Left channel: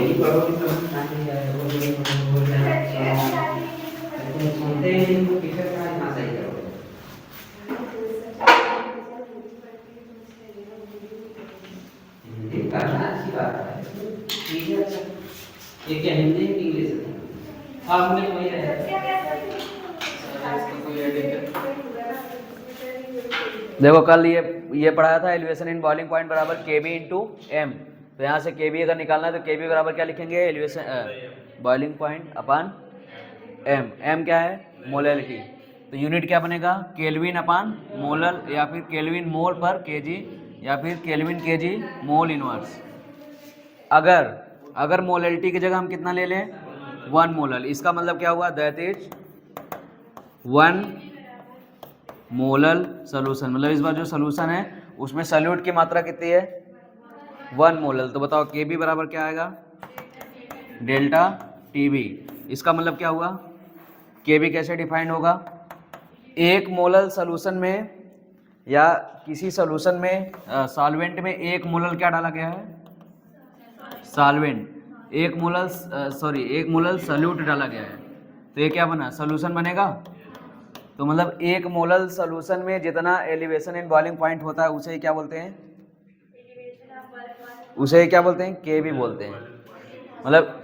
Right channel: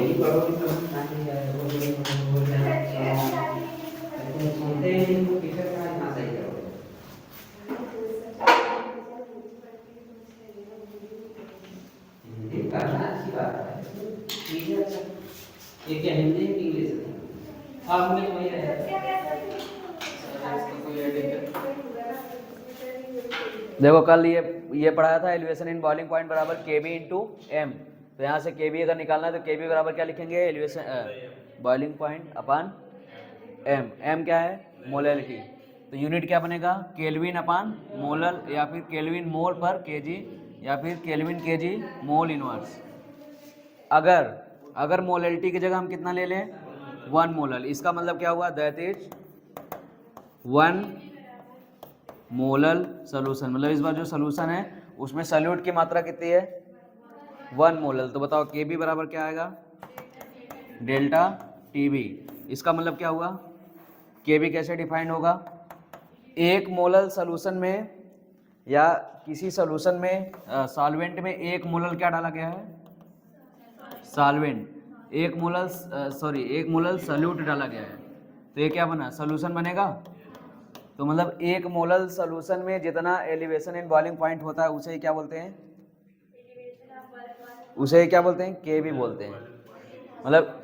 यही पढ़ोगे तब आगे जाएगा, बोल जाएगा, लेकिन सुनते ही नहीं तो टीचर का इतना सही करोगे। हिंदी पढ़ना अच्छी बात है, ठीक है। अच्छा, ये क्या हिंदी है कि इंग्लिश है? आप में वही है। देखो कल ये पढ़ाया था एलिवेशन इन बॉइलिंग पॉइंट बराबर के बी इंटू एम। तो यहाँ से के बी अगर निकालना है तो के बी बराबर क्या लिखेंगे, एलिवेशन बॉइलिंग पॉइंट अपान एम। एम क्या है, मोलैलिटी। तो यूनिट क्या बनेगा, केल्विन अपान मोलर, या फिर केल्विन मोल पर केजी, या फिर केल्विन केजी मोल इनवर्स। अगर मोलैलिटी की जगह हम कितना ले लें, 1 मोलर, इसका मतलब क्या हुआ, दैट इज 1 मोलर सोल्यूशन। मतलब इस बार जो सोल्यूशन है उसमें सॉल्यूट की मात्रा कितनी है, 1 मोलर। तो बताओ के बी बराबर क्या आएगा, डेल्टा टी बी। इसका मतलब क्या हुआ, के बी कैसे डिफाइंड होगा, 1 मोलर सोल्यूशन में या किसी सोल्यूशन में सॉल्वेंट में 1 मोलर क्या डाला गया है, सॉल्वेंट, 1 मोलर 1 मोलर सॉल्यूट डाला गया है। तो ये क्या बना, सोल्यूशन बनेगा। तो मतलब 1 मोलर सोल्यूशन में जितना एलिवेशन इन बॉइलिंग पॉइंट होता है उसे क्या बोलते हैं, उसे क्या बोलते हैं, के बी बोलते हैं। मतलब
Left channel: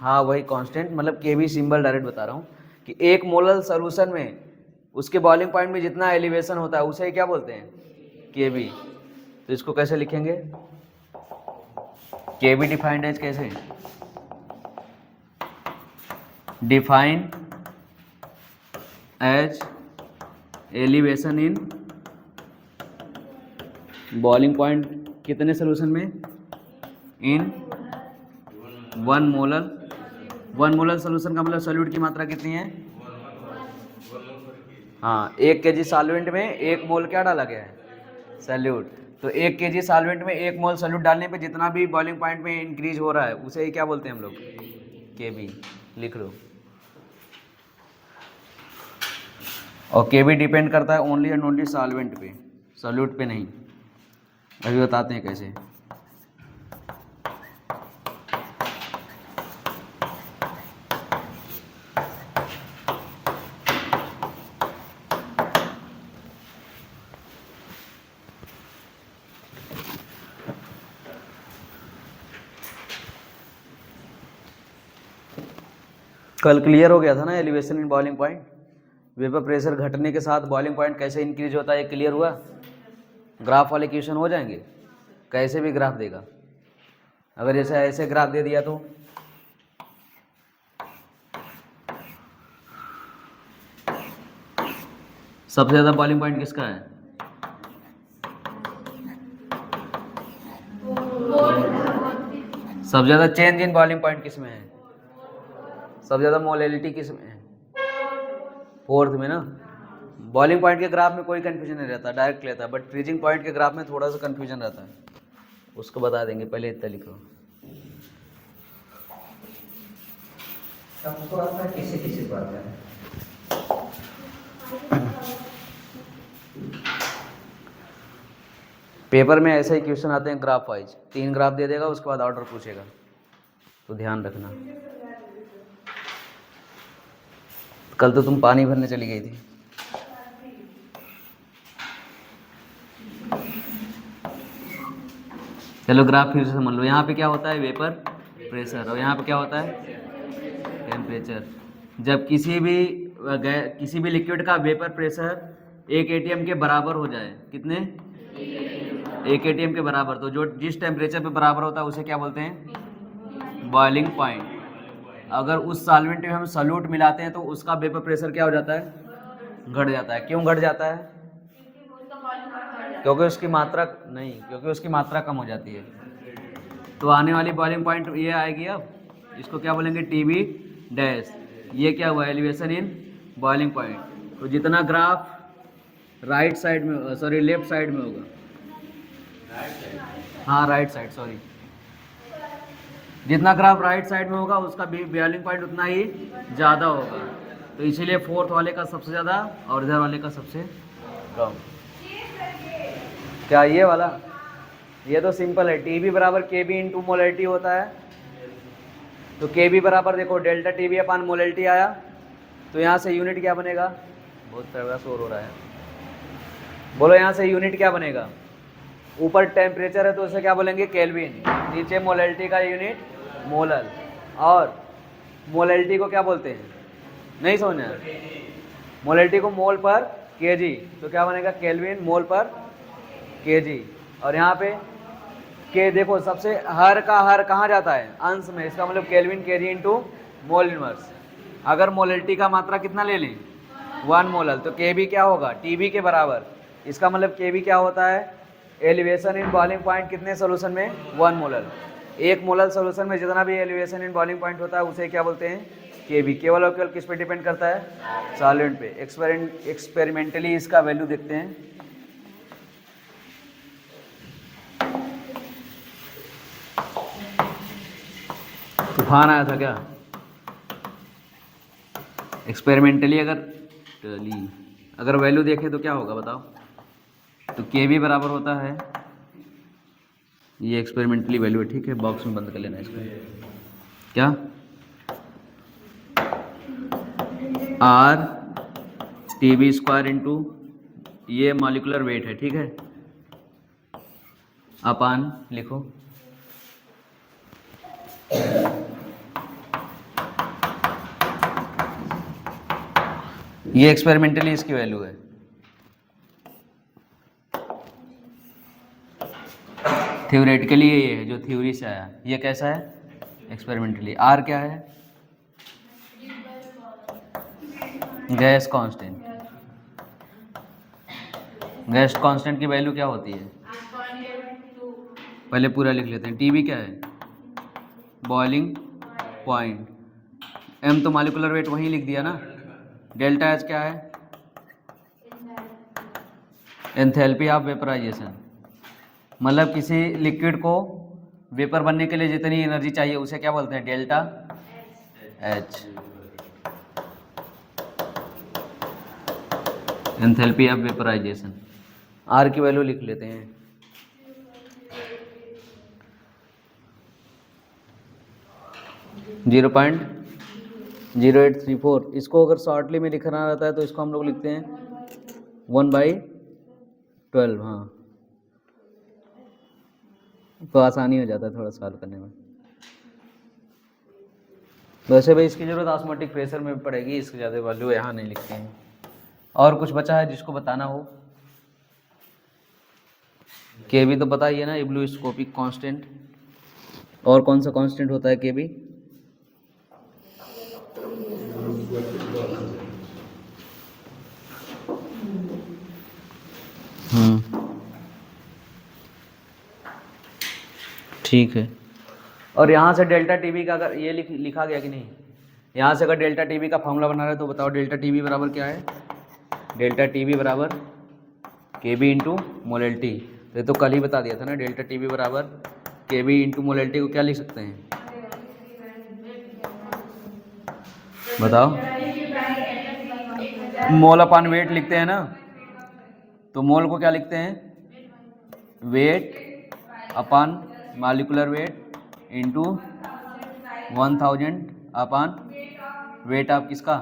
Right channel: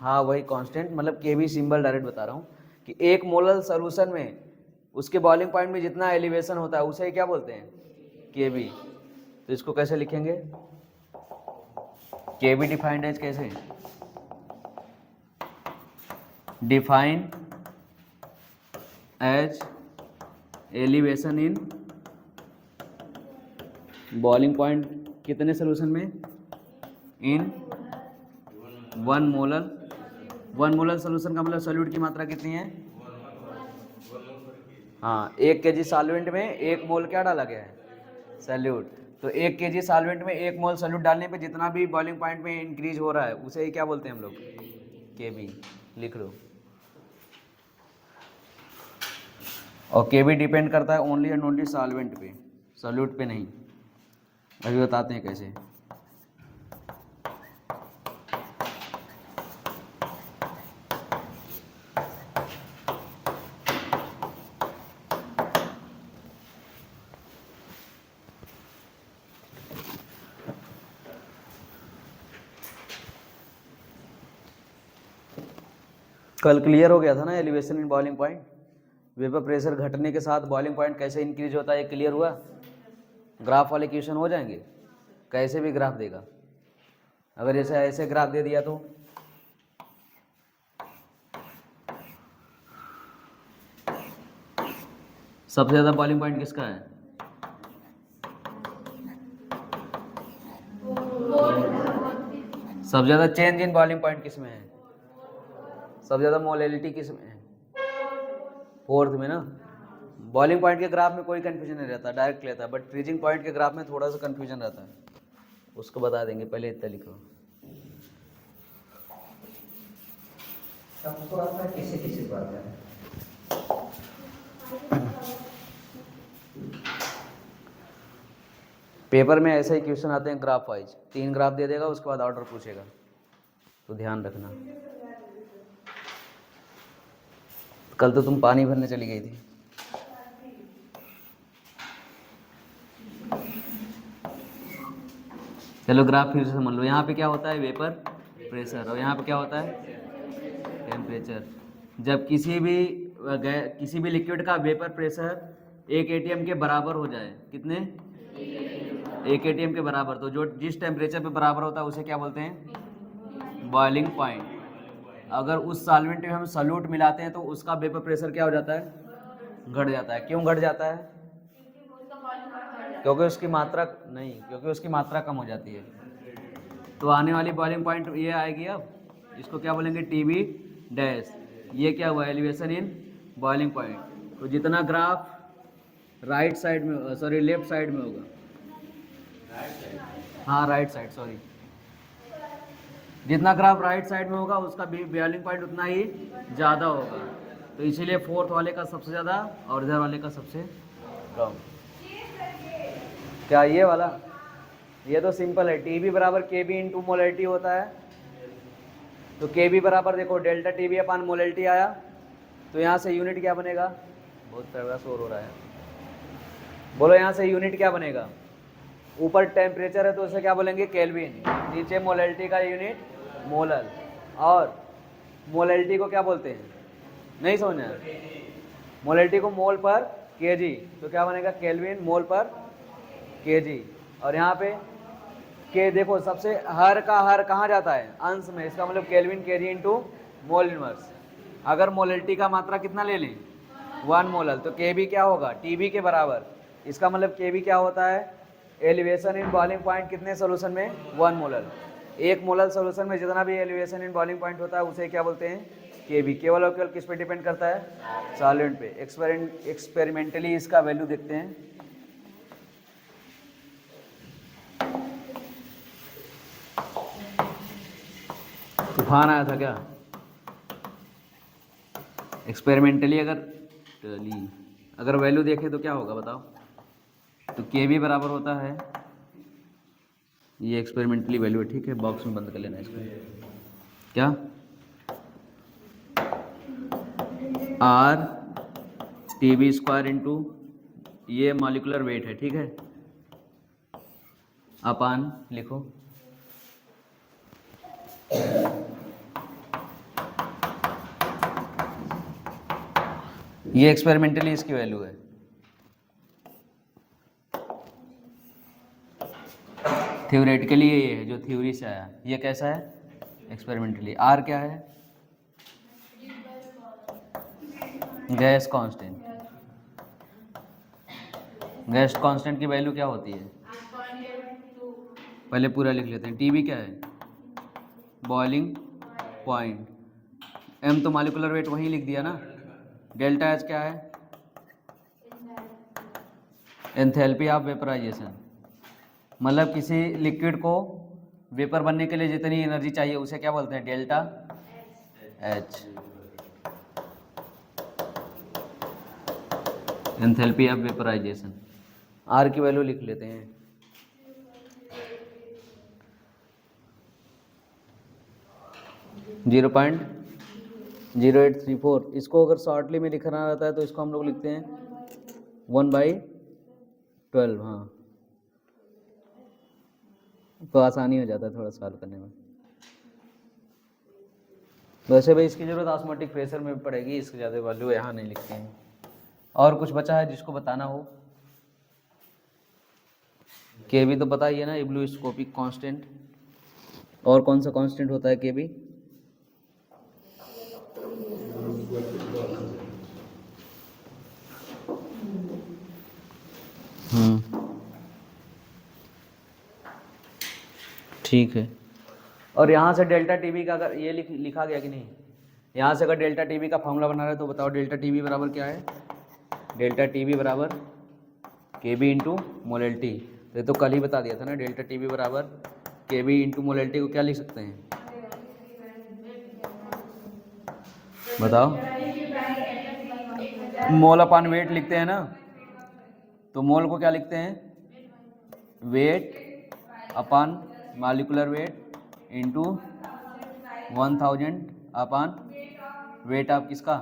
हाँ वही कांस्टेंट, मतलब के बी सिंबल डायरेक्ट बता रहा हूँ कि 1 मोलर सोल्यूशन में उसके बॉइलिंग पॉइंट में जितना एलिवेशन होता है उसे क्या बोलते हैं, के बी। तो इसको कैसे लिखेंगे, के बी डिफाइंड एज कैसे, define as elevation in boiling point कितने सोल्यूशन में, इन 1 मोलर। 1 मोलर सोल्यूशन का मतलब सॉल्यूट की मात्रा कितनी है, हाँ 1 केजी सॉल्वेंट में 1 मोल क्या डाला गया है, सॉल्यूट। तो 1 केजी सॉल्वेंट में 1 मोल सॉल्यूट डालने पे जितना भी बॉइलिंग पॉइंट में इंक्रीज हो रहा है उसे ही क्या बोलते हैं हम लोग, के बी। लिख लो। और के बी डिपेंड करता है ओनली एंड ओनली सॉल्वेंट पे, सॉल्यूट पे नहीं। अभी बताते हैं कैसे। कल क्लियर हो गया था ना elevation in boiling point, vapour pressure घटने के साथ बॉइलिंग पॉइंट कैसे इंक्रीज होता है, ये क्लियर हुआ। ग्राफ वाले क्वेश्चन हो जाएंगे, कैसे भी ग्राफ देगा। अगर जैसे ऐसे ग्राफ दे दिया तो सबसे ज़्यादा बॉइलिंग पॉइंट किसका है, सबसे ज़्यादा चेंज इन बॉइलिंग पॉइंट किस में है, सबसे ज़्यादा मोलैलिटी किस में है, 4th में ना। बॉइलिंग पॉइंट के ग्राफ में कोई कंफ्यूजन नहीं रहता, डायरेक्ट लेता है, बट फ्रीजिंग पॉइंट के ग्राफ में थोड़ा सा कंफ्यूजन रहता है, उसको बता देंगे, पहले इतना लिखो। सबको आता है, किसी किसी को आता है। पेपर में ऐसे ही क्वेश्चन आते हैं ग्राफ वाइज, 3 ग्राफ दे देगा उसके बाद ऑर्डर पूछेगा, तो ध्यान रखना। कल तो तुम पानी भरने चली गई थी। चलो ग्राफ फिर से समझ लो। यहाँ पे क्या होता है, वेपर प्रेशर, और यहाँ पे क्या होता है, टेम्परेचर। जब किसी भी लिक्विड का वेपर प्रेशर 1 atm के बराबर हो जाए, कितने, 1 atm के बराबर, तो जो जिस टेम्परेचर पे बराबर होता है उसे क्या बोलते हैं, बॉइलिंग पॉइंट। अगर उस सॉल्वेंट में हम सॉल्यूट मिलाते हैं तो उसका वेपर प्रेशर क्या हो जाता है, घट जाता है। क्यों घट जाता है, क्योंकि उसकी मात्रा कम हो जाती है। तो आने वाली बॉइलिंग पॉइंट ये आएगी, अब इसको क्या बोलेंगे, टीबी डैश। ये क्या हुआ, एलिवेशन इन बॉइलिंग पॉइंट। तो जितना ग्राफ राइट साइड में, सॉरी लेफ्ट साइड में होगा, हाँ राइट साइड, सॉरी, जितना ग्राफ राइट साइड में होगा उसका बॉइलिंग पॉइंट उतना ही ज़्यादा होगा। तो इसीलिए 4th वाले का सबसे ज़्यादा और इधर वाले का सबसे कम। क्या ये वाला, ये तो सिंपल है, टी बी बराबर के बी इंटू मोलैलिटी होता है, तो के बी बराबर देखो डेल्टा टी बी अपान मोलैलिटी आया, तो यहाँ से यूनिट क्या बनेगा, बहुत तगड़ा शोर हो रहा है, बोलो यहाँ से यूनिट क्या बनेगा, ऊपर टेम्परेचर है तो उसे क्या बोलेंगे केल्विन, नीचे मोलैलिटी का यूनिट मोलर, और मोलैलिटी को क्या बोलते हैं, नहीं समझना, मोलैलिटी को मोल पर केजी, तो क्या बनेगा केल्विन मोल पर केजी। और यहाँ पे के देखो सबसे हर का हर कहाँ जाता है, अंश में, इसका मतलब kelvin KG into mole inverse. अगर मोलैलिटी का मात्रा कितना ले लें 1 मोलर, तो के बी क्या होगा टीबी के बराबर, इसका मतलब के बी क्या होता है एलिवेशन इन बॉइलिंग पॉइंट कितने सोल्यूशन में 1 मोलर, 1 मोलर सोल्यूशन में जितना भी एलिवेशन इन बॉइलिंग पॉइंट होता है उसे क्या बोलते हैं के बी। केवल और केवल किस पे डिपेंड करता है सॉल्वेंट पे। एक्सपेरिमेंटली इसका वैल्यू देखते हैं। तूफान आया था क्या एक्सपेरिमेंटली, अगर वैल्यू देखें तो क्या होगा बताओ, तो के बी बराबर होता है, ये एक्सपेरिमेंटली वैल्यू है, ठीक है, बॉक्स में बंद कर लेना इसको, क्या R T B square into ये मॉलिक्यूलर वेट है, ठीक है, अपान लिखो ये एक्सपेरिमेंटली इसकी वैल्यू है, थ्योरेटिकली ये है जो थ्योरी से आया, ये कैसा है एक्सपेरिमेंटली। आर क्या है गैस कांस्टेंट, गैस कांस्टेंट की वैल्यू क्या होती है, पहले पूरा लिख लेते हैं। टीबी क्या है बॉइलिंग पॉइंट, एम तो मॉलिक्यूलर वेट वहीं लिख दिया ना, डेल्टा एच क्या है एंथैल्पी ऑफ वेपराइजेशन, मतलब किसी लिक्विड को वेपर बनने के लिए जितनी एनर्जी चाहिए उसे क्या बोलते हैं delta H, enthalpy of vaporisation. R की वैल्यू लिख लेते हैं, जीरो 0.0834। इसको अगर शॉर्टली में लिखना रहता है तो इसको हम लोग लिखते हैं 1/12, हाँ, तो आसानी हो जाता है थोड़ा सॉल्व करने में। वैसे भाई इसकी जरूरत ऑस्मोटिक प्रेशर में पड़ेगी, इसकी ज़्यादा वैल्यू यहाँ नहीं लिखते हैं। और कुछ बचा है जिसको बताना हो, के बी तो पता ही है ना, इब्लोस्कोपिक कांस्टेंट, और कौन सा कांस्टेंट होता है के बी, ठीक है। और यहाँ से डेल्टा टीबी का अगर ये लिखा गया कि नहीं, यहाँ से अगर डेल्टा टीबी का फॉर्मूला बना रहे तो बताओ डेल्टा टीबी बराबर क्या है, डेल्टा टीबी बराबर के बी इंटू मोलैलिटी, ये तो कल ही बता दिया था ना, डेल्टा टीबी बराबर के बी इंटू मोलैलिटी को क्या लिख सकते हैं बताओ, मोल अपान वेट लिखते हैं ना, तो मोल को क्या लिखते हैं weight upon molecular weight into 1000 upon weight of किसका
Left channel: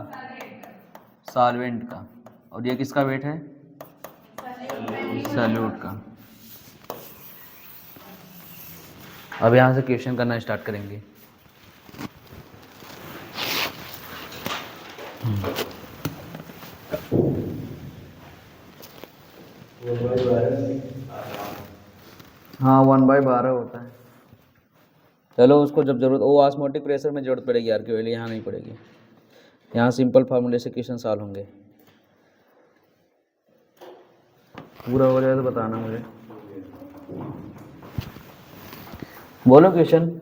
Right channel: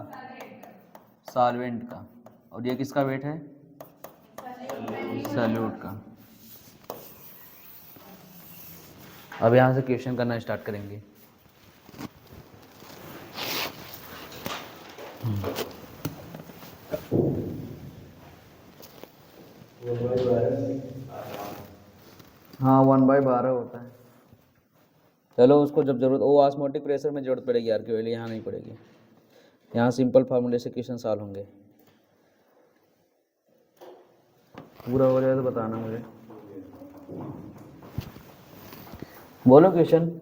सॉल्वेंट का, और ये किसका वेट है सॉल्यूट का। अब यहाँ से क्वेश्चन करना स्टार्ट करेंगे। हाँ 1/12 होता है। चलो उसको जब जरूरत वो ऑस्मोटिक प्रेशर में जरूरत पड़ेगी यार, के लिए यहाँ नहीं पड़ेगी, यहाँ सिंपल फार्मूले से क्वेश्चन सॉल्व होंगे। पूरा हो जाए तो बताना मुझे, बोलो क्वेश्चन।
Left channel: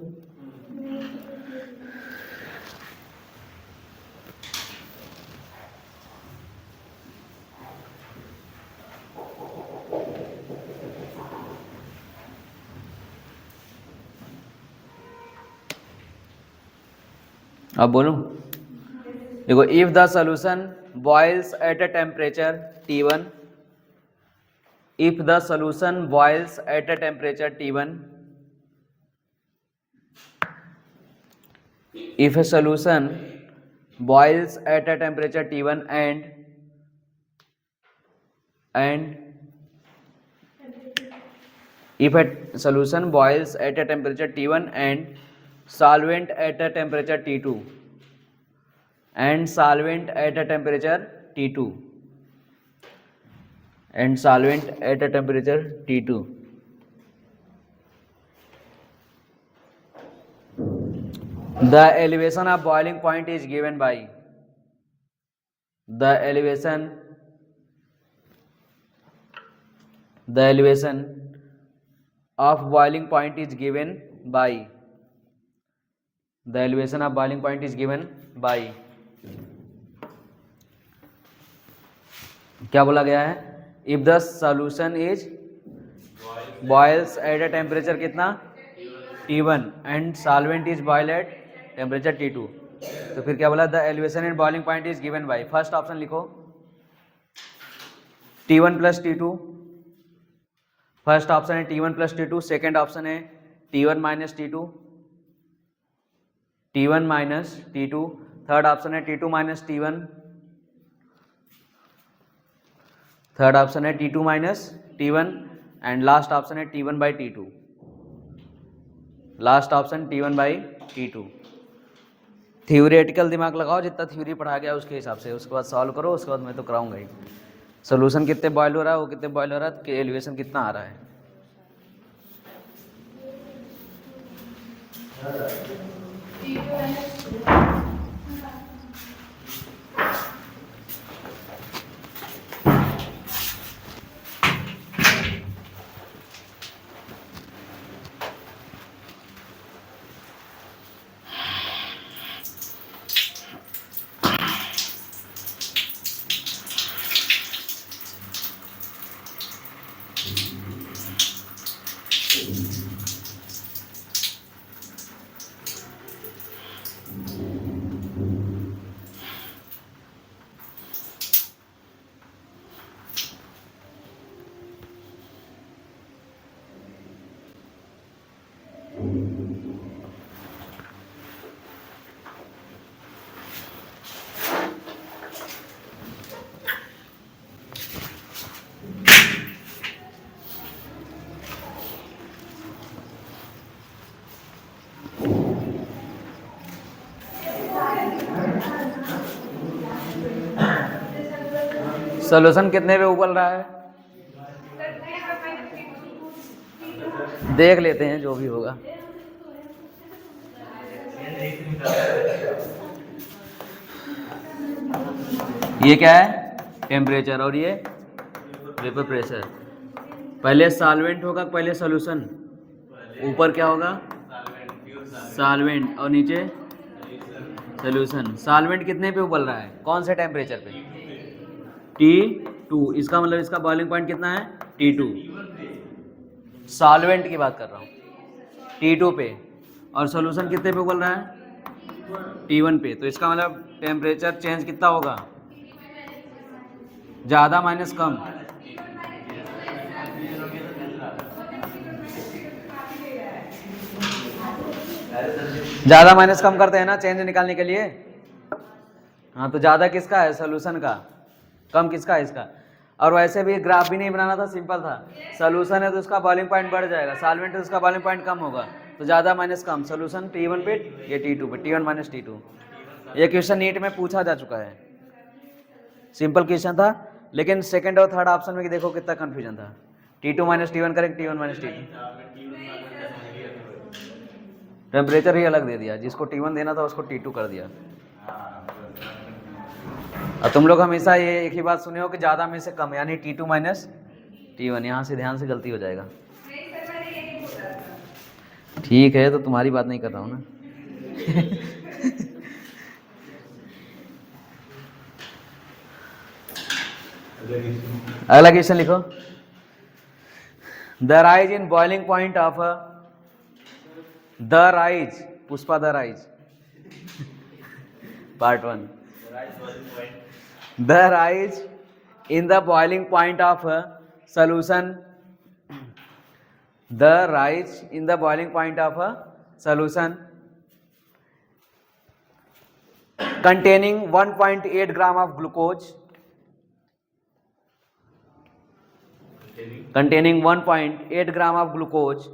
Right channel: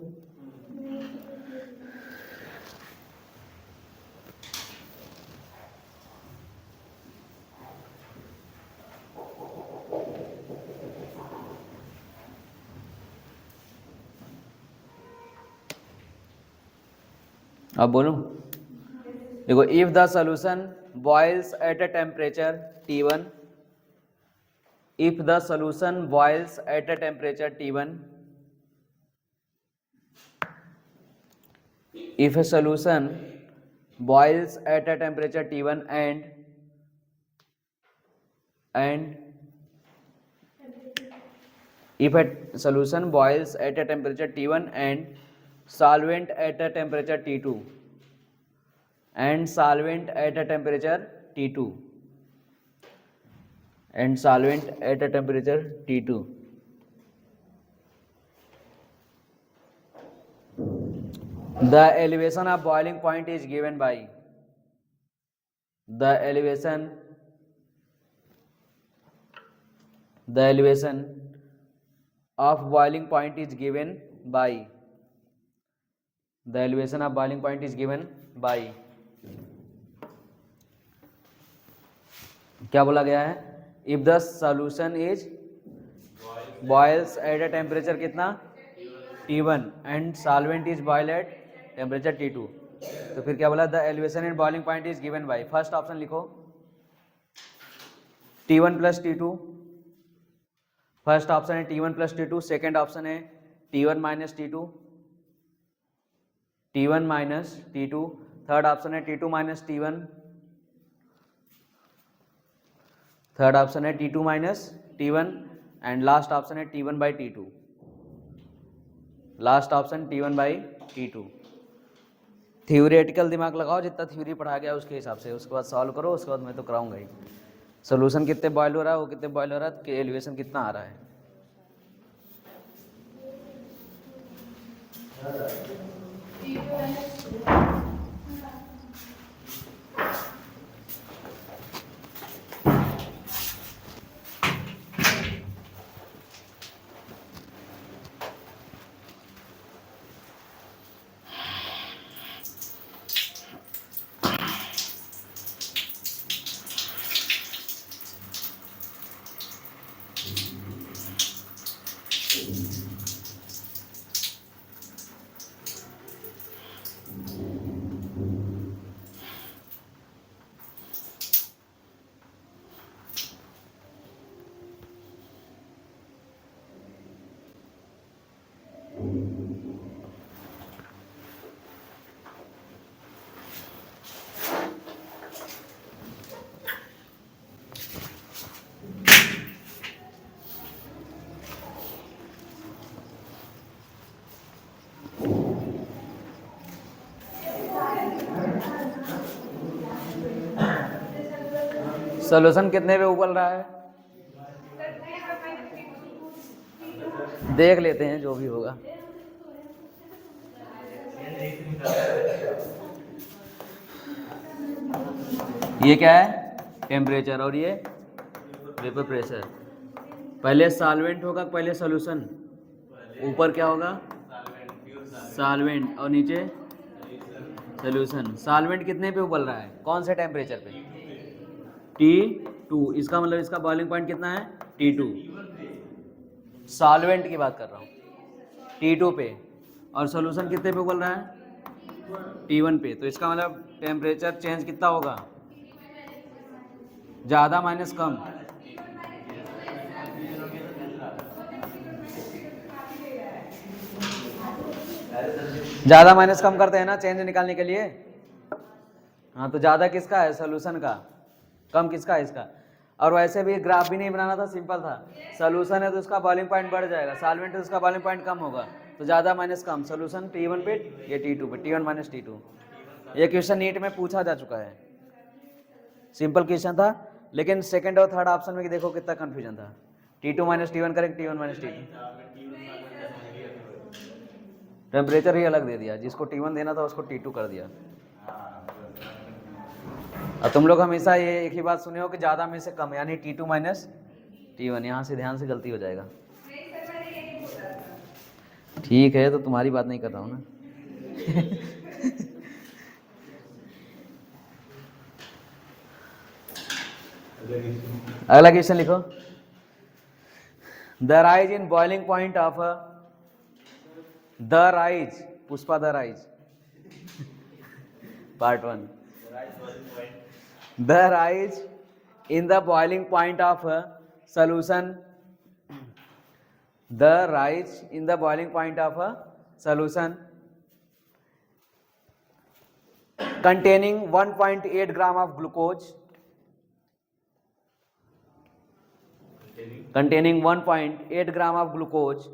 अब बोलो, देखो if the solution boils at a temperature T1, if the solution boils at a temperature T1, if a solution boils at a temperature T1 and if a solution boils at a temperature T1 and solvent at a temperature T2 and solvent at a temperature T2 and solvent at a temperature T2, the elevation of boiling point is given by the elevation of boiling point is given by the elevation of boiling point is given by क्या बोला गया है, if the solution is boils at a temperature कितना T1 and solvent is boil at temperature T2, तो फिर क्या बोला, the elevation and boiling point is given by, first option लिखो T1 plus T2, first option है T1 plus T2, second option है T1 minus T2, T1 minus T2, third option है T2 minus T1, third option है T2 minus T1 and last option है T1 by T2, last option T1 by T2। Theoretical दिमाग लगाओ, जितना theory पढ़ा गया उसके हिसाब से, उसके बाद सॉल्व करो, उसके बाद मैं तो कराऊंगा ही। सोल्यूशन कितने बॉयल हो रहा है, वो कितने बॉयल हो रहा है, एलिवेशन कितना आ रहा है। सोल्यूशन कितने पे उबल रहा है, देख लेते हैं जो भी होगा। ये क्या है, टेम्परेचर, और ये वेपर प्रेशर। पहले सॉल्वेंट होगा, पहले सॉल्यूशन, ऊपर क्या होगा सॉल्वेंट और नीचे सॉल्यूशन। सॉल्वेंट कितने पे उबल रहा है, कौन से टेम्परेचर पे, T2, इसका मतलब इसका बॉइलिंग पॉइंट कितना है T2, सॉल्वेंट की बात कर रहा हूँ, T2 पे, और सॉल्यूशन कितने पे उबल रहा है T1 पे, तो इसका मतलब टेम्परेचर चेंज कितना होगा, ज़्यादा माइनस कम, ज़्यादा माइनस कम करते हैं ना चेंज निकालने के लिए। हाँ, तो ज़्यादा किसका है, सोल्यूशन का, कम किसका है, इसका। और वैसे भी ग्राफ भी नहीं बनाना था, सिंपल था, सोल्यूशन है तो उसका बॉइलिंग पॉइंट बढ़ जाएगा, सॉल्वेंट है तो उसका बॉइलिंग पॉइंट कम होगा, तो ज़्यादा माइनस कम, सोल्यूशन T1 पे, ये T2 पे, T1 माइनस T2। ये क्वेश्चन नीट में पूछा जा चुका है, सिंपल क्वेश्चन था, लेकिन सेकंड और थर्ड ऑप्शन में देखो कितना कंफ्यूजन था, T2 minus T1 correct, T1 minus T2, temperature ही अलग दे दिया, जिसको T1 देना था उसको T2 कर दिया। अब तुम लोग हमेशा ये एक ही बात सुने हो कि ज़्यादा में से कम, यानी T2 माइनस T1, यहाँ से ध्यान से गलती हो जाएगा। ठीक है, तो तुम्हारी बात नहीं कर रहा हूँ ना। अगला क्वेश्चन लिखो, the rise in boiling point of the rise, Pushpa the rise, part 1, the rise in the boiling point of a solution, the rise in the boiling point of a solution containing 1.8 gram of glucose, containing 1.8 gram of glucose,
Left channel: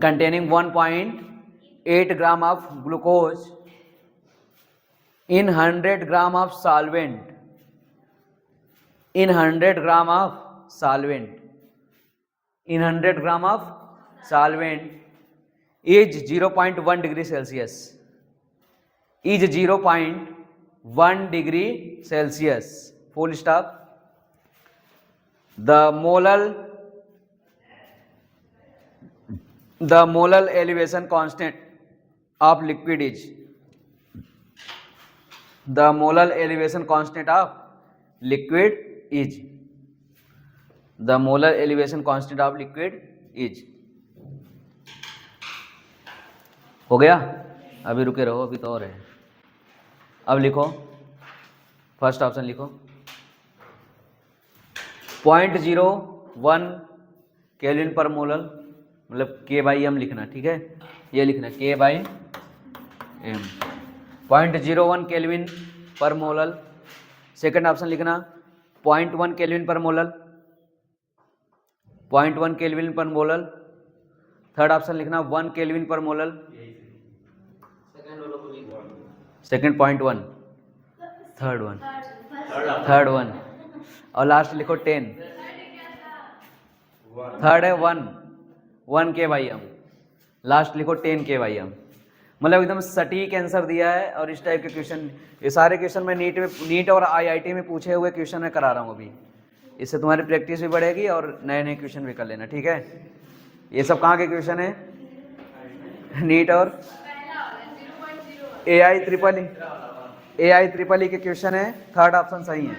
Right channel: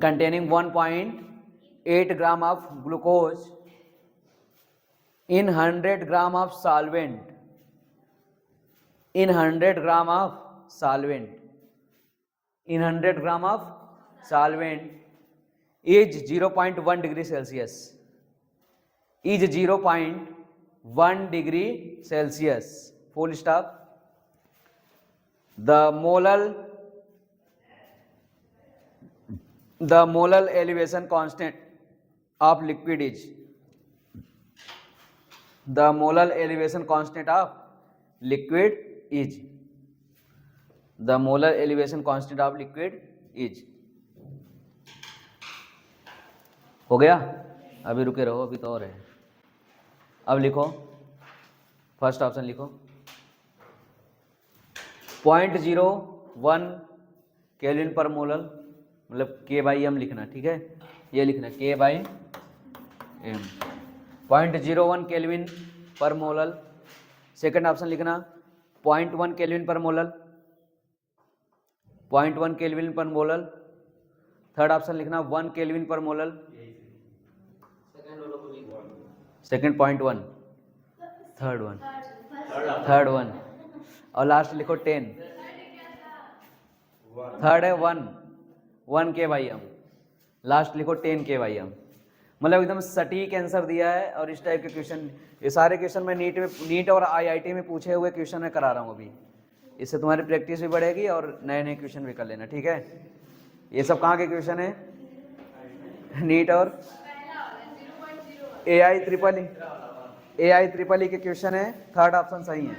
containing 1.8 gram of glucose in 100 gram of solvent, in 100 gram of solvent, in 100 gram of solvent is 0.1 degree Celsius, is 0.1 degree Celsius, full stop. The molar elevation constant of liquid is, the molar elevation constant of liquid is, the molar elevation constant of liquid is. हो गया? अभी रुके रहो, अभी तो और है. अब लिखो, फर्स्ट ऑप्शन लिखो. 0.01 केल्विन पर मोलर, मतलब K/M लिखना, ठीक है, ये लिखना K/M. 0.01 केल्विन पर मोलर. सेकंड ऑप्शन लिखना 0.1 केल्विन पर मोलर, 0.1 केल्विन पर मोलर. थर्ड ऑप्शन लिखना 1 केल्विन पर मोलर. सेकंड 0.1, थर्ड वन और लास्ट लिखो 10. थर्ड है 1 K/M, लास्ट लिखो 10 K/M. मतलब एकदम सटीक आंसर दिया है. और इस टाइप के क्वेश्चन, ये सारे क्वेश्चन मैं नीट और IIT में पूछे हुए क्वेश्चन मैं करा रहा हूँ अभी. इससे तुम्हारी प्रैक्टिस भी बढ़ेगी और नए नए क्वेश्चन भी कर लेना, ठीक है. ये सब कहाँ के क्वेश्चन है? नीट और AI EEE के क्वेश्चन है. थर्ड ऑप्शन सही है,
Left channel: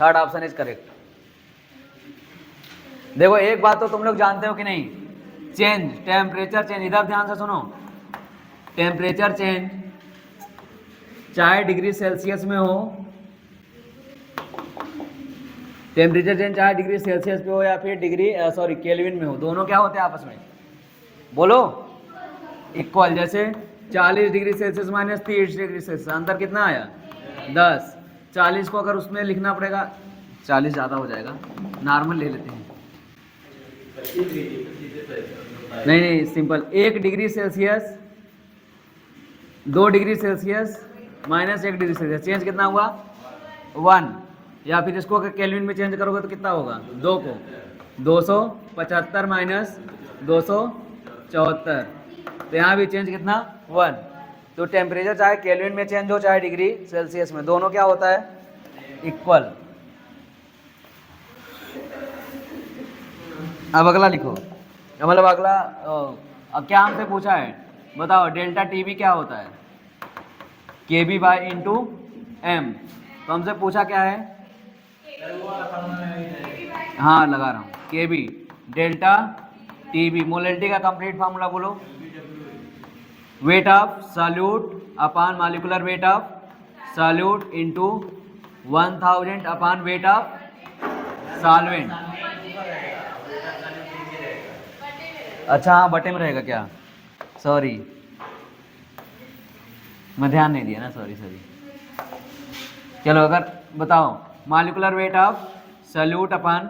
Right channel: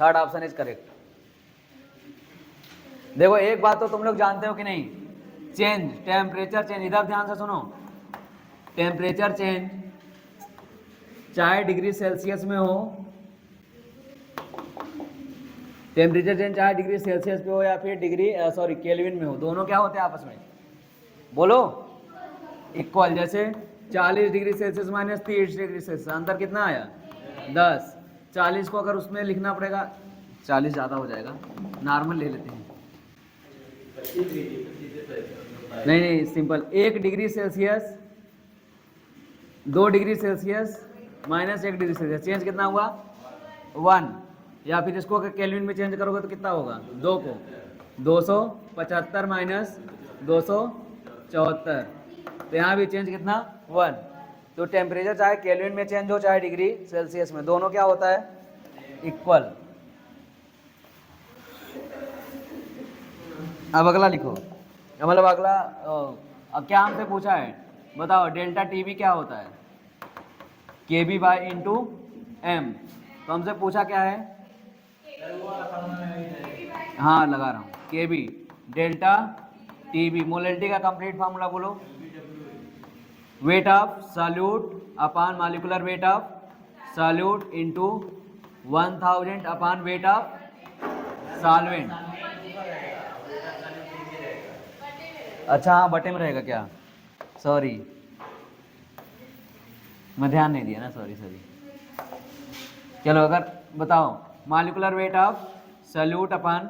थर्ड ऑप्शन इज करेक्ट. देखो एक बात तो तुम लोग जानते हो कि नहीं, चेंज, टेम्परेचर चेंज, इधर ध्यान से सुनो. टेम्परेचर चेंज चाहे डिग्री सेल्सियस में हो, टेम्परेचर चेंज चाहे डिग्री सेल्सियस पे हो या फिर डिग्री केल्विन में हो, दोनों क्या होते हैं आपस में? बोलो, इक्वल. जैसे 40 degree Celsius minus 30 degree Celsius, अंतर कितना आया? 10. 40 को अगर उसमें लिखना पड़ेगा, 40 ज़्यादा हो जाएगा, नॉर्मल ले लेते हैं. नहीं, simple. 1 degree Celsius, 2 degree Celsius minus 1 degree Celsius, change कितना हुआ? 1. या फिर इसको अगर केल्विन में चेंज करोगे तो कितना होगा? 2 को 275 माइनस 274, तो यहाँ भी चेंज कितना? 1. तो टेम्परेचर चाहे केल्विन में चेंज हो चाहे डिग्री सेल्सियस में, दोनों क्या होता है? इक्वल. अब अगला लिखो, मतलब अगला अब क्या हमसे पूछा है बताओ. डेल्टा टीवी क्या होता है? KB/M. तो हमसे पूछा क्या है? हाँ लगा रहा हूँ. KB डेल्टा टीवी, मोलरिटी का कंप्लीट फार्मूला बोलो. Weight of solute upon molecular weight of solute into 1000 upon weight of solvent. अच्छा हाँ, बटे में रहेगा क्या? सॉरी, मैं ध्यान नहीं दिया ना, सॉरी. चलो अगर बताओ, molecular weight of solute upon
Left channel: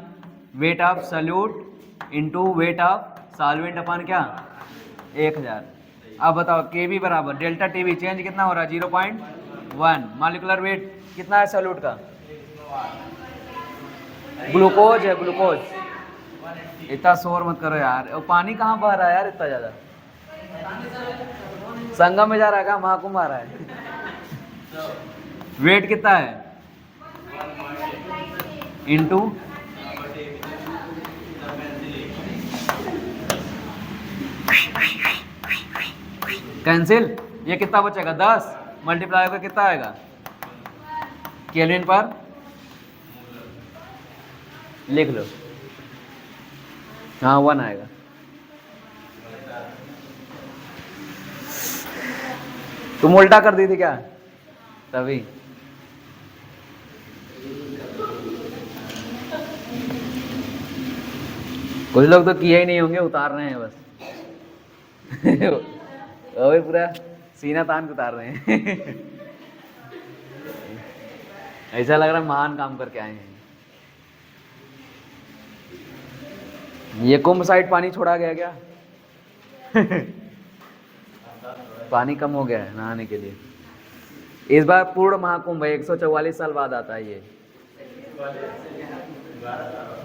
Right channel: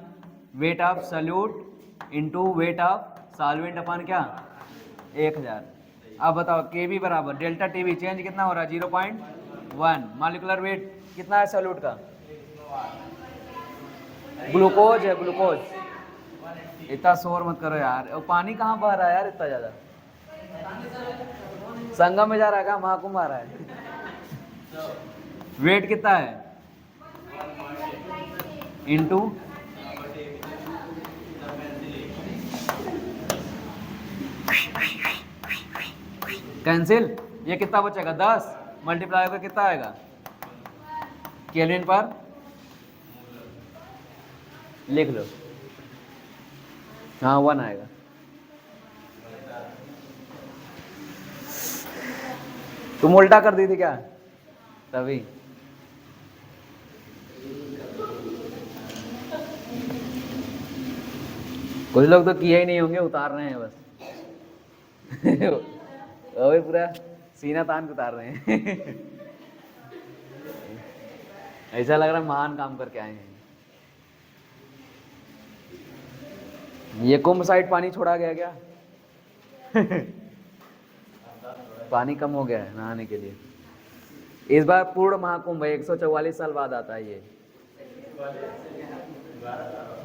weight of solute into wait of solvent upon क्या? 1000. अब बताओ KB बराबर डेल्टा टीवी, चेंज कितना हो रहा है? 0.1. मॉलिक्यूलर वेट कितना है सॉल्यूट का? ग्लूकोज है, ग्लूकोज. इतना शोर मत करो यार. और पानी कहाँ बह रहा है यार इतना ज़्यादा? संगम में जा रहा है क्या? महाकुंभ आ रहा है. वेट कितना है? Into cancel. ये कितना बचेगा? 10 मल्टीप्लाई होकर कितना आएगा? केल्विन पर लिख लो. हाँ 1 आएगा. तुम उल्टा कर दी थी क्या? तभी. कुछ लोग तो किए ही नहीं होंगे, उतार रहे हैं बस. वही पूरा सीना तान के उतार रहे हैं। ऐसा लग रहा है महान काम करके आए हैं। ये कुंभ साइड पानी छोड़ा गया क्या? पानी कम हो गया है नहाने के लिए। इस बार पूर्ण महाकुंभ है, 144 साल बाद आता है ये।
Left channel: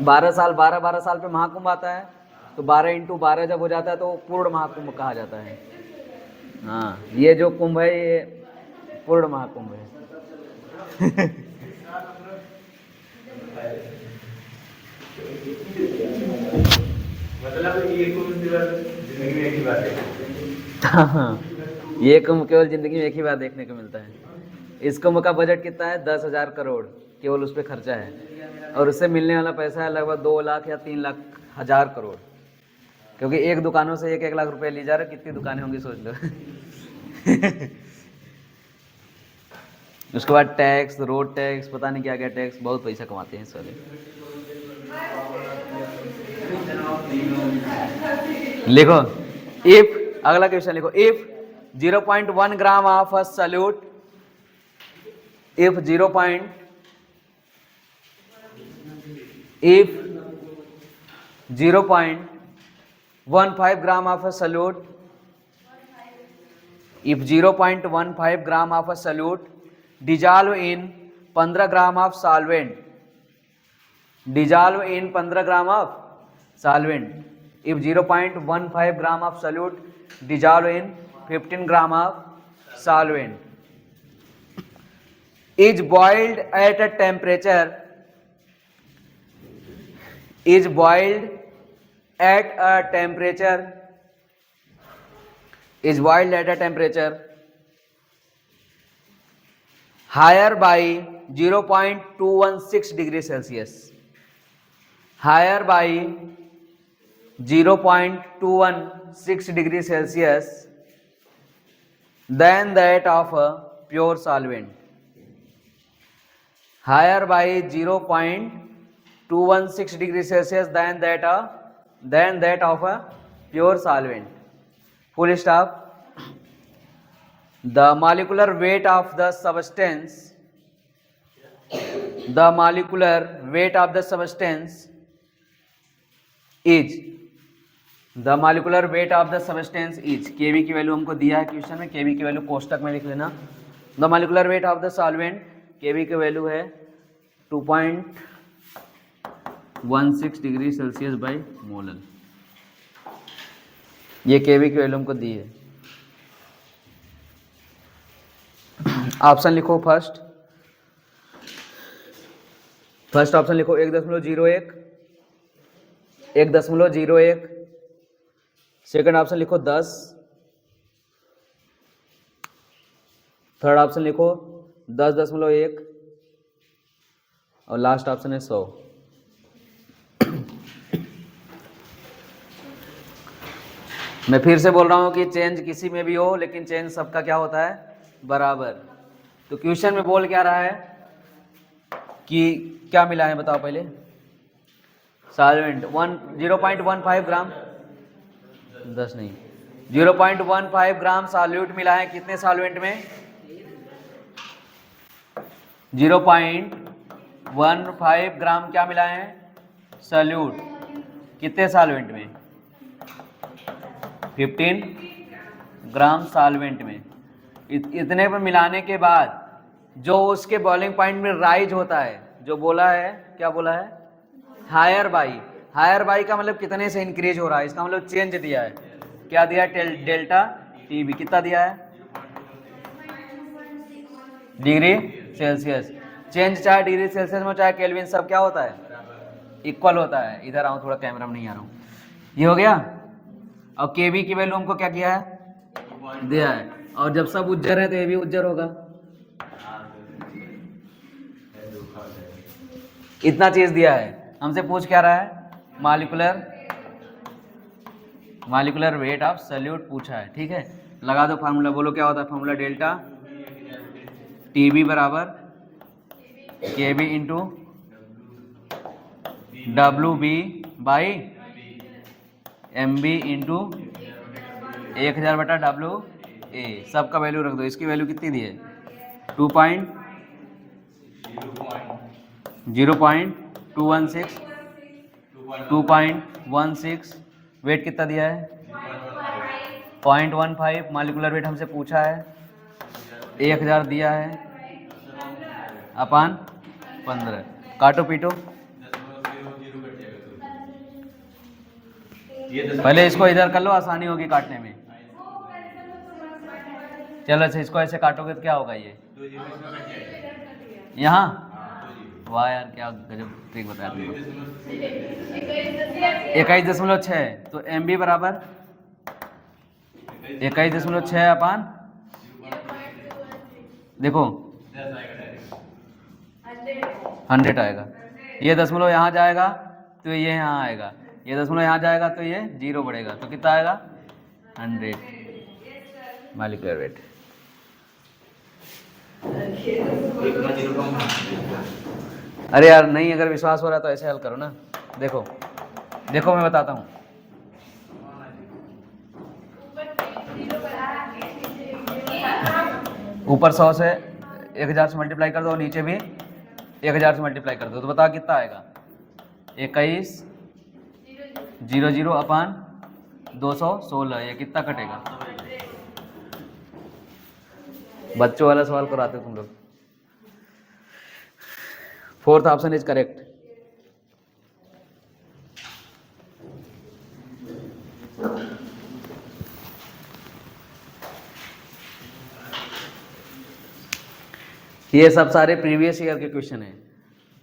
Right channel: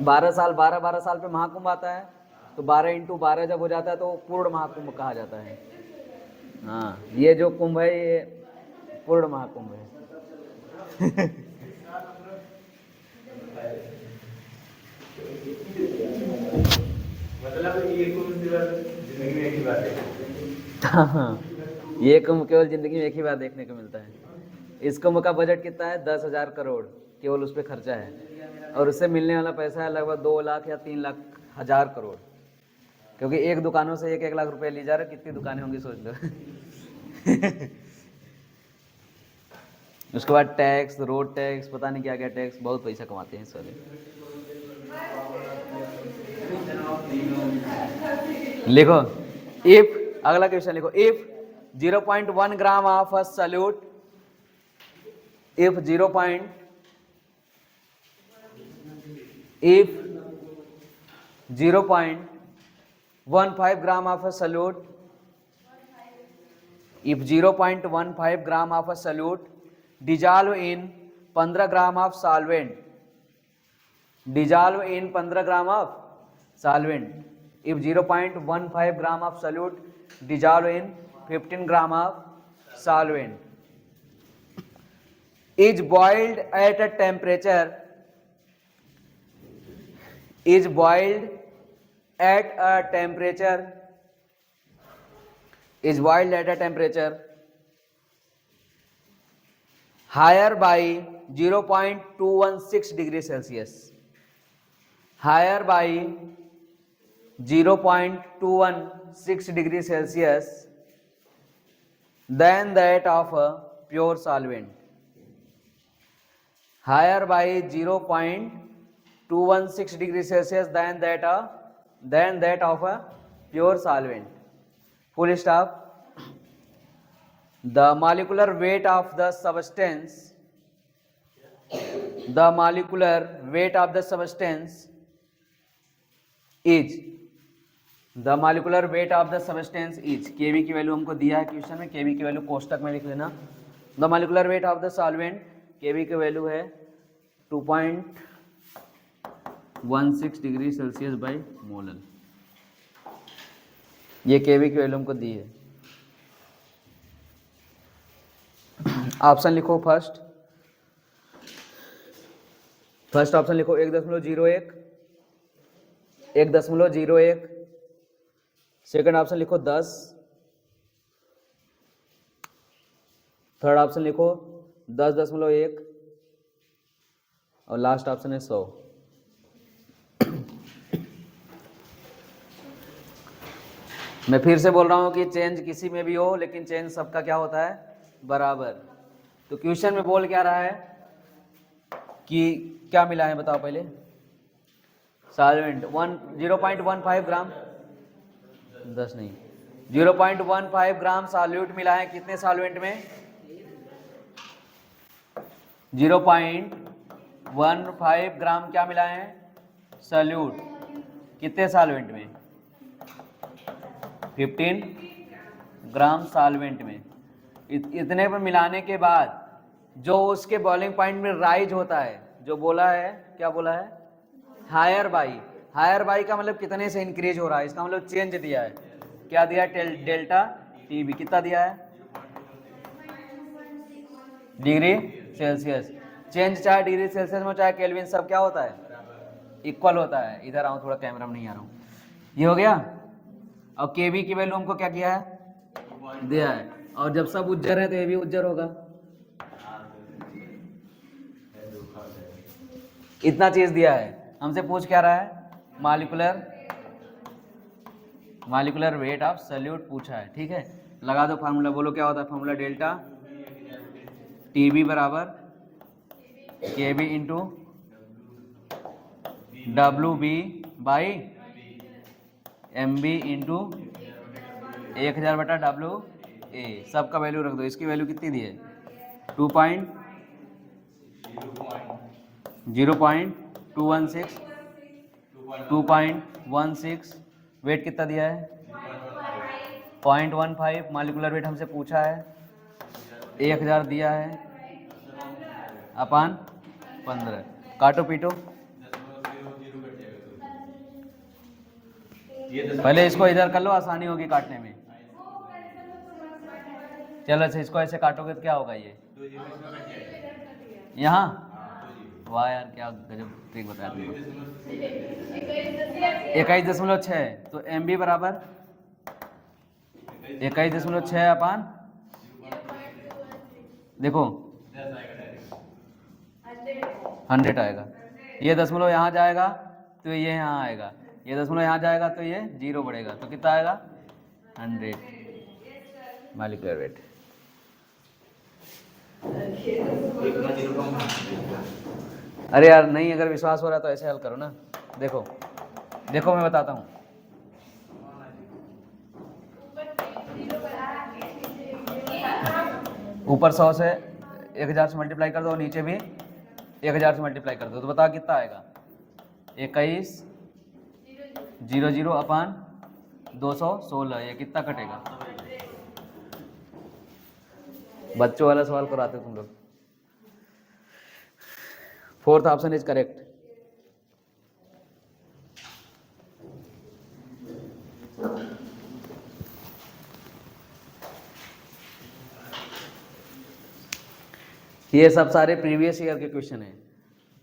12 साल पे महाकुंभ आता है, तो 12 × 12 जब हो जाता है तो पूर्ण महाकुंभ कहा जाता है। हाँ, ये जो कुंभ है ये पूर्ण महाकुंभ है। मतलब ये कुंभ जिंदगी में एक ही बार देखा। हाँ, ये कुंभ केवल जिंदगी में एक ही बार देखने को मिलता है। इस कुंभ का बजट कितना है? 10,000 करोड़ केवल उस पर खर्चा है, और उससे मिलने वाला पैसा है लगभग 2 लाख या 3 लाख हजार करोड़, क्योंकि एक दुकानों से 1-1 लाख रुपए ली जा रहा है। कितनी दुकानें होंगी सोच लो। उसके बाद टैक्स, रोड टैक्स, पता नहीं क्या क्या टैक्स, बहुत पैसा कमाते हैं इस वाले। लिखो इफ, अगला क्वेश्चन लिखो, if 0.1 gram of a solute, if 0.15 gram of a solute, if 0.15 gram of a solute dissolve in 15 gram of solvent, dissolve in 15 gram of solvent, if 0.15 gram of solute dissolve in 15 gram of solvent, is boiled at a temperature, is boiled at a temperature, is boiled at a temperature higher by 0.216 degrees Celsius, higher by 0.216 degrees Celsius than that of a pure solvent, higher by 0.216 degrees Celsius than that of a pure solvent. Full stop. The molecular weight of the substance, the molecular weight of the substance is, the molecular weight of the substance is, Kv की value हमको दिया है question में, Kv की value कोष्टक में लिख लेना। The molecular weight of the solvent, Kv की वैल्यू है 2.16 डिग्री सेल्सियस बाई मोलर। ये Kv की वैल्यू हमको दी है। ऑप्शन लिखो, फर्स्ट ऑप्शन लिखो 1.01, 1.01। सेकंड ऑप्शन लिखो 10, थर्ड ऑप्शन लिखो 10.1, और लास्ट ऑप्शन है 100। मैं फिर से बोल रहा हूं कि चेंज किसी में भी हो, लेकिन चेंज सबका क्या होता है? बराबर। तो क्वेश्चन में बोल क्या रहा है कि क्या मिला है बताओ पहले? सॉल्वेंट 0.15 ग्राम, 10 नहीं, 0.15 ग्राम सॉल्यूट मिला है। कितने सॉल्वेंट में? 0.15 ग्राम क्या मिला है? सॉल्यूट। कितने सॉल्वेंट में? 15 ग्राम सॉल्वेंट में। इतने में मिलाने के बाद जो उसके बॉइलिंग पॉइंट में राइज होता है, जो बोला है, क्या बोला है? Higher by. हायर बाई का मतलब कितने से इंक्रीज हो रहा है, इसका मतलब चेंज दिया है। क्या दिया है? Delta TB. कितना दिया है? Degree Celsius. चेंज चाहे डिग्री सेल्सियस में चाहे केल्विन, सब क्या होता है? इक्वल होता है। इधर आऊँ, थोड़ा कैमरा में नहीं आ रहा हूँ। ये हो गया। और केवी की वैल्यू हमको क्या किया है? दिया है। और जब सब उज्जर है तो ये भी उज्जर होगा। इतना चीज दिया है। हमसे पूछ क्या रहा है? मॉलिक्यूलर वेट ऑफ सॉल्यूट पूछा है। ठीक है, लगा दो फार्मूला। बोलो क्या होता है फार्मूला? डेल्टा टीबी बराबर KB into W B by M B into 1000 बटा डब्ल्यू ए, सबका वैल्यू रख दो। इसकी वैल्यू कितनी दी है? 2.0.216, 2.16, वेट कितना दिया है? 0.15। मॉलिक्यूलर वेट हमसे पूछा है, 1000 दिया है अपन 15। काटो पीटो, पहले इसको इधर कर लो, आसानी होगी काटने में। चलो अच्छा, इसको ऐसे काटोगे तो क्या होगा? ये यहाँ, वाह यार क्या गजब ट्रिक बताया तुमको। 21.6, तो एम बी बराबर 21.6 अपन, देखो 100 आएगा। ये दशमलव यहाँ जाएगा तो ये यहाँ आएगा, ये दशमलव यहाँ जाएगा तो ये 0 बढ़ेगा, तो कितना आएगा? 100 मॉलिक्यूलर वेट। अरे यार नहीं, अगर विश्वास हो रहा है तो ऐसे हल करो ना। देखो देखो मैं बताता हूँ। ऊपर 100 से 1000 से मल्टीप्लाई कर दो, नीचे भी 1000 से मल्टीप्लाई कर दो, तो बताओ कितना आएगा? 2100 अपन 216, ये कितना कटेगा? बच्चों वाला सवाल कराते हो तुम लोग। 4th option is correct. ये सब सारे प्रीवियस ईयर के क्वेश्चन हैं।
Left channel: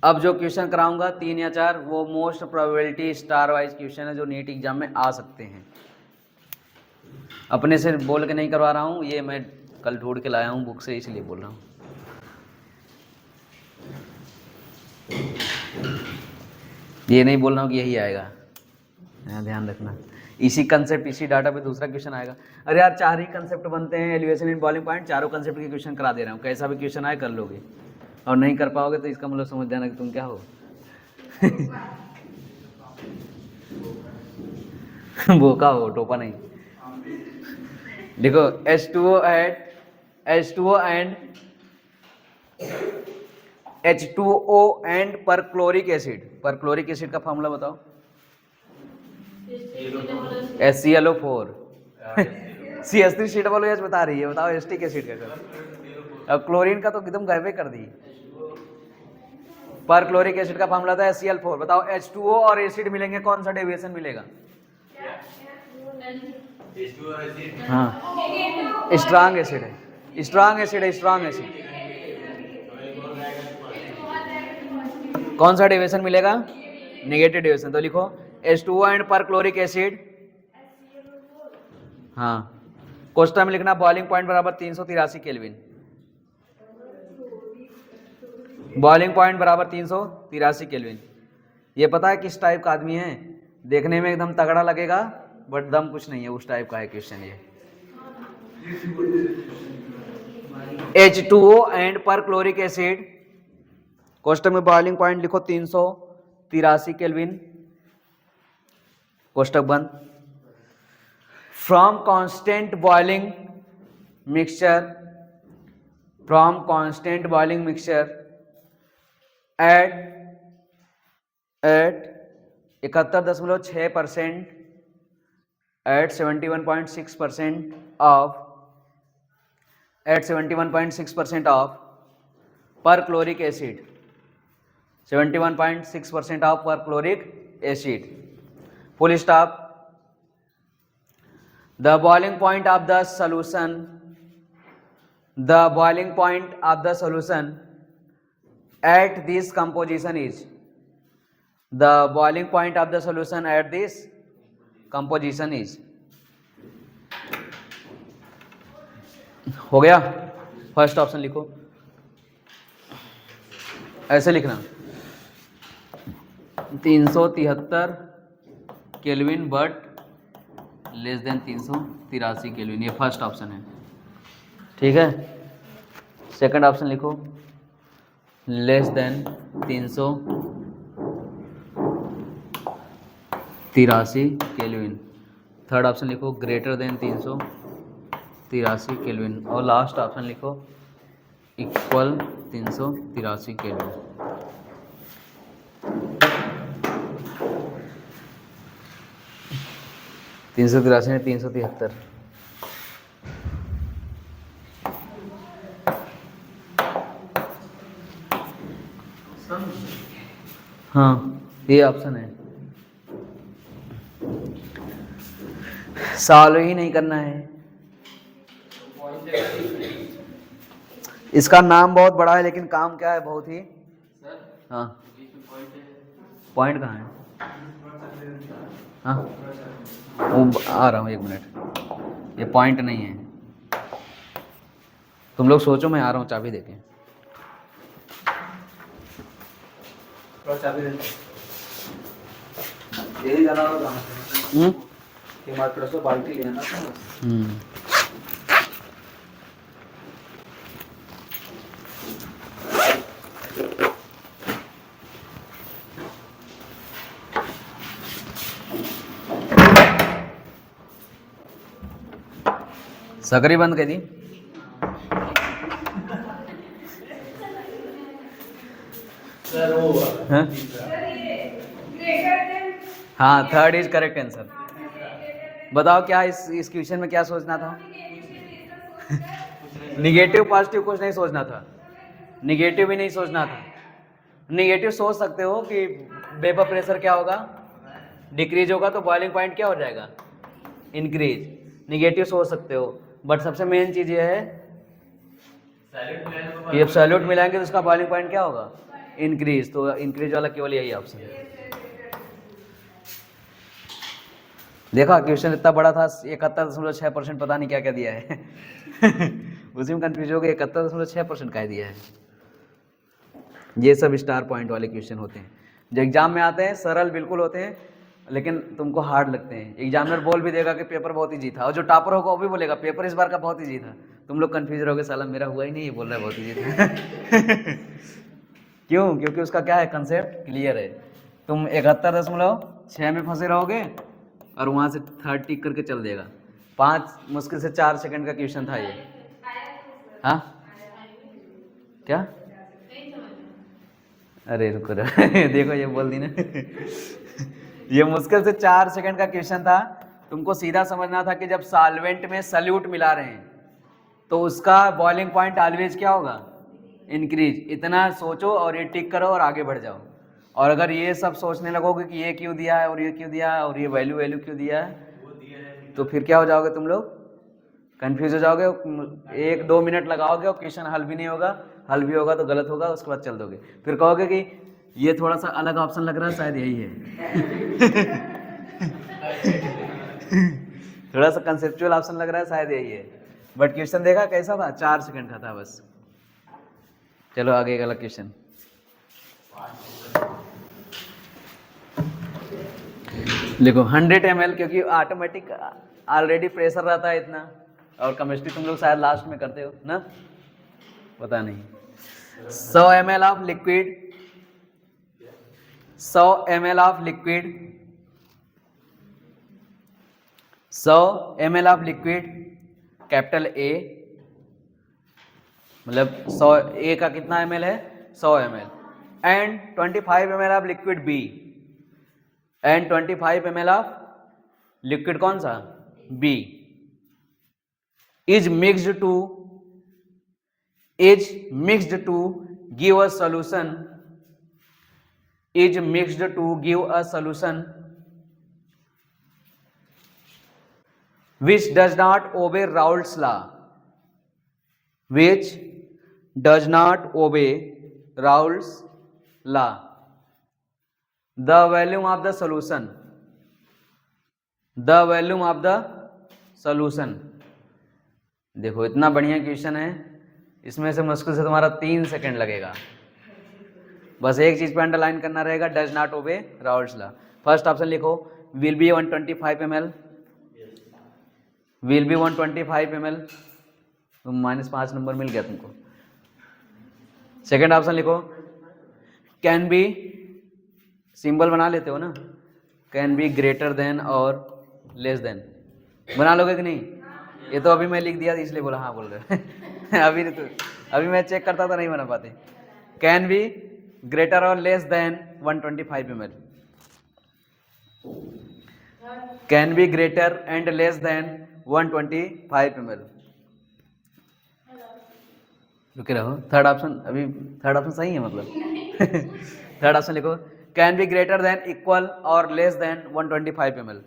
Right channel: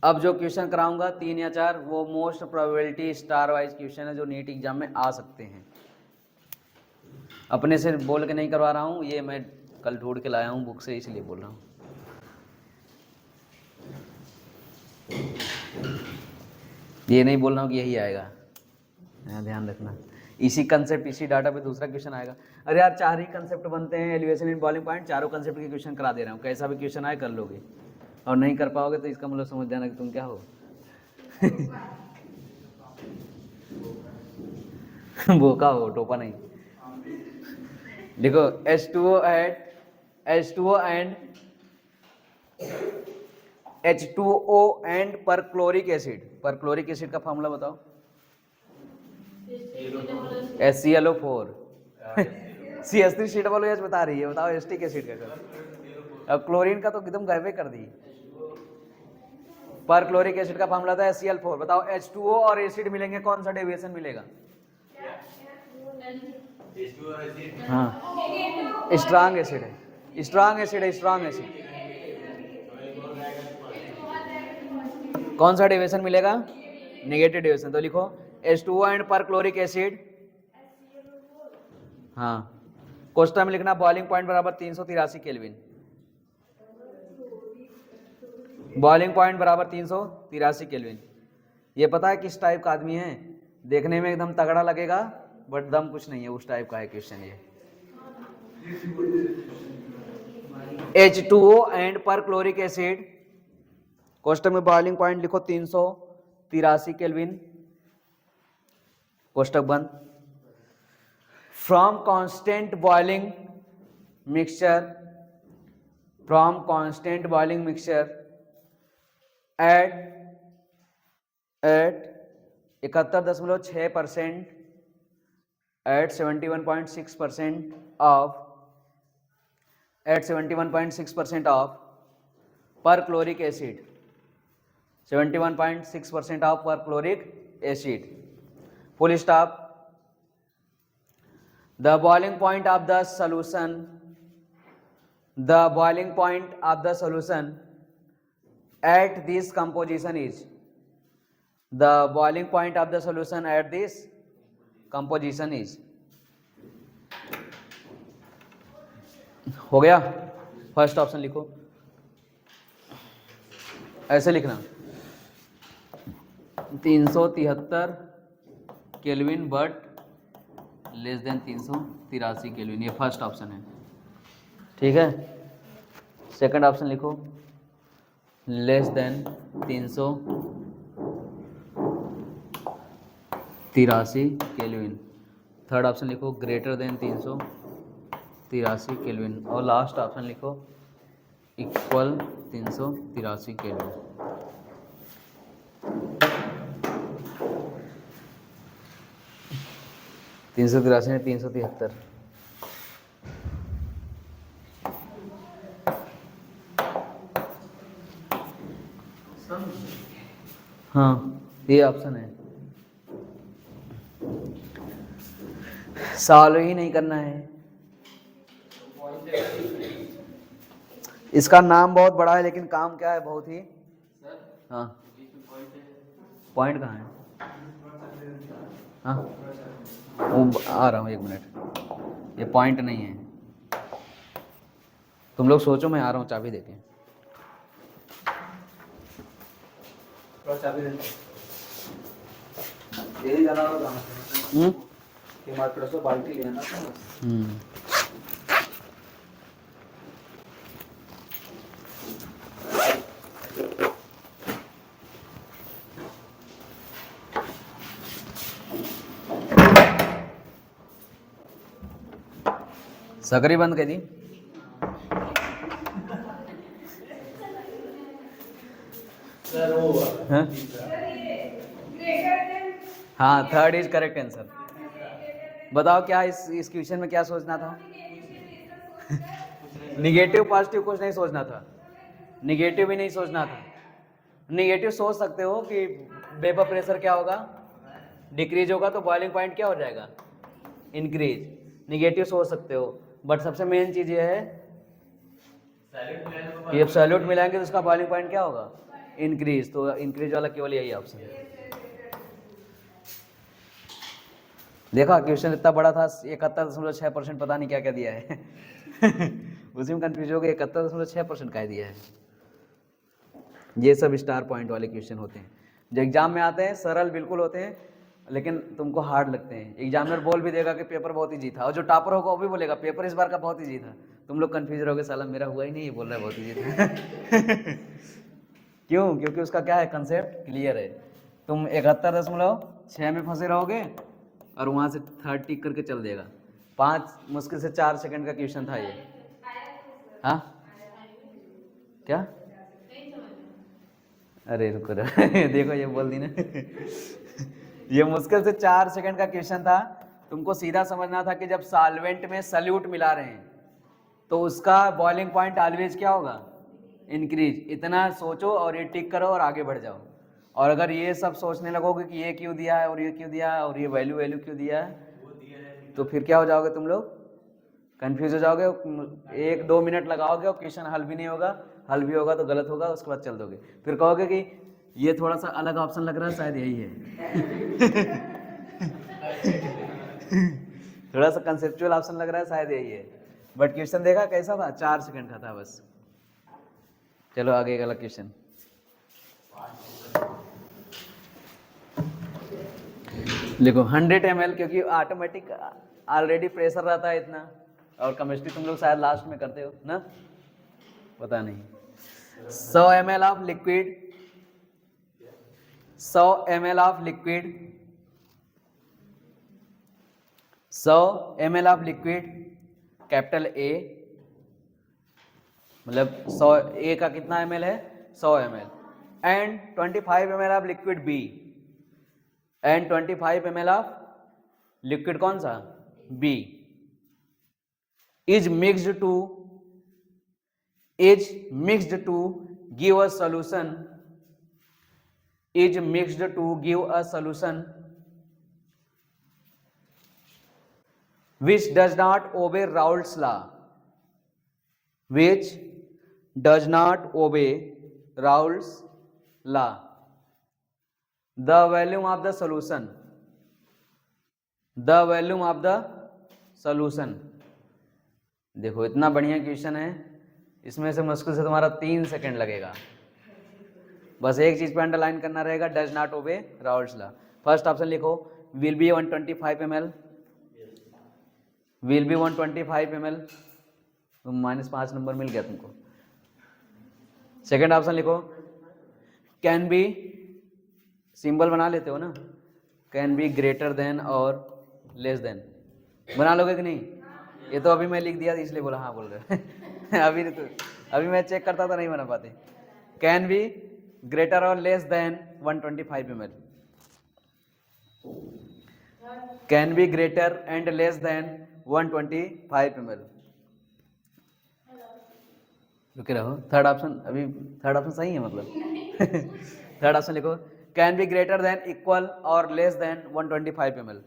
अब जो क्वेश्चन कराऊंगा 3 या 4, वो most probability star wise question है जो नीट एग्जाम में आ सकते हैं। अपने से बोल के नहीं करवा रहा हूँ, ये मैं कल ढूंढ के लाया हूँ बुक से, इसलिए बोल रहा हूँ। ये नहीं बोल रहा हूँ कि यही आएगा, ध्यान रखना। इसी कंसेप्ट, इसी डाटा पे दूसरा क्वेश्चन आएगा। अरे यार 4 ही कंसेप्ट बनते हैं, एलिवेशन इन बॉइलिंग पॉइंट, चारों कंसेप्ट के क्वेश्चन करा दे रहा हूँ। कैसा भी क्वेश्चन आए कर लोगे, और नहीं कर पाओगे तो इसका मतलब समझ जाना कि तुम क्या हो। बोका हो, टोपा नहीं। देखो H2O and perchloric acid. Perchloric acid का फॉर्मूला बताओ। HClO4। CH3COOH बता रही है, बताओ एसिटिक एसिड का। अब क्लोरीन का तो एकदम गायब कर दी। परक्लोरिक एसिड का फॉर्मूला था HCl4। बताओ H2O और एसिड मिलेंगे, कौन सा डेविएशन मिलेगा? हाँ, स्ट्रांग एसिड है, स्ट्रांग एसिड है, स्ट्रांग एसिड। कौन सा डेविएशन मिलेगा? Negative deviation. तो लिखो H2O एंड परक्लोरिक एसिड। हाँ, कोष्ठक में लिखना बॉइलिंग पॉइंट बराबर 383 केल्विन। बॉइलिंग पॉइंट बराबर 383 केल्विन। ये पता है किस टाइप का आदमी है? देखने में एकदम तगड़ा लगेगा बट दम कुछ नहीं है, उस टाइप का है क्वेश्चन ये। H2O एंड परक्लोरिक एसिड, कोष्ठक में बॉइलिंग पॉइंट लिखो 383 केल्विन, कोष्ठक बंद। From constant boiling mixture, from constant boiling mixture eight 71.6% at 71.6% of perchloric acid, 71.6% of perchloric acid, full stop. The boiling point of the solution, the boiling point of the solution at this composition is, the boiling point of the solution at this composition is। हो गया? First option लिखो, ऐसे लिखना 373 kelvin but less than 383 kelvin, ये first option है। ठीक है, second option लिखो less than 383 kelvin. Third option लिखो ग्रेटर देन 383 383 केल्विन, और लास्ट ऑप्शन लिखो इक्वल 383 केल्विन। तीन सौ तिरासी में 373। हाँ ये ऑप्शन है, सॉल्व ही नहीं करना है। इसका नाम बहुत बड़ा है लेकिन काम क्या है बहुत ही। हाँ पॉइंट कहाँ है? हाँ वो आ रहा हूँ, 1 मिनट, ये पॉइंट नहीं है। तुम लोग सोचो, मैं आ रहा हूँ चाबी देके। चाबी यही जाना होगा बाल्टी लेना था। सकरी बंद कर दी। हाँ थर्ड इज करेक्ट आंसर। बताओ क्या इस क्वेश्चन में क्या सोचना था? निगेटिव पॉजिटिव कुछ नहीं सोचना था, निगेटिव भी नहीं सोचना था। निगेटिव सोच सकते हो कि वेपर प्रेशर क्या होगा, डिक्रीज होगा तो बॉइलिंग पॉइंट क्या हो जाएगा, इंक्रीज। निगेटिव सोच सकते हो, बट सबसे मेन चीज ये है कि जब सैल्यूट मिलाएंगे तो उसका बॉइलिंग पॉइंट क्या होगा, इंक्रीज। तो इंक्रीज वाला केवल यही ऑप्शन है। देखा क्वेश्चन इतना बड़ा था, 71.6% पता नहीं क्या क्या दिया है उसी में कंफ्यूज हो गए, 71.6% का दिया है। ये सब स्टार पॉइंट वाले क्वेश्चन होते हैं जो एग्जाम में आते हैं, सरल बिल्कुल होते हैं लेकिन तुमको हार्ड लगते हैं। एग्जामिनर बोल भी देगा कि पेपर बहुत ईजी था, और जो टॉपर होगा वो भी बोलेगा पेपर इस बार का बहुत ईजी था। तुम लोग कंफ्यूज रहोगे, साला मेरा हुआ ही नहीं, ये बोल रहा है बहुत ईजी था क्यों? क्योंकि उसका क्या है, कंसेप्ट क्लियर है। तुम 71.6 में फंसे रहोगे और वहाँ से 3 टिक करके चल देगा। 5 मुश्किल से 4 सेकंड का क्वेश्चन था ये। हाँ क्या? अरे रुको देखो ये बोल दी ना ये मुश्किल से 4 सेकंड का क्वेश्चन था। तुमको सीधा समझना था कि जब सॉल्वेंट में सल्यूट मिला रहे हैं तो उसका बॉइलिंग पॉइंट ऑलवेज क्या होगा, इंक्रीज। इतना सोचो और ये टिक करो और आगे बढ़ जाओ। और अगर ये सब सोचने लगोगे कि ये क्यों दिया है और ये क्यों दिया है और ये वैल्यू क्यों दिया है, तो फिर क्या हो जाओगे तुम लोग, कंफ्यूज हो जाओगे। 1-2 मिनट लगाओगे और क्वेश्चन हल भी नहीं होगा, हल भी होगा तो गलत होगा, उसके बाद चल दोगे। फिर कहोगे कि ये थोड़ा सा अलग ऑप्शन लग रहा है, शायद यही है थोड़ा सा कंसेप्चुअल ऑप्शन लग रहा है, शायद यही है। बट क्वेश्चन देखा कैसा था, 4 सेकंड का था बस। चलो आगे एक अलग क्वेश्चन। देखो 100 ml, क्योंकि ऑटोमेटिक ऑलरेडी प्रेशर रहता है इतना, और केमिस्ट्री तुम लोग शायद लास्ट में करते हो ना, पता नहीं। 100 ml of liquid, 100 ml of liquid, 100 ml of liquid capital A, मतलब 100 ए का कितना ml है, 100 ml, and 25 ml of liquid B and 25 ml of liquid कौन सा, B, is mixed to give a solution, is mixed to give a solution which does not obey Raoult's law, which does not obey Raoult's law. The volume of the solution, the volume of the solution। देखो इतना बढ़िया question है, इसमें से मुश्किल से तुम्हारा 3 second लगेगा। बस एक चीज पे अंडरलाइन करना रहेगा, does not obey Raoult's law. First option लिखो, will be 125 ml, will be 125 ml, तुम -5 नंबर मिल गया तुमको। सेकंड ऑप्शन लिखो, कैन बी, सिंबल बना लेते हो ना, कैन बी ग्रेटर देन और लेस देन, बना लोगे कि नहीं? ये तो अभी मैं लिख दिया इसलिए बोला हाँ बोल रहे अभी मैं चेक करता तो नहीं बना पाते। कैन बी ग्रेटर और less than 125 ml, can be greater and less than 125 ml। रुके रहो, थर्ड ऑप्शन अभी, थर्ड ऑप्शन सही है मतलब थर्ड ऑप्शन लिखो, can be greater than equal और less than 125 ml,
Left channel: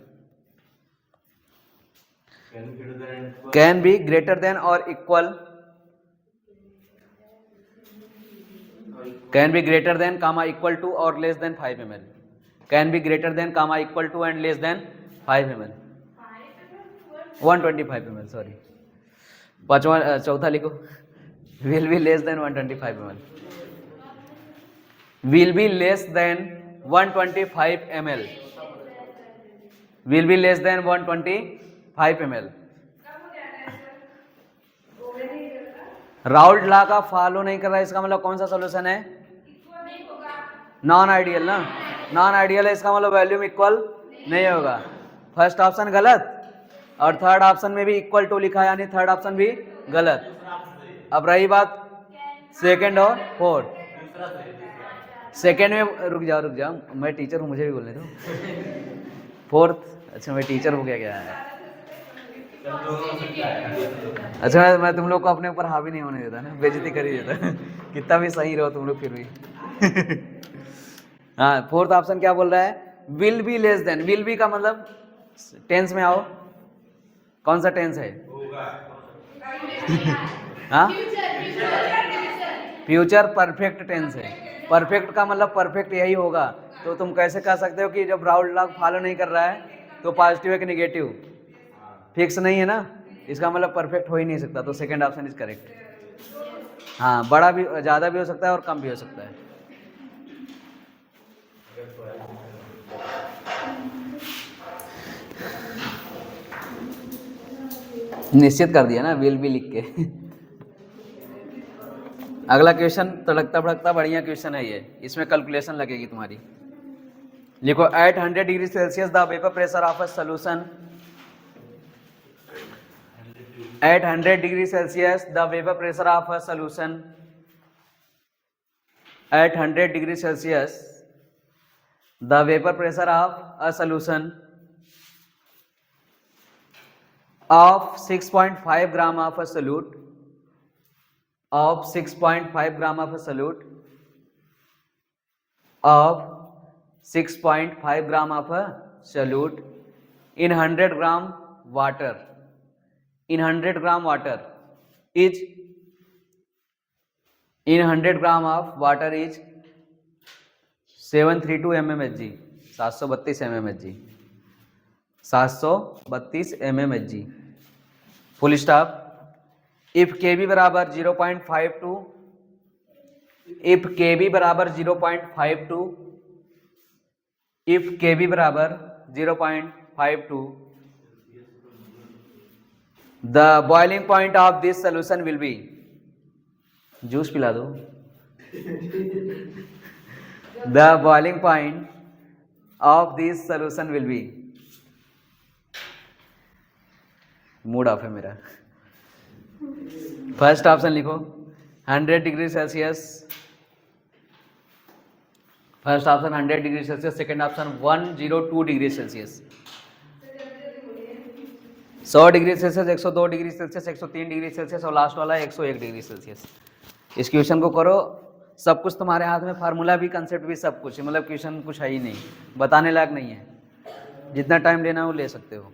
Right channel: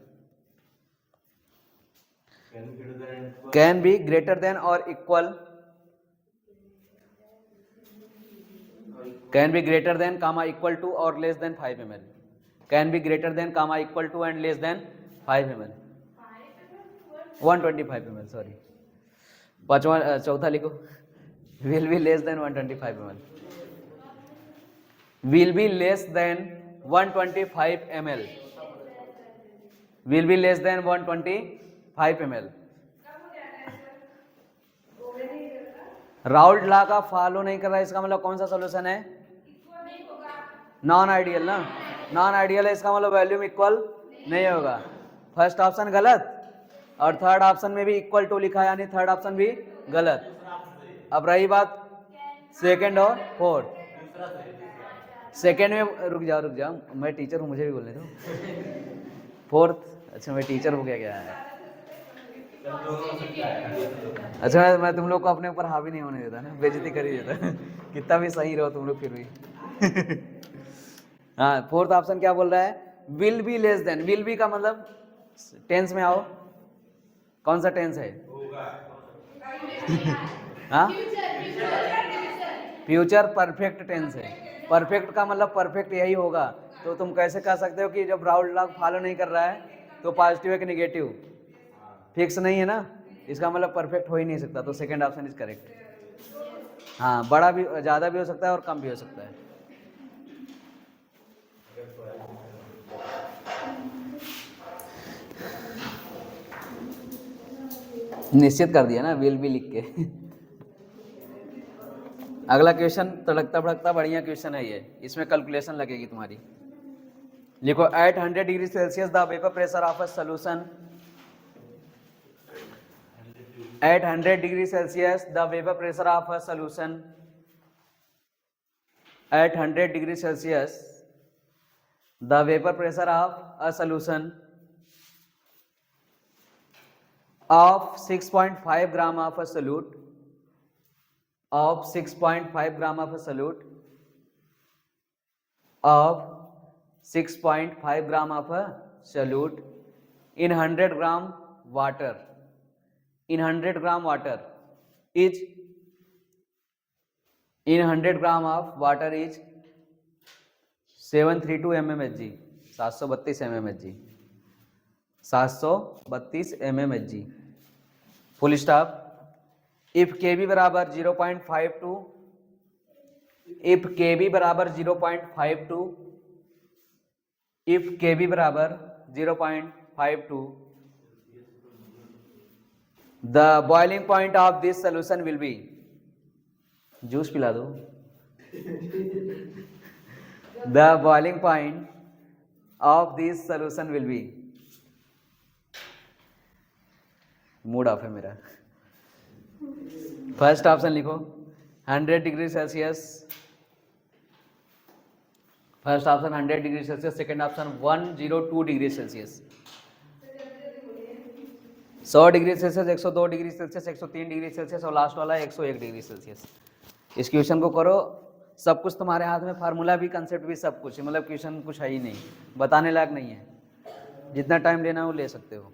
can be greater than और equal, can be greater than comma equal to और less than 5 ml, can be greater than comma equal to and less than 5 ml, 125 ml sorry. पांचवा चौथा लिखो, will be less than 125 ml, will be less than 125 ml, will be less than 125 ml। Raoult law का follow नहीं कर रहा है, इसका मतलब कौन सा सॉल्यूशन है? नॉन आइडियल ना, नॉन आइडियल है, इसका मतलब वॉल्यूम इक्वल नहीं होगा। फर्स्ट ऑप्शन गलत और थर्ड ऑप्शन में भी इक्वल टू लिखा है, यानी थर्ड ऑप्शन भी गलत। अब रही बात सेकंड और फोर्थ, सेकंड में रुक जाओ, मैं टीचर हूँ, मुझे भी बोलने दो। फोर्थ, अच्छा मैं टीचर हो गया क्या है? अच्छा मैं तुम लोग को अपने ऊपर हावी नहीं होने देता ना, बेइज्जती कर ही देता कितना भी सही रहो तुम लोग फिर भी हाँ, फोर्थ ऑप्शन क्या बोल रहा है? Will be less then, will be का मतलब टेंस में आओ, कौन सा टेंस है? हाँ, फ्यूचर परफेक्ट टेंस है। परफेक्ट का मतलब परफेक्ट यही होगा, तो तुम कैसे कह सकते हो कि जब राउल्ट लॉ फॉलो नहीं कर रहा है तो पॉजिटिव है कि निगेटिव? फिक्स नहीं है ना, इसका मतलब परफेक्ट हो ही नहीं सकता, तो सेकंड ऑप्शन इज करेक्ट। हाँ, बड़ा भी, ज़्यादा भी हो सकता है और कम भी हो सकता है। निश्चित कर दिया ना विल भी लिख के अगला क्वेश्चन तड़कता भड़कता बढ़िया क्वेश्चन है ये, इसमें कैलकुलेशन लगेगी तुम्हारी। लिखो, at 100 degree Celsius the vapour pressure of a solution, at 100 degree Celsius the vapor pressure of a solution, at 100 degree Celsius the vapor pressure of a solution of 6.5 gram of a solute, of 6.5 gram of a solute, of 6.5 gram of a solute in 100 gram water, in 100 gram water is, in 100 gram of water is 732 mmHg, 732 mmHg, 732 mmHg, full stop. If kb बराबर 0.52, if kb बराबर 0.52, if kb बराबर 0.52 the boiling point of this solution will be, juice पिला दो the boiling point of this solution will be, mood off है मेरा। First option लिखो 100 degree Celsius, first option 100 degree Celsius, second option 102 degree Celsius, 100 degree Celsius, 102 degree Celsius, 103 degree Celsius और last वाला 101 degree Celsius. इस question को करो, सब कुछ तुम्हारे हाथ में, फार्मूला भी, कंसेप्ट भी, सब कुछ, मतलब क्वेश्चन कुछ है ही नहीं, बताने लायक नहीं है, जितना टाइम लेना हो ले सकते हो।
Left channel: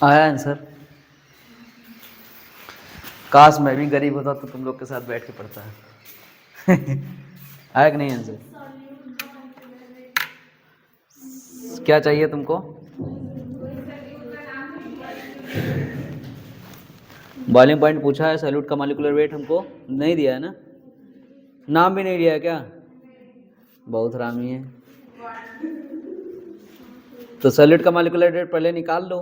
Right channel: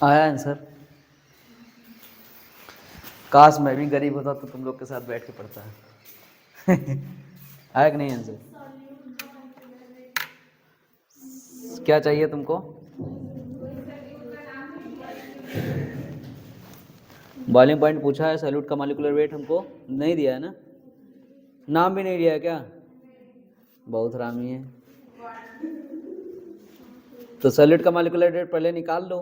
आया आंसर? काश मैं भी गरीब होता तो तुम लोग के साथ बैठ के पढ़ता है। आया कि नहीं आंसर? क्या चाहिए तुमको? बॉइलिंग पॉइंट पूछा है, सैल्यूट का मॉलिक्यूलर वेट हमको नहीं दिया है ना, नाम भी नहीं दिया है क्या? बहुत हरामी है। तो सैल्यूट का मॉलिक्यूलर वेट पहले निकाल लो।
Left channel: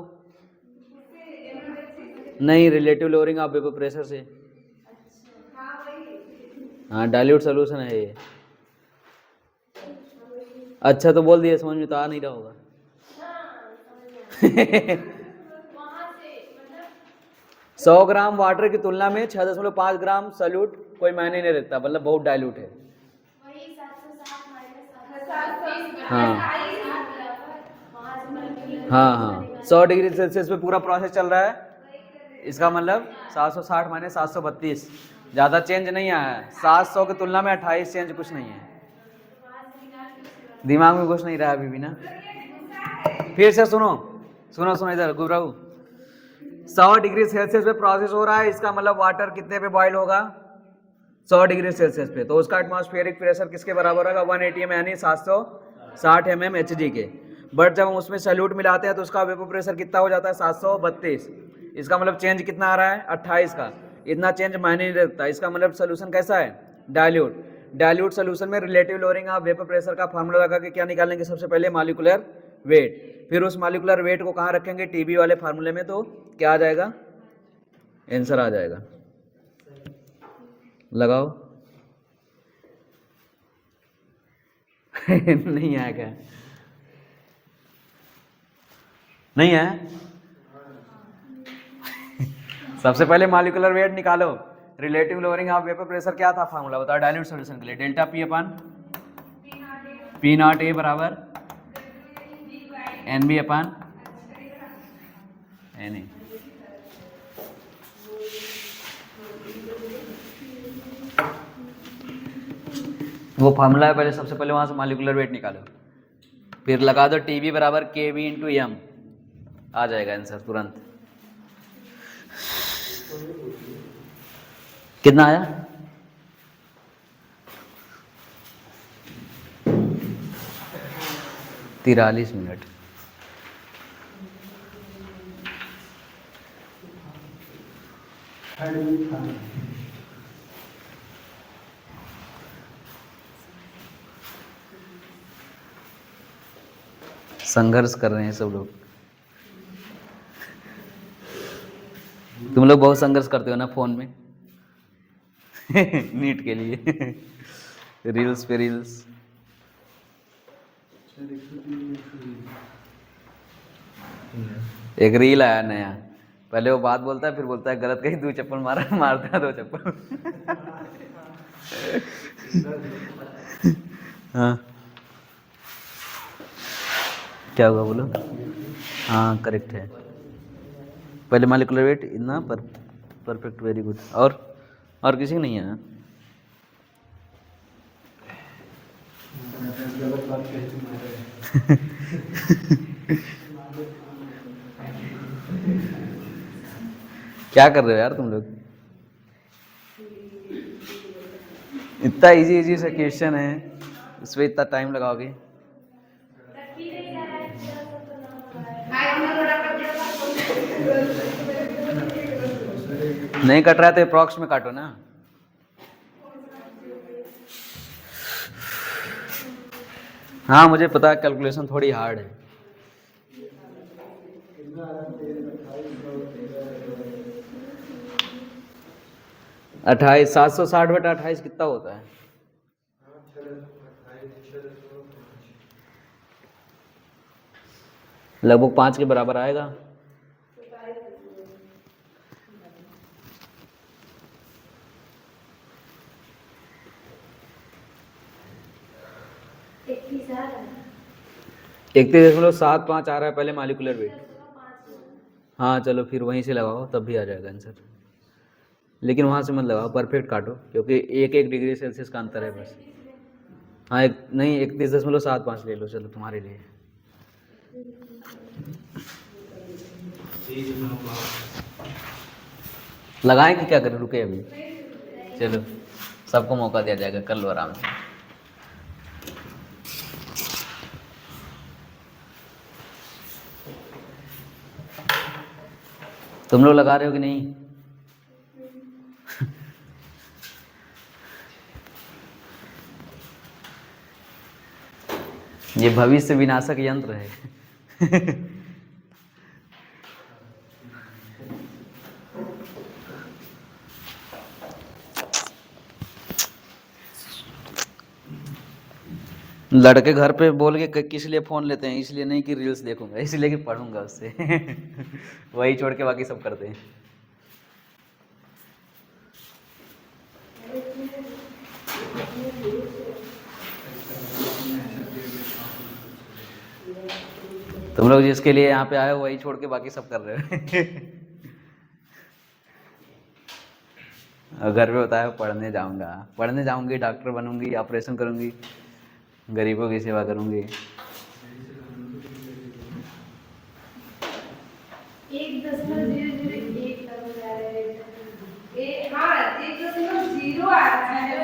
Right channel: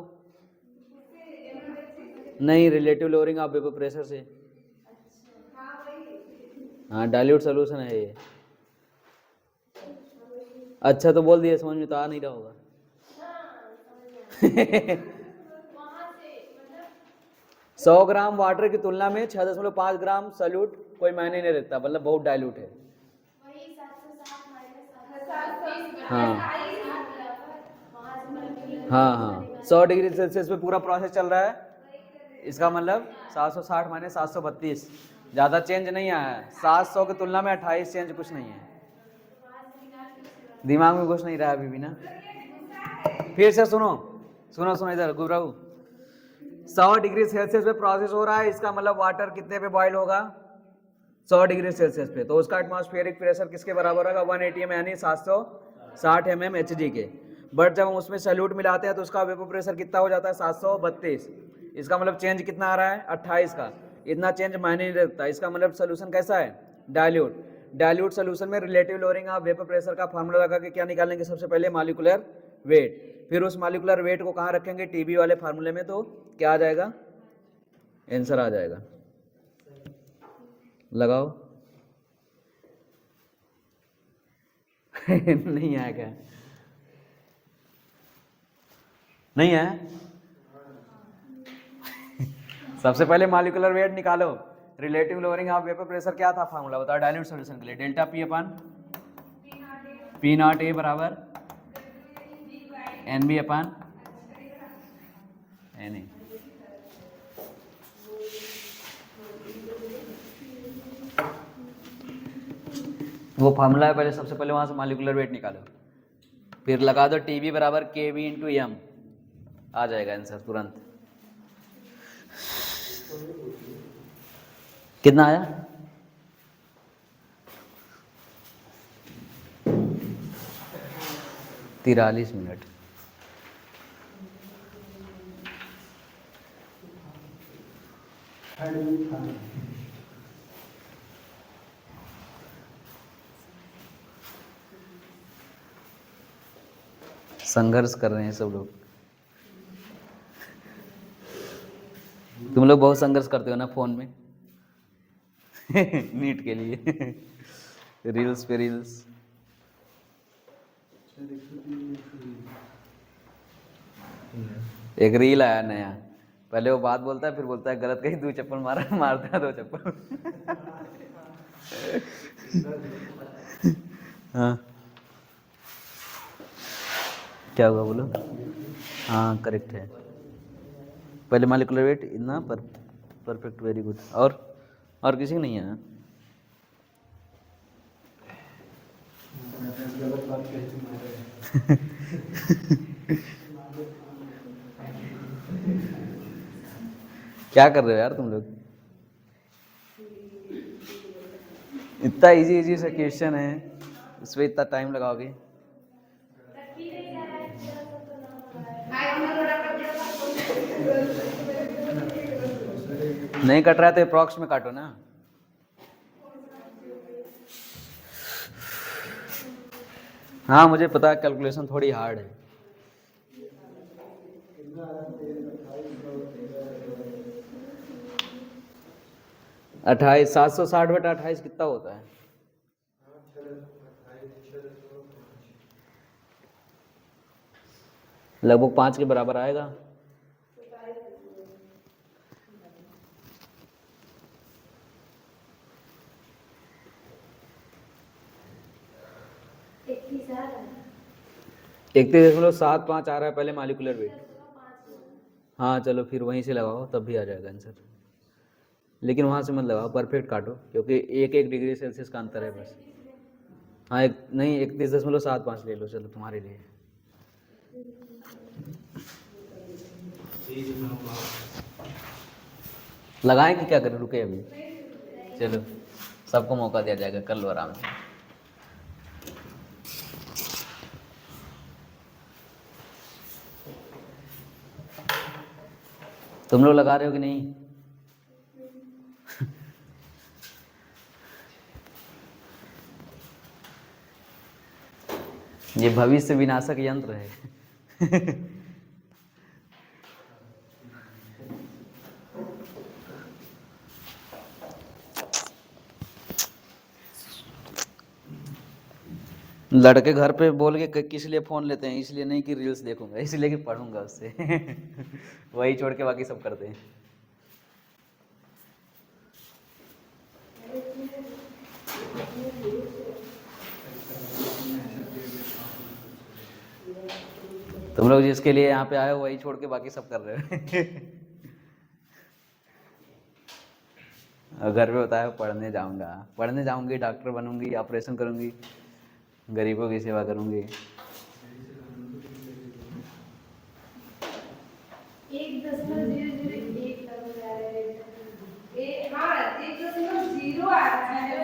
नहीं, relative lowering of vapour pressure से। हाँ, डाइल्यूट सोल्यूशन है ये। अच्छा तो बोल दिया, समझ में तो आ नहीं रहा होगा। 100 ग्राम वाटर की तुलना में 6.5 ग्राम सल्यूट कोई मायने नहीं रखता, मतलब बहुत डाइल्यूट है। हाँ हाँ हाँ, 100 डिग्री सेल्सियस पे पूरा प्रोसेस चल रहा है, इसका मतलब 760 माइनस 732, ज़्यादा चेंज नहीं आया है। 700 की तुलना में 28 चेंज कुछ नहीं है। दिमाग में कुछ नहीं रहा अभी भी ना। फिर से सुनो सुनो सुनो इधर गुबराऊ। 100 डिग्री सेल्सियस पे प्रोसेस हो रहा है, इसका मतलब वाटर कितने पे बॉयल होगा? 100 डिग्री सेल्सियस पे। तो उसका एटमॉस्फेरिक प्रेशर किसके बराबर होगा? 180 एम यानी 760 mm Hg के। बट जब हम उसमें सैल्यूट मिलाते हैं तो उसका वेपर प्रेशर कितना हो जाता है? 732। इसका मतलब चेंज कितना आ रहा है? 28 का। इतना चेंज मायने नहीं रखता। इसका मतलब सोल्यूशन कैसा है? डाइल्यूट। डाइल्यूट सोल्यूशन में relative lowering of vapour pressure का फार्मूला लगा के क्या निकालेंगे? सबसे पहले मॉलिक्यूलर वेट, फिर उस मॉलिक्यूलर वेट को कहाँ रखेंगे? टीबी वाले फार्मूले में। तो क्या आ जाएगा? आंसर आ जाएगा। लगाओ। नहीं आया क्या? नहीं है? सबसे पहले मॉलिक्यूलर वेट निकालो। Relative lowering of vapour pressure क्या था फार्मूला? बताओ डाइल्यूट सॉल्यूशन के लिए। Delta P upon P not A बराबर N B upon N A. वो फार्मूला है, पहले सबसे पहले वहां से मॉलिक्यूलर वेट निकालो, फिर लगा दो टी बी बराबर के वी इंटू एम, आ जाएगा आंसर तुरंत। कितना आया? तिरालीस मिनट। संघर्ष कर रहे हैं सब लोग। तुम लोग बहुत संघर्ष करते हो ना फोन में। नीट के लिए रील्स पे रील्स। एक रील आया नया, पहले वो बात बोलता है, फिर बोलता है गलत कहीं 2 चप्पल मारा, मारता है 2 चप्पल। हाँ क्या हुआ बोलो? हाँ करेक्ट है। पहले मॉलिक्यूलर वेट इतना परफेक्ट, वेरी गुड। और किसी को नहीं है? क्या कर रहे हो यार तुम लोग? इतना इजी इजी सा क्वेश्चन है, इस पर इतना टाइम लगाओगे? नहीं कट रहा है तो अप्रॉक्स में काटो ना। हाँ मुझे पता है, कैलकुलेशन थोड़ी हार्ड है। अट्ठाईस 760 बटा 28 कितना होता है? लगभग 5 के बराबर आएगा। इकतीस 31.75 आ रहा है पहले मॉलिक्यूलर वेट। हाँ चलो फिर वहीं से लगाओ, तब भी आ जाएगा आंसर। लेकिन वहाँ से मत लगाओ, परफेक्ट काटो, क्योंकि 1 डिग्री सेल्सियस का अंतर है बस। हाँ नहीं 31.75 ले लो, चलो तुम्हारे लिए। लगाएं कि क्या करें, रुके अभी, चलो सबको मौका दिया जाएगा, कर लो आराम से। तुम लोग लगा रहे हो कि नहीं? ये भविष्य विनाशक यंत्र है। लड़के घर पे बोल के किस लिए फ़ोन लेते हैं, इसलिए नहीं कि रील्स देखूंगा, इसलिए कि पढ़ूंगा उससे। वही छोड़ के बाकी सब करते हैं। तुम लोग जिसके लिए यहाँ पे आए हो वही छोड़ के बाकी सब कर रहे हो। और घर पे बताया पढ़ने जाऊंगा, पढ़ने जाऊंगी, डॉक्टर बनूंगी, ऑपरेशन करूंगी, गरीबों की सेवा करूंगी।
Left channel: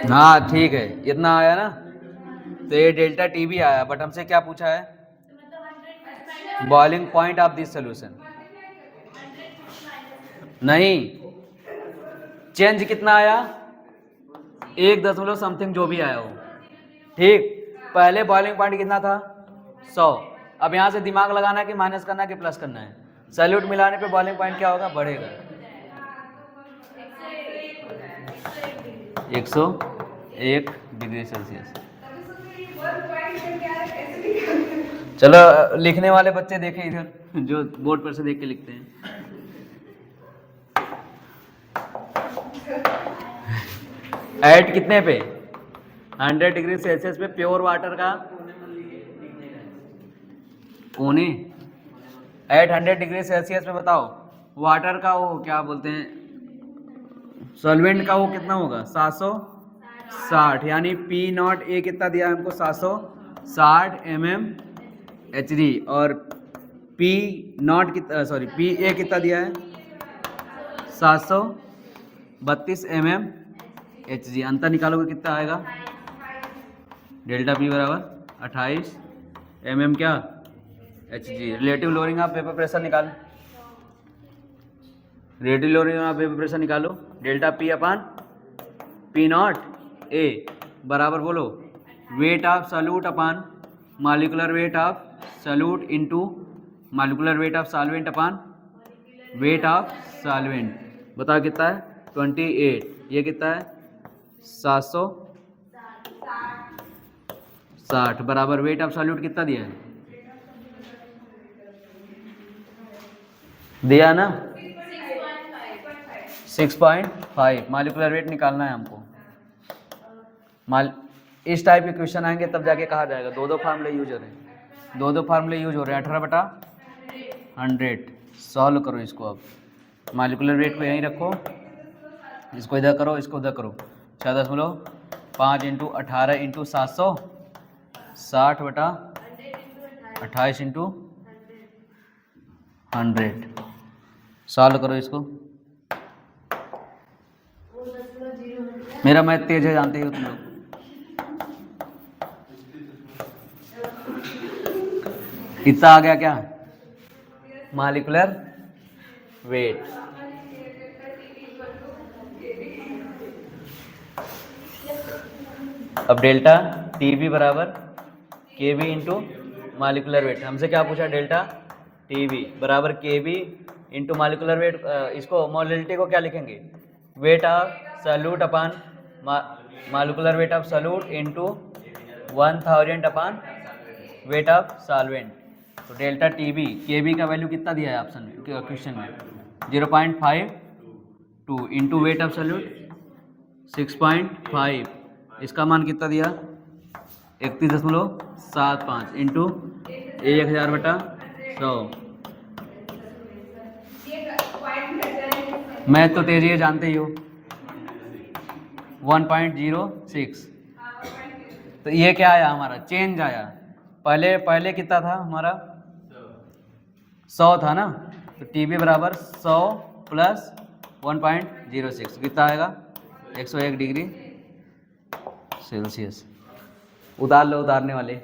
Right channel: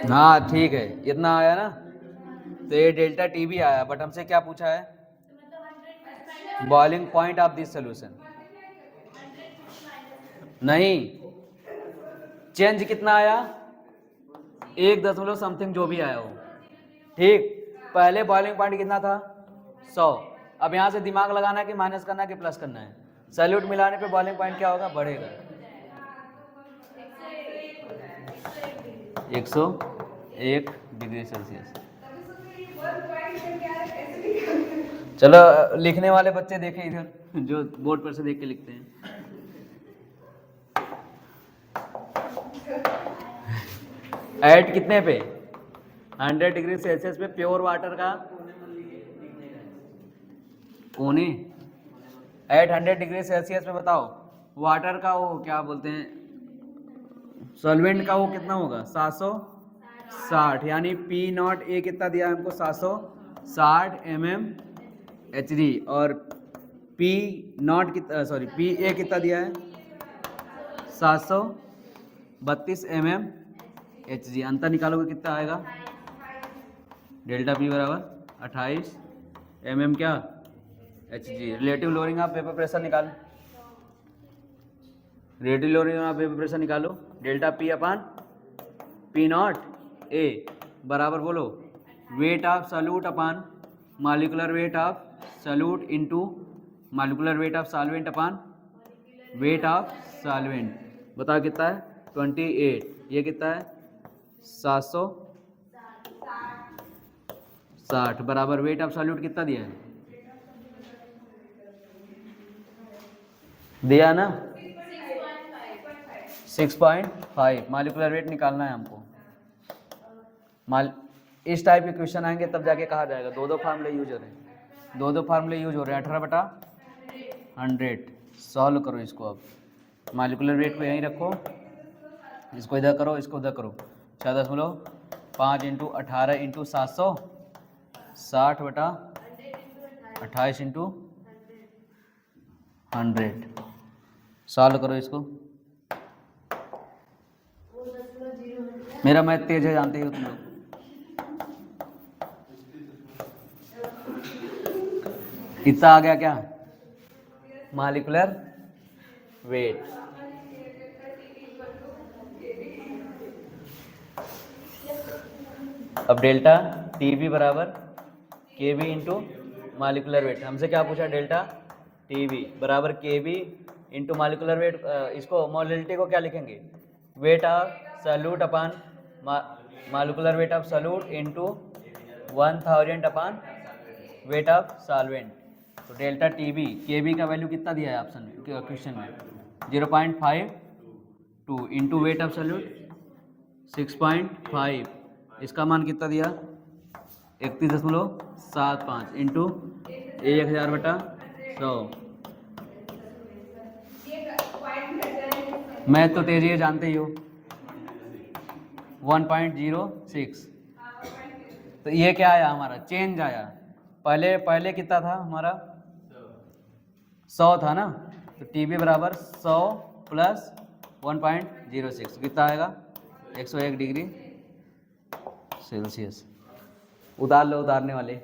हाँ ठीक है, इतना आया ना, तो ये डेल्टा टी भी आया, बट हमसे क्या पूछा है? Boiling point of this solution. नहीं, चेंज कितना आया? 1 समथिंग जो भी आया हो, ठीक। पहले बॉइलिंग पॉइंट कितना था? 100। अब यहाँ से दिमाग लगाना है कि माइनस करना है कि प्लस करना है। सैल्यूट मिलाने पे बॉइलिंग पॉइंट क्या होगा? बढ़ेगा। 101 डिग्री सेल्सियस। चलो लिखने वाले बच्चे देखें इधर, जो बोर्ड पर से देख के लिखते हैं। एट कितने पे? 100 डिग्री सेल्सियस पे प्योर वाटर का पौने एट 100 डिग्री सेल्सियस पे बताओ, वाटर का वो क्या बोलते हैं, सॉल्वेंट का वो कितना होगा? 760, यानी पी नॉट ए कितना दिया है हमको? 760 mmHg, और पी नॉट कितना, सॉरी पी ए कितना दिया है? 732 mmHg। अंतर निकालोगे कितना आएगा? डेल्टा पी बराबर 28 mm क्या? Hg। Relative lowering of vapour pressure निकाल, relative lowering of vapour pressure निकालो। Delta P upon P not A बराबर बोलो, weight of solute upon molecular weight of solute into molecular weight of solvent upon weight of solvent. बताओ कितना है? 28। ये कितना है? 760 बराबर वेट ऑफ सॉल्यूट कितना दिया है? दिया ना, 6.5। मॉलिक्यूलर वेट निकालना है हमको। इस टाइप के क्वेश्चन आएंगे तब जाके कहा जाएगा दो फार्मूले यूज हो रहे हैं, दो फार्मूले यूज हो रहे हैं। 18/100 सॉल्व करो इसको। अब मॉलिक्यूलर वेट को यहीं रखो, इसको इधर करो, इसको उधर करो। 6.5 इंटू 18 इंटू 700 60/28 इंटू 100। सॉल्व करो इसको। मेरा मैथ तेज है, जानते हो तुम लोग। इतना आ गया क्या? Molecular weight. अब डेल्टा टी बी बराबर के बी इंटू मॉलिक्यूलर वेट। हमसे क्या पूछा? डेल्टा टी बी बराबर के बी इंटू मॉलिक्यूलर वेट। इसको मोलिलिटी को क्या लिखेंगे? Wait of solute upon molecular weight of solute into 1000 upon weight of solvent. तो डेल्टा टी बी, के बी का वैल्यू कितना दिया है ऑप्शन में, क्वेश्चन में? 0.52 इंटू वेट ऑफ सॉल्यूट 6.5। इसका मान कितना दिया? 31.75 इंटू 1000/100। मैं तो तेजी है, जानते ही हो। 1.06। तो ये क्या आया हमारा? चेंज आया। पहले कितना था हमारा? 100 था ना, तो TB बराबर 100 प्लस 1.06 कितना आएगा 101 डिग्री सेल्सियस। उतार लो उतारने वाले।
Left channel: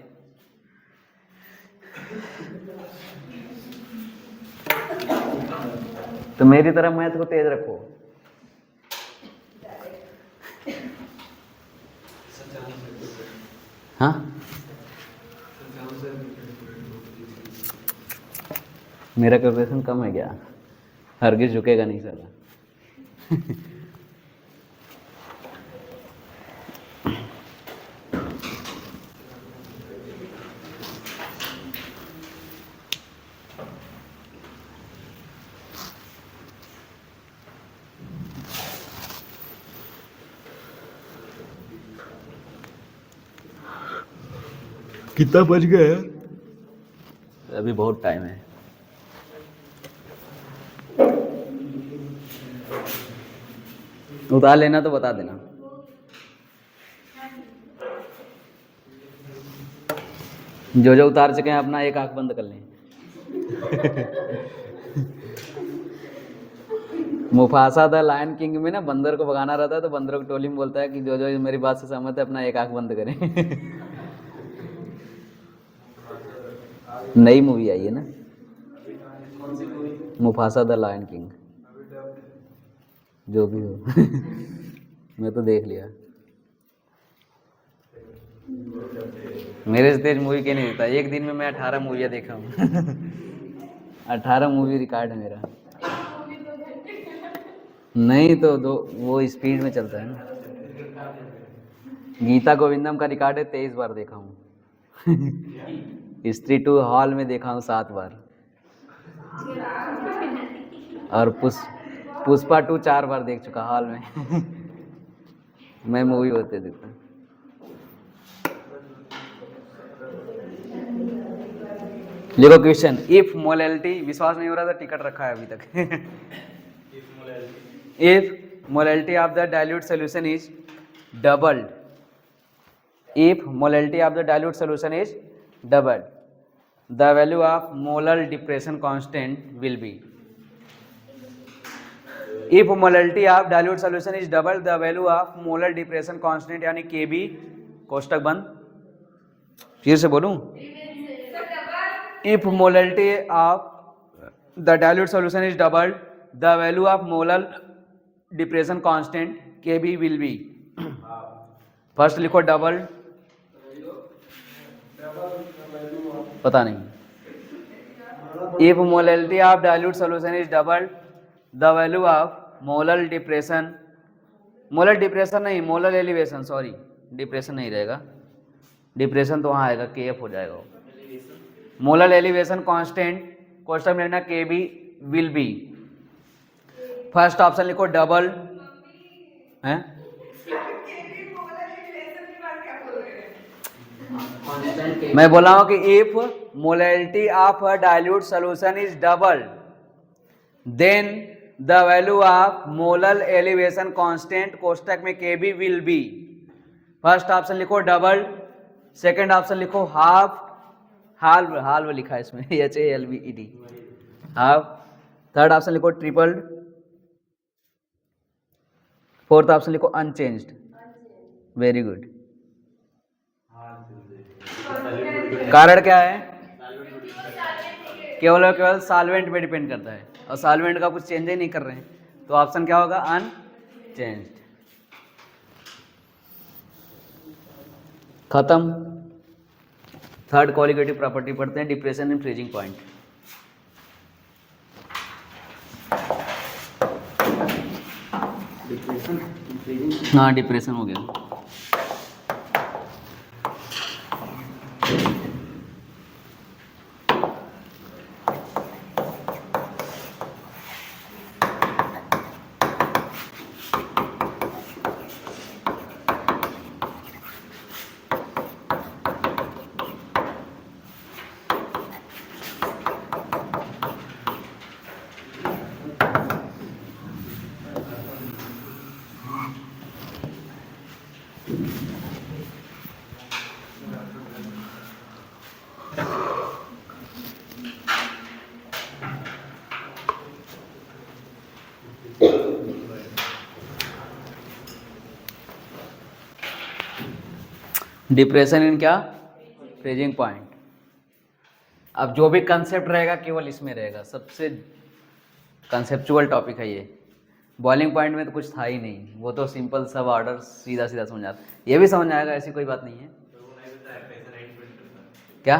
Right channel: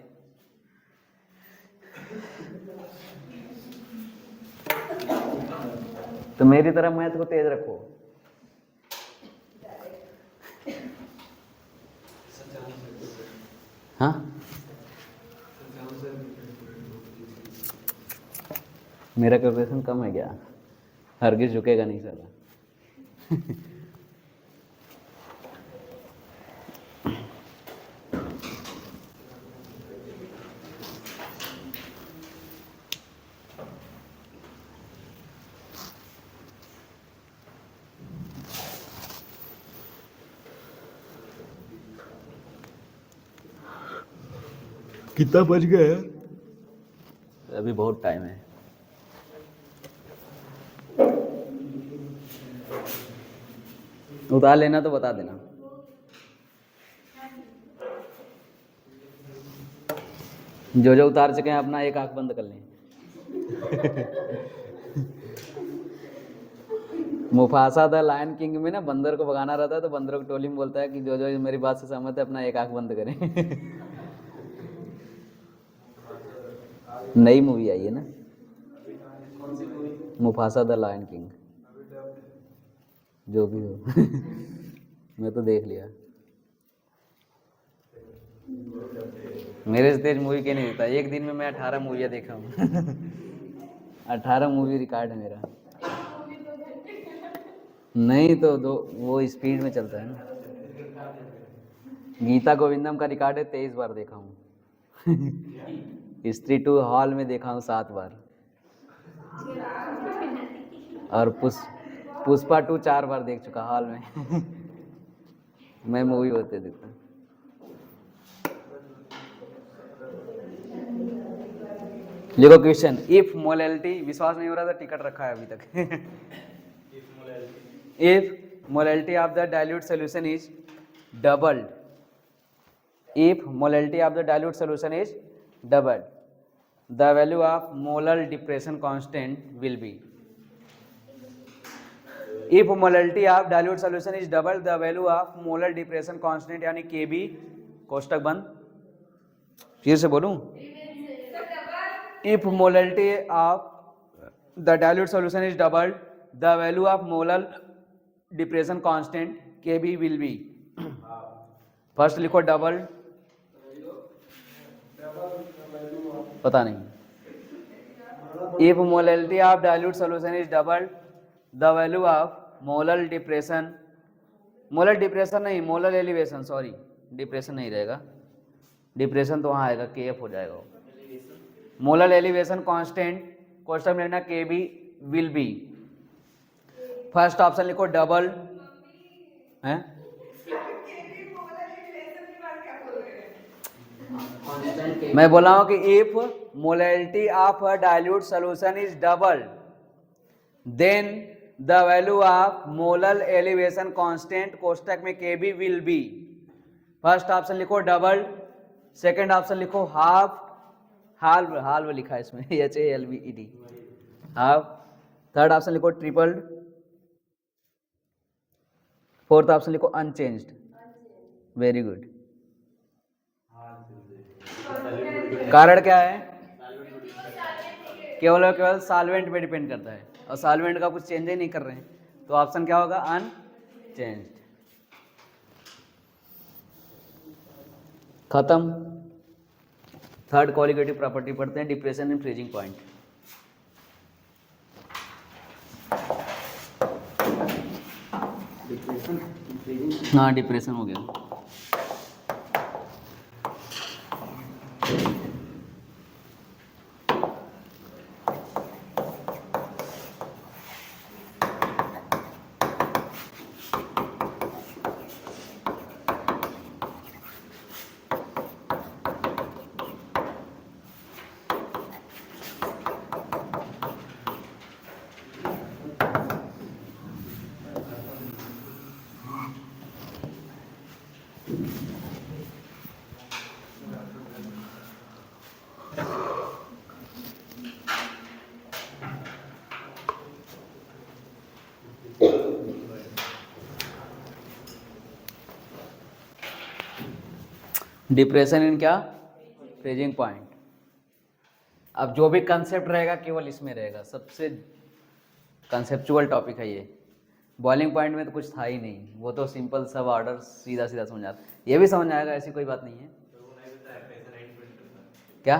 तो मेरी तरह मैथ को तेज रखो। हाँ मेरा कैलकुलेशन कम है क्या? हरगिज झुकेगा नहीं साला। कितना बज गया है? अभी बहुत टाइम है। उतार लेना तो बता देना। जो जो उतार सके अपना एक आंख बंद कर लें। मुफासा द लायन किंग में ना बंदर को भगाना रहता है तो बंदरों की टोली में बोलता है कि जो जो मेरी बात से सहमत है अपना एक आंख बंद करें। नई मूवी आई है ना मुफासा द लायन किंग, जो भी हो। मैं तो देख लिया। मेरे से तेज मूवी के नहीं देता। एक दिन में मैं 18 मूवियाँ देखा हूँ। 18 मूवी रिकॉर्ड है मेरा। नहीं तो दो वो स्पीड में चलता है ना। गीता गोविंदम का रिकॉर्ड है 23 बार देखा हूँ। स्त्री 2 हॉल में देखा हूँ 7 बार। और पुष्पा 2 4 बार देख चुका हॉल में। मैं मूवी होते देखता। देखो क्वेश्चन, इफ मोलैलिटी, विश्वास नहीं हो रहा था टिकट रखा है अभी तक। If molality of the dilute solution is doubled, if molality of the dilute solution is doubled, the value of molar depression constant will be. If molality of dilute solution is doubled, the value of molar depression constant यानी Kb, कोष्टक बंद, फिर से बोलूं, if molality of the dilute solution is doubled, the value of molar depression constant Kb will be. First लिखो double, पता नहीं। If molality of dilute solution is doubled, the value of molar depression, molar depression नहीं molar elevation, sorry depression नहीं रहेगा, depression तो वहाँ आएगा KF हो जाएगा। मोलर एलिवेशन कांस्टेंट क्वेश्चन में लेना KB will be. First option लिखो डबल है, मैं बोला हूं कि if molality of a dilute solution is double then the value of molar elevation constant कोष्टक में KB will be. First option लिखो डबल, सेकंड ऑप्शन लिखो हाफ, हाल्व लिखा है इसमें HALVED हाफ, थर्ड ऑप्शन लिखो ट्रिपल्ड, फोर्थ ऑप्शन लिखो unchanged. Very good. कारण क्या है? केवल और केवल सॉल्वेंट पे डिपेंड करता है और सॉल्वेंट का कुछ चेंज ही नहीं कर रहे हैं, तो ऑप्शन क्या होगा? अनचेंज्ड। खत्म। थर्ड क्वालिटेटिव प्रॉपर्टी पढ़ते हैं, डिप्रेशन एंड फ्रीजिंग पॉइंट। हाँ डिप्रेशन हो गया। डिप्रेशन इन क्या, फ्रीजिंग पॉइंट। अब जो भी कंसेप्ट रहेगा केवल इसमें रहेगा, सबसे कंसेप्चुअल टॉपिक है ये। बॉइलिंग पॉइंट में तो कुछ था ही नहीं, वो तो सिंपल सब ऑर्डर सीधा सीधा समझ आता, ये भी समझ आएगा, ऐसी कोई बात नहीं है। क्या?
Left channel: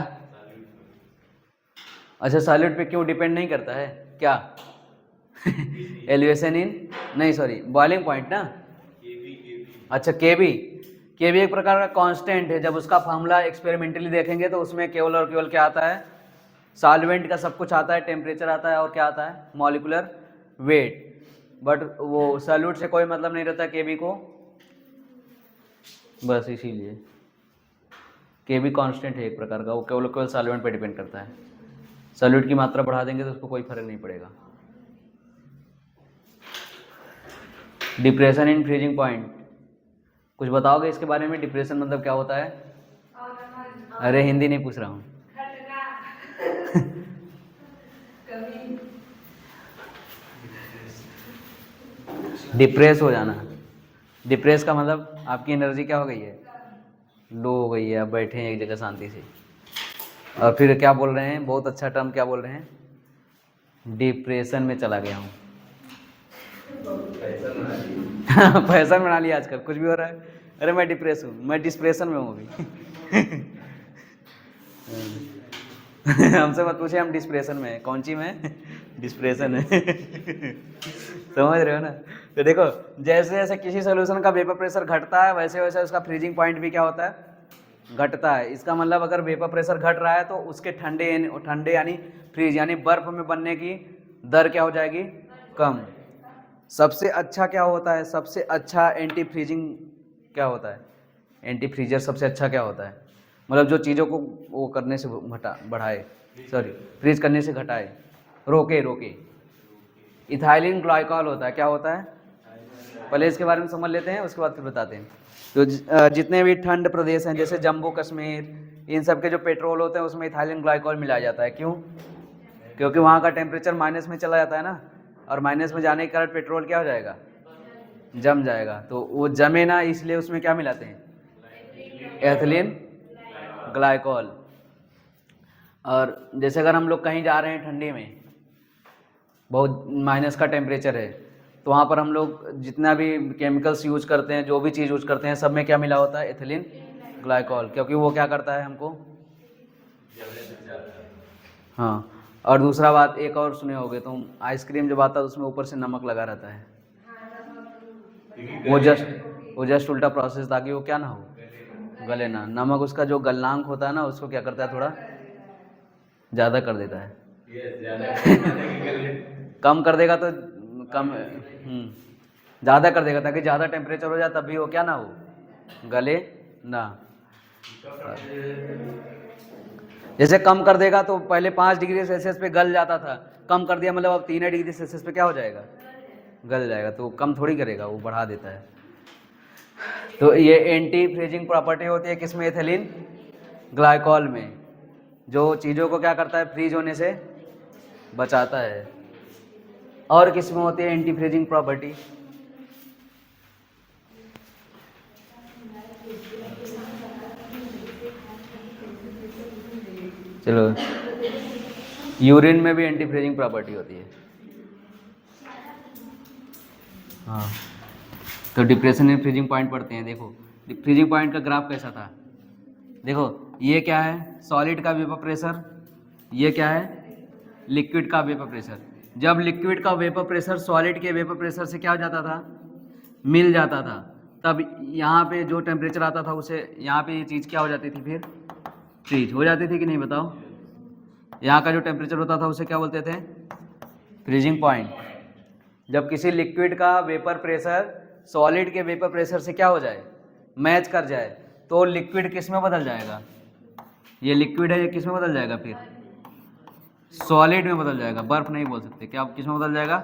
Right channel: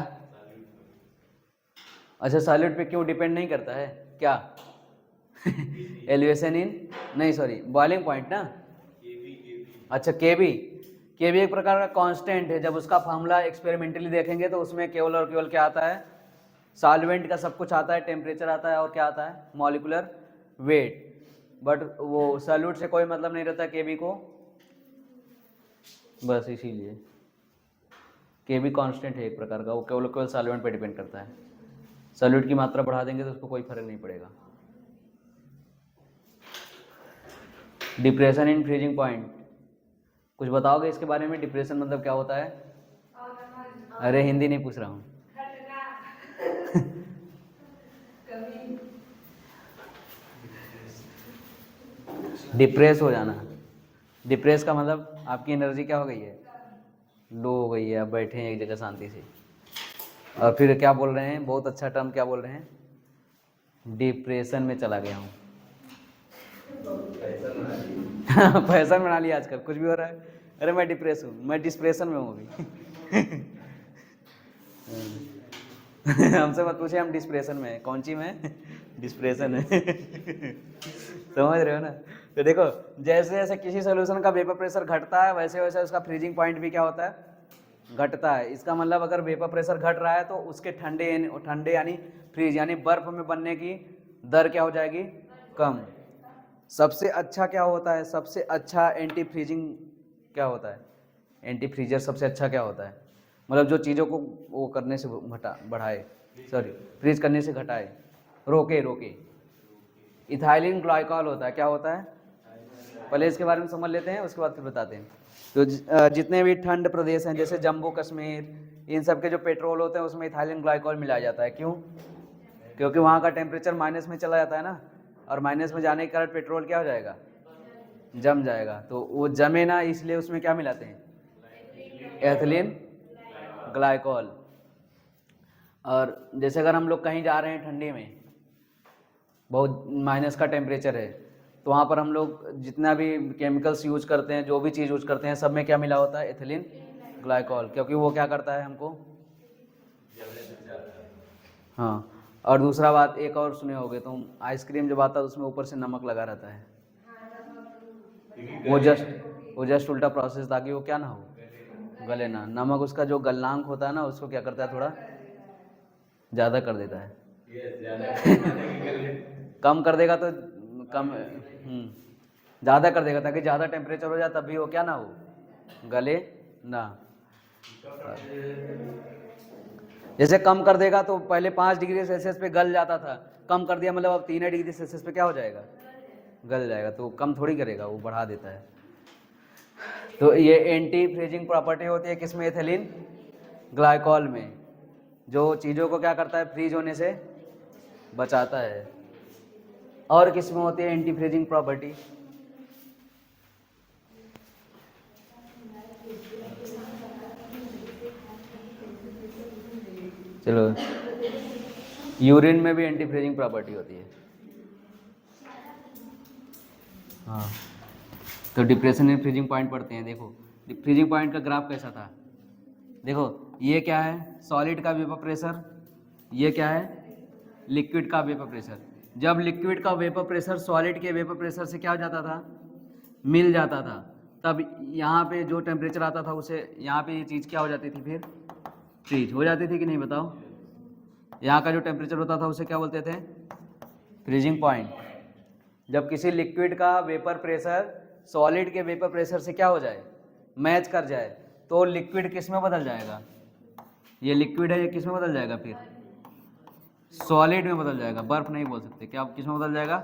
अच्छा, सॉलिड पे क्यों डिपेंड नहीं करता है क्या? एलिवेशन इन, नहीं सॉरी, बॉइलिंग पॉइंट ना। अच्छा, केबी, केबी एक प्रकार का कांस्टेंट है। जब उसका फार्मूला एक्सपेरिमेंटली देखेंगे तो उसमें केवल और केवल क्या आता है, सॉल्वेंट का सब कुछ आता है, टेम्परेचर आता है और क्या आता है, मॉलिक्यूलर वेट। बट वो सॉल्यूट से कोई मतलब नहीं रहता केबी को, बस इसीलिए केबी कांस्टेंट है एक प्रकार का, वो केवल केवल सॉल्वेंट पे डिपेंड करता है। सॉल्यूट की मात्रा बढ़ा देंगे तो उसको कोई फर्क नहीं पड़ेगा। डिप्रेशन इन फ्रीजिंग पॉइंट, कुछ बताओगे इसके बारे में? डिप्रेशन मतलब क्या होता है? अरे हिंदी नहीं पूछ रहा हूँ। डिप्रेस हो जाना, डिप्रेस का मतलब आपकी एनर्जी क्या हो गई है, लो हो गई है, आप बैठे हैं एक जगह शांति से। और फिर क्या बोल रहे हैं, बहुत अच्छा टर्म क्या बोल रहे हैं, डिप्रेशन में चला गया हूँ। फैशन बना लिया आजकल, कुछ भी हो रहा है, अरे मैं डिप्रेस हूँ, मैं डिस्प्रेशन में हूँ अभी। हमसे मत पूछे, हम डिस्प्रेशन में हैं। कौन सी में? डिस्प्रेशन है। समझ रहे हो ना? तो देखो, जैसे जैसे किसी सोल्यूशन का वेपर प्रेशर घटता है वैसे वैसे उसका फ्रीजिंग पॉइंट भी क्या होता है, घटता है। इसका मतलब अगर वेपर प्रेशर घट रहा है तो उसके ठंडे यानी फ्रीज यानी बर्फ में बनने की दर क्या हो जाएगी, कम। सबसे अच्छा क्या होता है, सबसे अच्छा एंटी फ्रीजिंग क्या होता है, एंटी फ्रीजर सबसे अच्छा क्या होता है, मतलब जो चीज़ों को वो करने से बढ़ाए, सॉरी फ्रीज करने से घटाए, रोके। इथाइलिन ग्लाइकॉल होता है, क्या होता है, पहले इसके बारे में समझ लेते हैं उसके बाद फिर बताते हैं। तो जितने भी ठंड प्रदेश हैं जैसे जम्मू कश्मीर, इन सब के जो पेट्रोल होते हैं उसमें इथाइलिन ग्लाइकॉल मिलाया जाता है। क्यों? क्योंकि वहाँ का टेम्परेचर माइनस में चला जाता है ना, और माइनस में जाने के कारण पेट्रोल क्या हो जाएगा, जम जाएगा। तो वो जमे ना, इसलिए उसमें क्या मिलाते हैं, एथिलीन ग्लाइकॉल। और जैसे अगर हम लोग कहीं जा रहे हैं ठंडी में, बहुत माइनस का टेम्परेचर है, तो वहाँ पर हम लोग जितना भी केमिकल्स यूज करते हैं, जो भी चीज़ यूज करते हैं, सब में क्या मिला होता है, एथिलीन ग्लाइकॉल, क्योंकि वो क्या करता है हमको। हाँ, और दूसरा बात एक और सुने होगे तुम, आइसक्रीम जब आता है उसमें ऊपर से नमक लगा रहता है, वो जस्ट उल्टा प्रोसेस, ताकि वो क्या ना हो, गले ना। नमक उसका जो गलनांक होता है ना, उसको क्या करता है, थोड़ा ज़्यादा कर देता है। कम कर देगा तो कम, ज़्यादा कर देगा ताकि ज़्यादा टेम्परेचर हो जाए, तब भी वो क्या ना हो, गले ना। जैसे कम कर देगा तो पहले 5 डिग्री सेल्सियस पे गल जाता था, कम कर दिया मतलब अब 3 डिग्री सेल्सियस पे क्या हो जाएगा, गल जाएगा। तो कम थोड़ी करेगा, वो बढ़ा देता है। तो ये एंटी फ्रीजिंग प्रॉपर्टी होती है किसमें, एथिलीन ग्लाइकॉल में, जो चीज़ों को क्या करता है, फ्रीज होने से बचाता है। और किसमें होती है एंटी फ्रीजिंग प्रॉपर्टी, चलो, यूरिन में भी एंटी फ्रीजिंग प्रॉपर्टी होती है। हाँ, तो डिप्रेशन में फ्रीजिंग पॉइंट पढ़ते हैं। देखो फ्रीजिंग पॉइंट का ग्राफ कैसा था, देखो ये क्या है, सॉलिड का वेपर प्रेशर, ये क्या है, लिक्विड का वेपर प्रेशर। जब लिक्विड का वेपर प्रेशर सॉलिड के वेपर प्रेशर से क्या हो जाता था, मिल जाता था, तब यहाँ पे जो टेम्परेचर आता था उसे यहाँ पे ये चीज़ क्या हो जाती थी, फिर फ्रीज हो जाती थी कि नहीं, बताओ। यहाँ का जो टेम्परेचर होता था उसे क्या बोलते थे, फ्रीजिंग पॉइंट। जब किसी लिक्विड का वेपर प्रेशर सॉलिड के वेपर प्रेशर से क्या हो जाए, मैच कर जाए, तो लिक्विड किस में बदल जाएगा, ये लिक्विड है, ये किस में बदल जाएगा, फिर सॉलिड में बदल जाएगा। बर्फ नहीं बोल सकते, क्या किस में बदल जाएगा,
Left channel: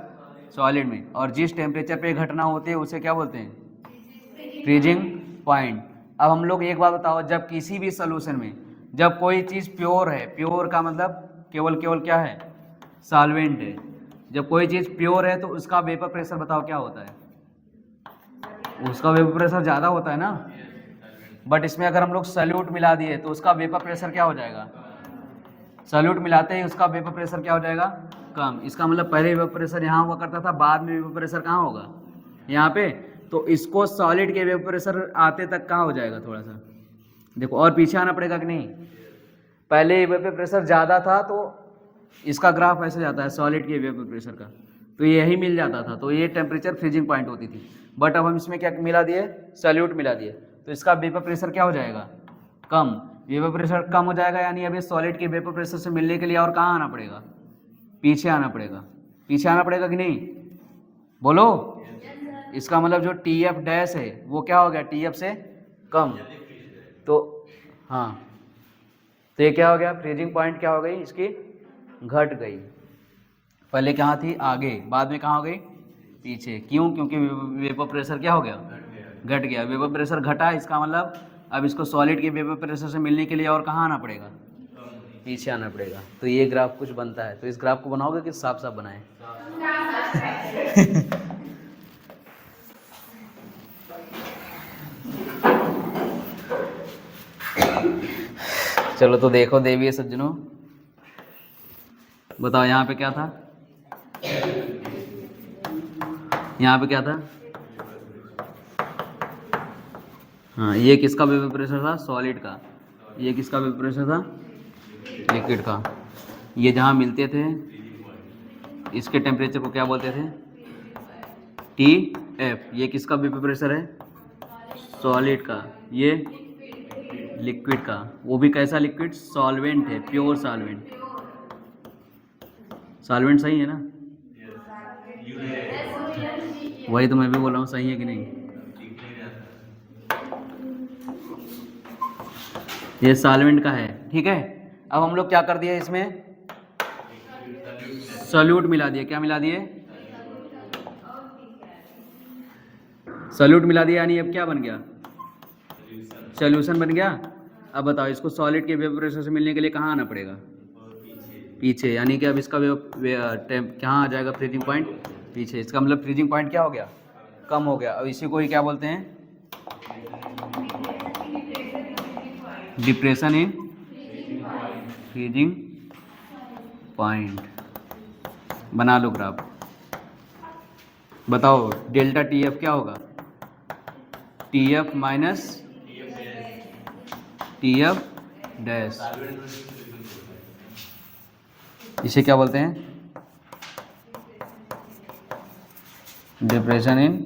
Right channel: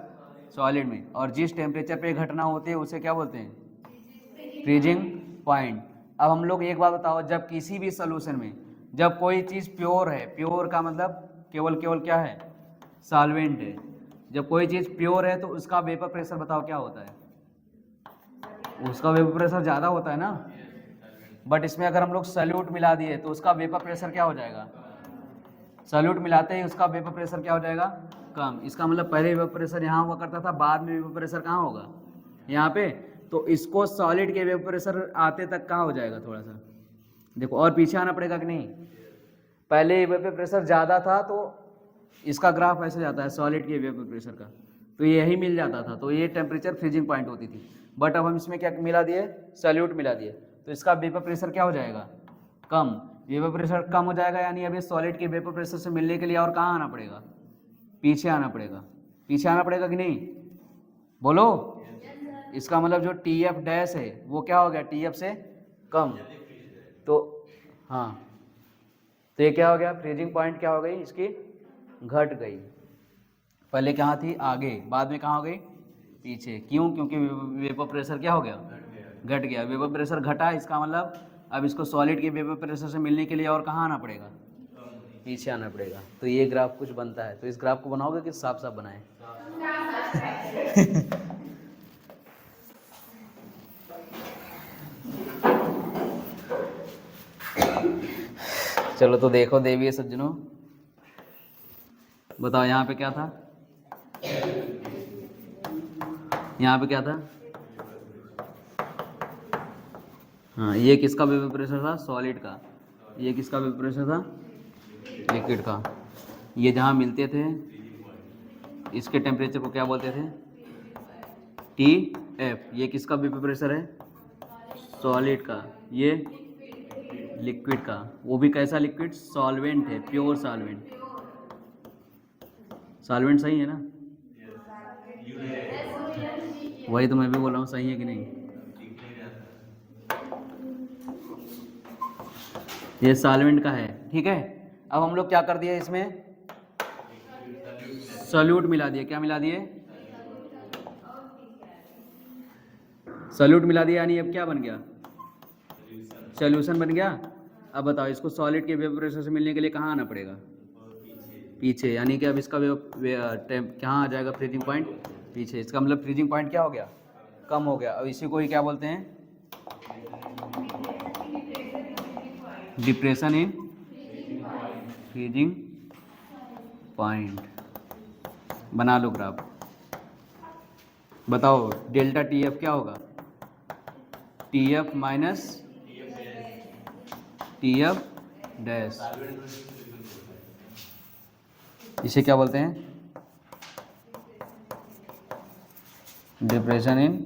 सॉलिड में। और जिस टेम्परेचर पे घटना होती है उसे क्या बोलते हैं, फ्रीजिंग पॉइंट। अब हम लोग एक बात बताओ, जब किसी भी सोल्यूशन में जब कोई चीज़ प्योर है, प्योर का मतलब केवल केवल क्या है, सॉल्वेंट है, जब कोई चीज़ प्योर है तो उसका वेपर प्रेशर बताओ क्या होता है, उसका वेपर प्रेशर ज़्यादा होता है ना, बट इसमें अगर हम लोग सल्यूट मिला दिए तो उसका वेपर प्रेशर क्या हो जाएगा, सल्यूट मिलाते ही उसका वेपर प्रेशर क्या हो जाएगा, कम। इसका मतलब पहले वेपर प्रेशर यहाँ हुआ करता था, बाद में वेपर प्रेशर कहाँ होगा, यहाँ पे। तो इसको सॉलिड के वेपर प्रेशर आते तक कहाँ हो जाएगा, थोड़ा सा देखो और पीछे आना पड़ेगा कि नहीं। पहले वेपर प्रेशर ज़्यादा था तो इसका ग्राफ ऐसे जाता है सॉलिड के वेपर प्रेशर का, तो यही मिल जाता था, तो ये टेम्परेचर फ्रीजिंग पॉइंट होती थी। बट अब हम इसमें क्या मिला दिए, सॉल्यूट मिला दिए, तो इसका वेपर प्रेशर क्या हो जाएगा, कम। वेपर प्रेशर कम हो जाएगा, यानी अब ये सॉलिड के वेपर प्रेशर से मिलने के लिए और कहाँ आना पड़ेगा, पीछे आना पड़ेगा। पीछे आना पड़ेगा कि नहीं, बोलो। इसका मतलब जो टी एफ डैश है वो क्या हो गया, टी एफ से कम। तो हाँ, तो ये क्या हो गया, फ्रीजिंग पॉइंट क्या हो गई इसकी, घट गई। पहले कहाँ थी, आगे, बाद में कहाँ हो गई, पीछे। क्यों, क्योंकि वेपर प्रेशर क्या हो गया, घट गया। वेपर प्रेशर घटा, इसका मतलब अब इसको सॉलिड के वेपर प्रेशर से मिलने के लिए और कहाँ आना पड़ेगा, पीछे आना पड़ेगा। तो ये ग्राफ कुछ बनता है। तो इस ग्राफ को बनाओगे कि साफ साफ बनाए चलो तो देखो देवी सज्जनों, बताओ यहाँ पे क्या था, यहाँ पे क्या था, हाँ ये किसका वेपर प्रेशर था, सॉलिड का। ये किसका वेपर प्रेशर था, लिक्विड का। ये जहाँ मिलते थे इसके टेम्परेचर को क्या बोलते थे, टी एफ। ये किसका वेपर प्रेशर है, सॉलिड का। ये लिक्विड का, वो भी कैसा लिक्विड, सॉल्वेंट है, प्योर सॉल्वेंट। सॉल्वेंट सही है ना, वही तो मैं भी बोल रहा हूँ, सही है कि नहीं। ये सॉल्वेंट का है, ठीक है। अब हम लोग क्या कर दिए, इसमें सॉल्यूट मिला दिए। क्या मिला दिए, सॉल्यूट मिला दिया, यानी अब क्या बन गया, सॉल्यूशन बन गया। अब बताओ इसको सॉलिड के वेपर प्रेशर से मिलने के लिए कहाँ आना पड़ेगा, पीछे। यानी कि अब इसका कहाँ आ जाएगा, फ्रीजिंग पॉइंट पीछे। इसका मतलब फ्रीजिंग पॉइंट क्या हो गया, कम हो गया। अब इसी को ही क्या बोलते हैं, डिप्रेशन इन फ्रीजिंग पॉइंट। बना लो ग्राफ। बताओ डेल्टा टी एफ क्या होगा, T F minus T F dash. इसे क्या बोलते हैं, डिप्रेशन इन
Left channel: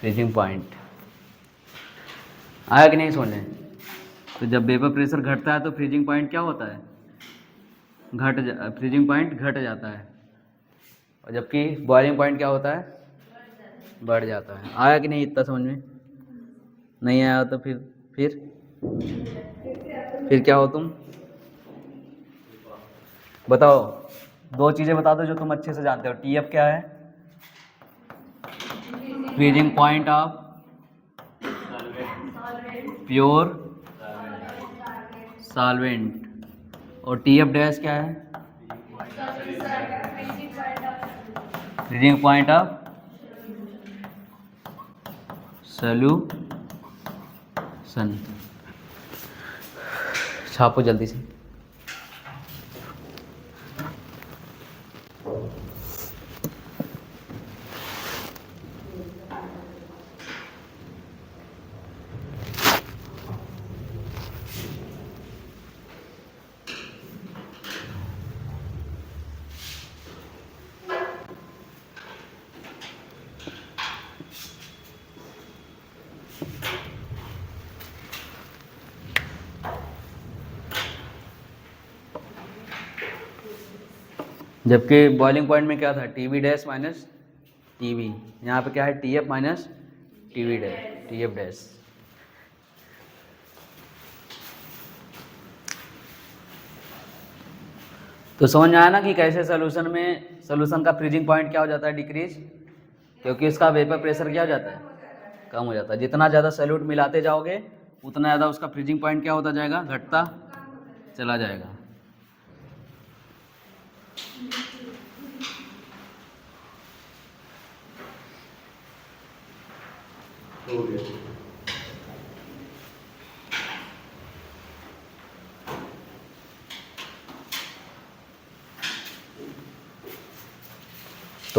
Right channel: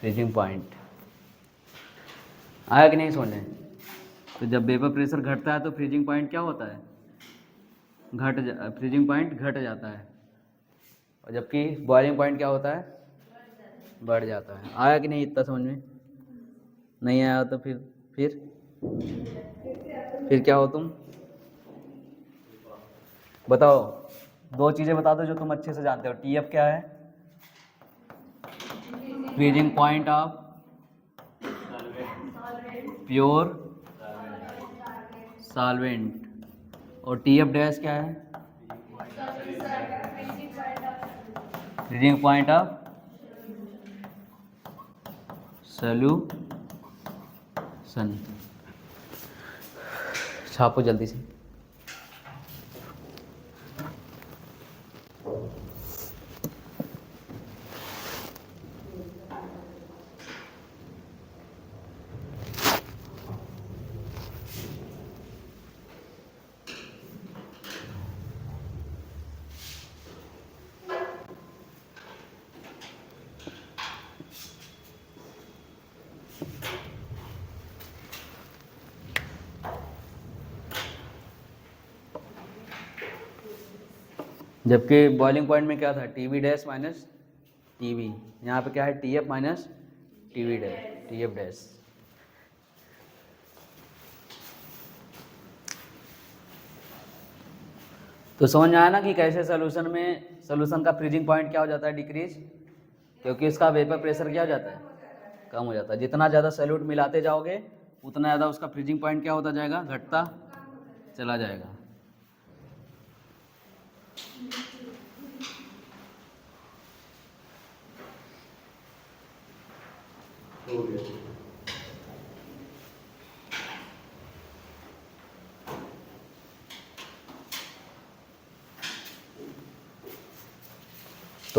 फ्रीजिंग पॉइंट। आया कि नहीं समझ में। तो जब वेपर प्रेशर घटता है तो फ्रीजिंग पॉइंट क्या होता है, फ्रीजिंग पॉइंट घट जाता है। और जबकि बॉइलिंग पॉइंट क्या होता है, बढ़ जाता है। आया कि नहीं इतना समझ में, नहीं आया तो फिर क्या हो तुम, बताओ। दो चीज़ें बता दो जो तुम अच्छे से जानते हो। टी एफ क्या है, freezing point of pure solvent. और टी एफ डैश क्या है, फ्रीजिंग पॉइंट ऑफ सॉल्यूशन। छापो जल्दी से। जबकि बॉइलिंग पॉइंट में क्या था, T V dash minus T V. यहाँ पे क्या है, T F minus T V dash, T F dash. तो समझ में आया ना कि कैसे सोल्यूशन का फ्रीजिंग पॉइंट क्या हो जाता है, डिक्रीज। क्योंकि इसका वेपर प्रेशर क्या हो जाता है, कम हो जाता है। जितना ज़्यादा सॉल्यूट मिलाते जाओगे उतना ज़्यादा उसका फ्रीजिंग पॉइंट क्या होता जाएगा, घटता चला जाएगा। तो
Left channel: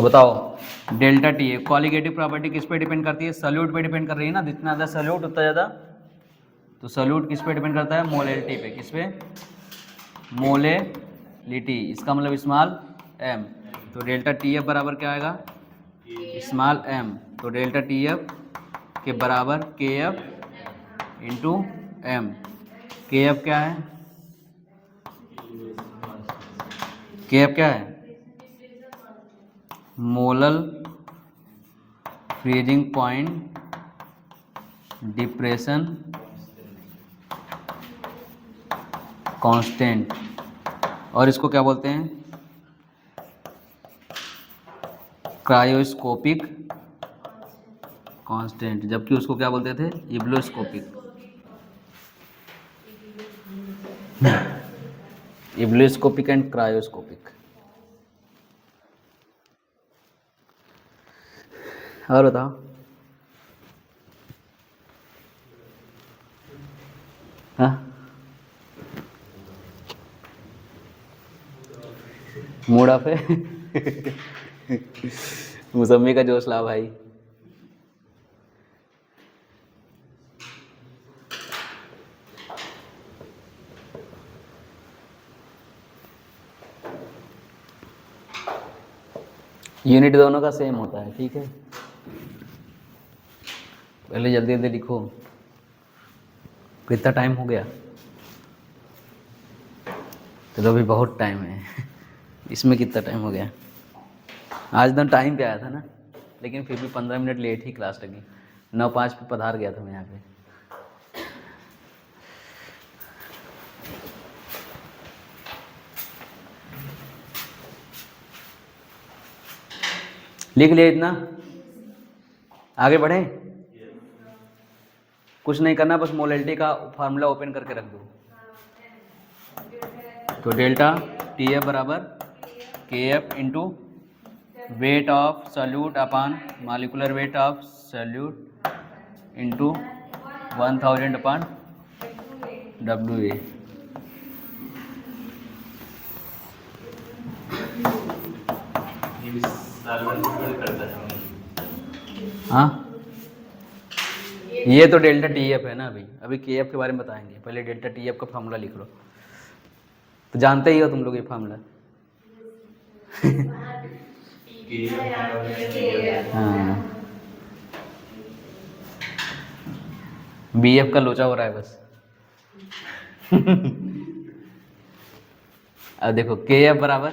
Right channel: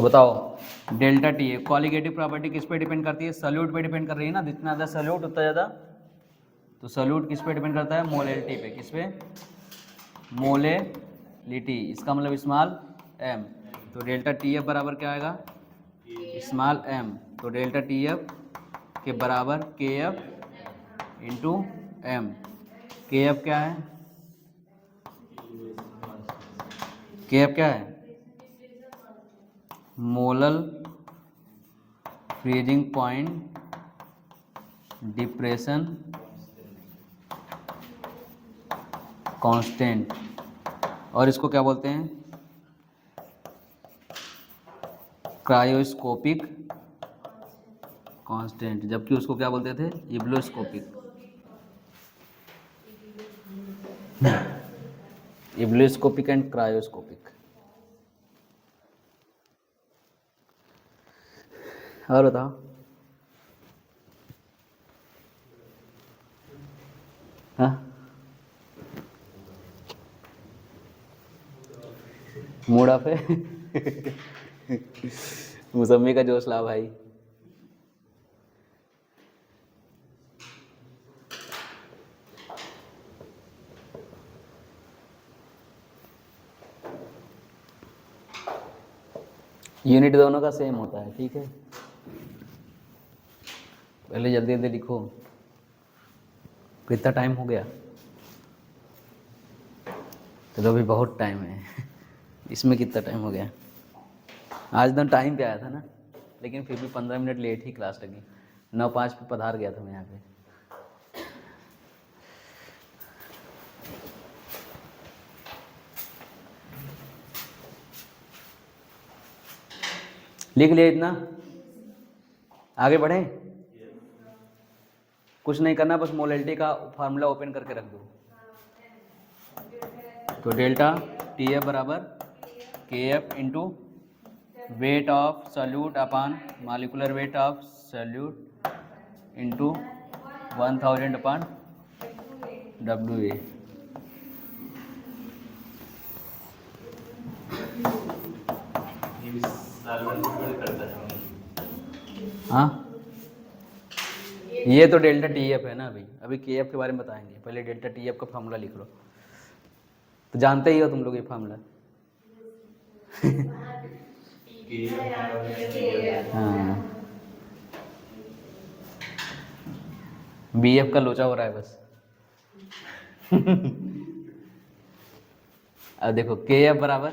बताओ डेल्टा टी है, कॉलिगेटिव प्रॉपर्टी किस पे डिपेंड करती है? सॉल्यूट पे डिपेंड कर रही है ना, जितना ज़्यादा सॉल्यूट उतना ज़्यादा, तो सॉल्यूट किस पे डिपेंड करता है? मोलैलिटी पे। किस पे? मोलैलिटी, इसका मतलब स्मॉल एम। तो डेल्टा टी एफ बराबर क्या आएगा? Small M. तो डेल्टा टी एफ के बराबर K F into M. K F क्या है? के एफ क्या है? Molal freezing point depression constant, और इसको क्या बोलते हैं? क्रायोस्कोपिक कांस्टेंट, जबकि उसको क्या बोलते थे? इब्लोस्कोपिक। इब्लोस्कोपिक एंड क्रायोस्कोपिक। और बताओ। हाँ, मूड ऑफ है। मौसमी का जोश ला भाई। यूनिट दोनों का सेम होता है, ठीक है। पहले जल्दी जल्दी लिखो, कितना टाइम हो गया? तो अभी बहुत टाइम है। इसमें कितना टाइम हो गया? आज तो टाइम पे आया था ना, लेकिन फिर भी 15 मिनट लेट ही क्लास लगी। 9:05 पे पधार गया था मैं यहाँ पे। लिख लिया इतना? आगे बढ़े? कुछ नहीं करना, बस मोलैलिटी का फार्मूला ओपन करके रख दो। तो डेल्टा टी एफ बराबर K F into weight of solute upon molecular weight of solute into 1000 upon W A. हाँ, ये तो डेल्टा टी एफ है ना। अभी के एफ के बारे में बताएंगे, पहले डेल्टा टी एफ का फार्मूला लिख लो। तो जानते ही हो तुम लोग ये फार्मूला। हाँ, बी एफ का लोचा हो रहा है बस। अब देखो के एफ बराबर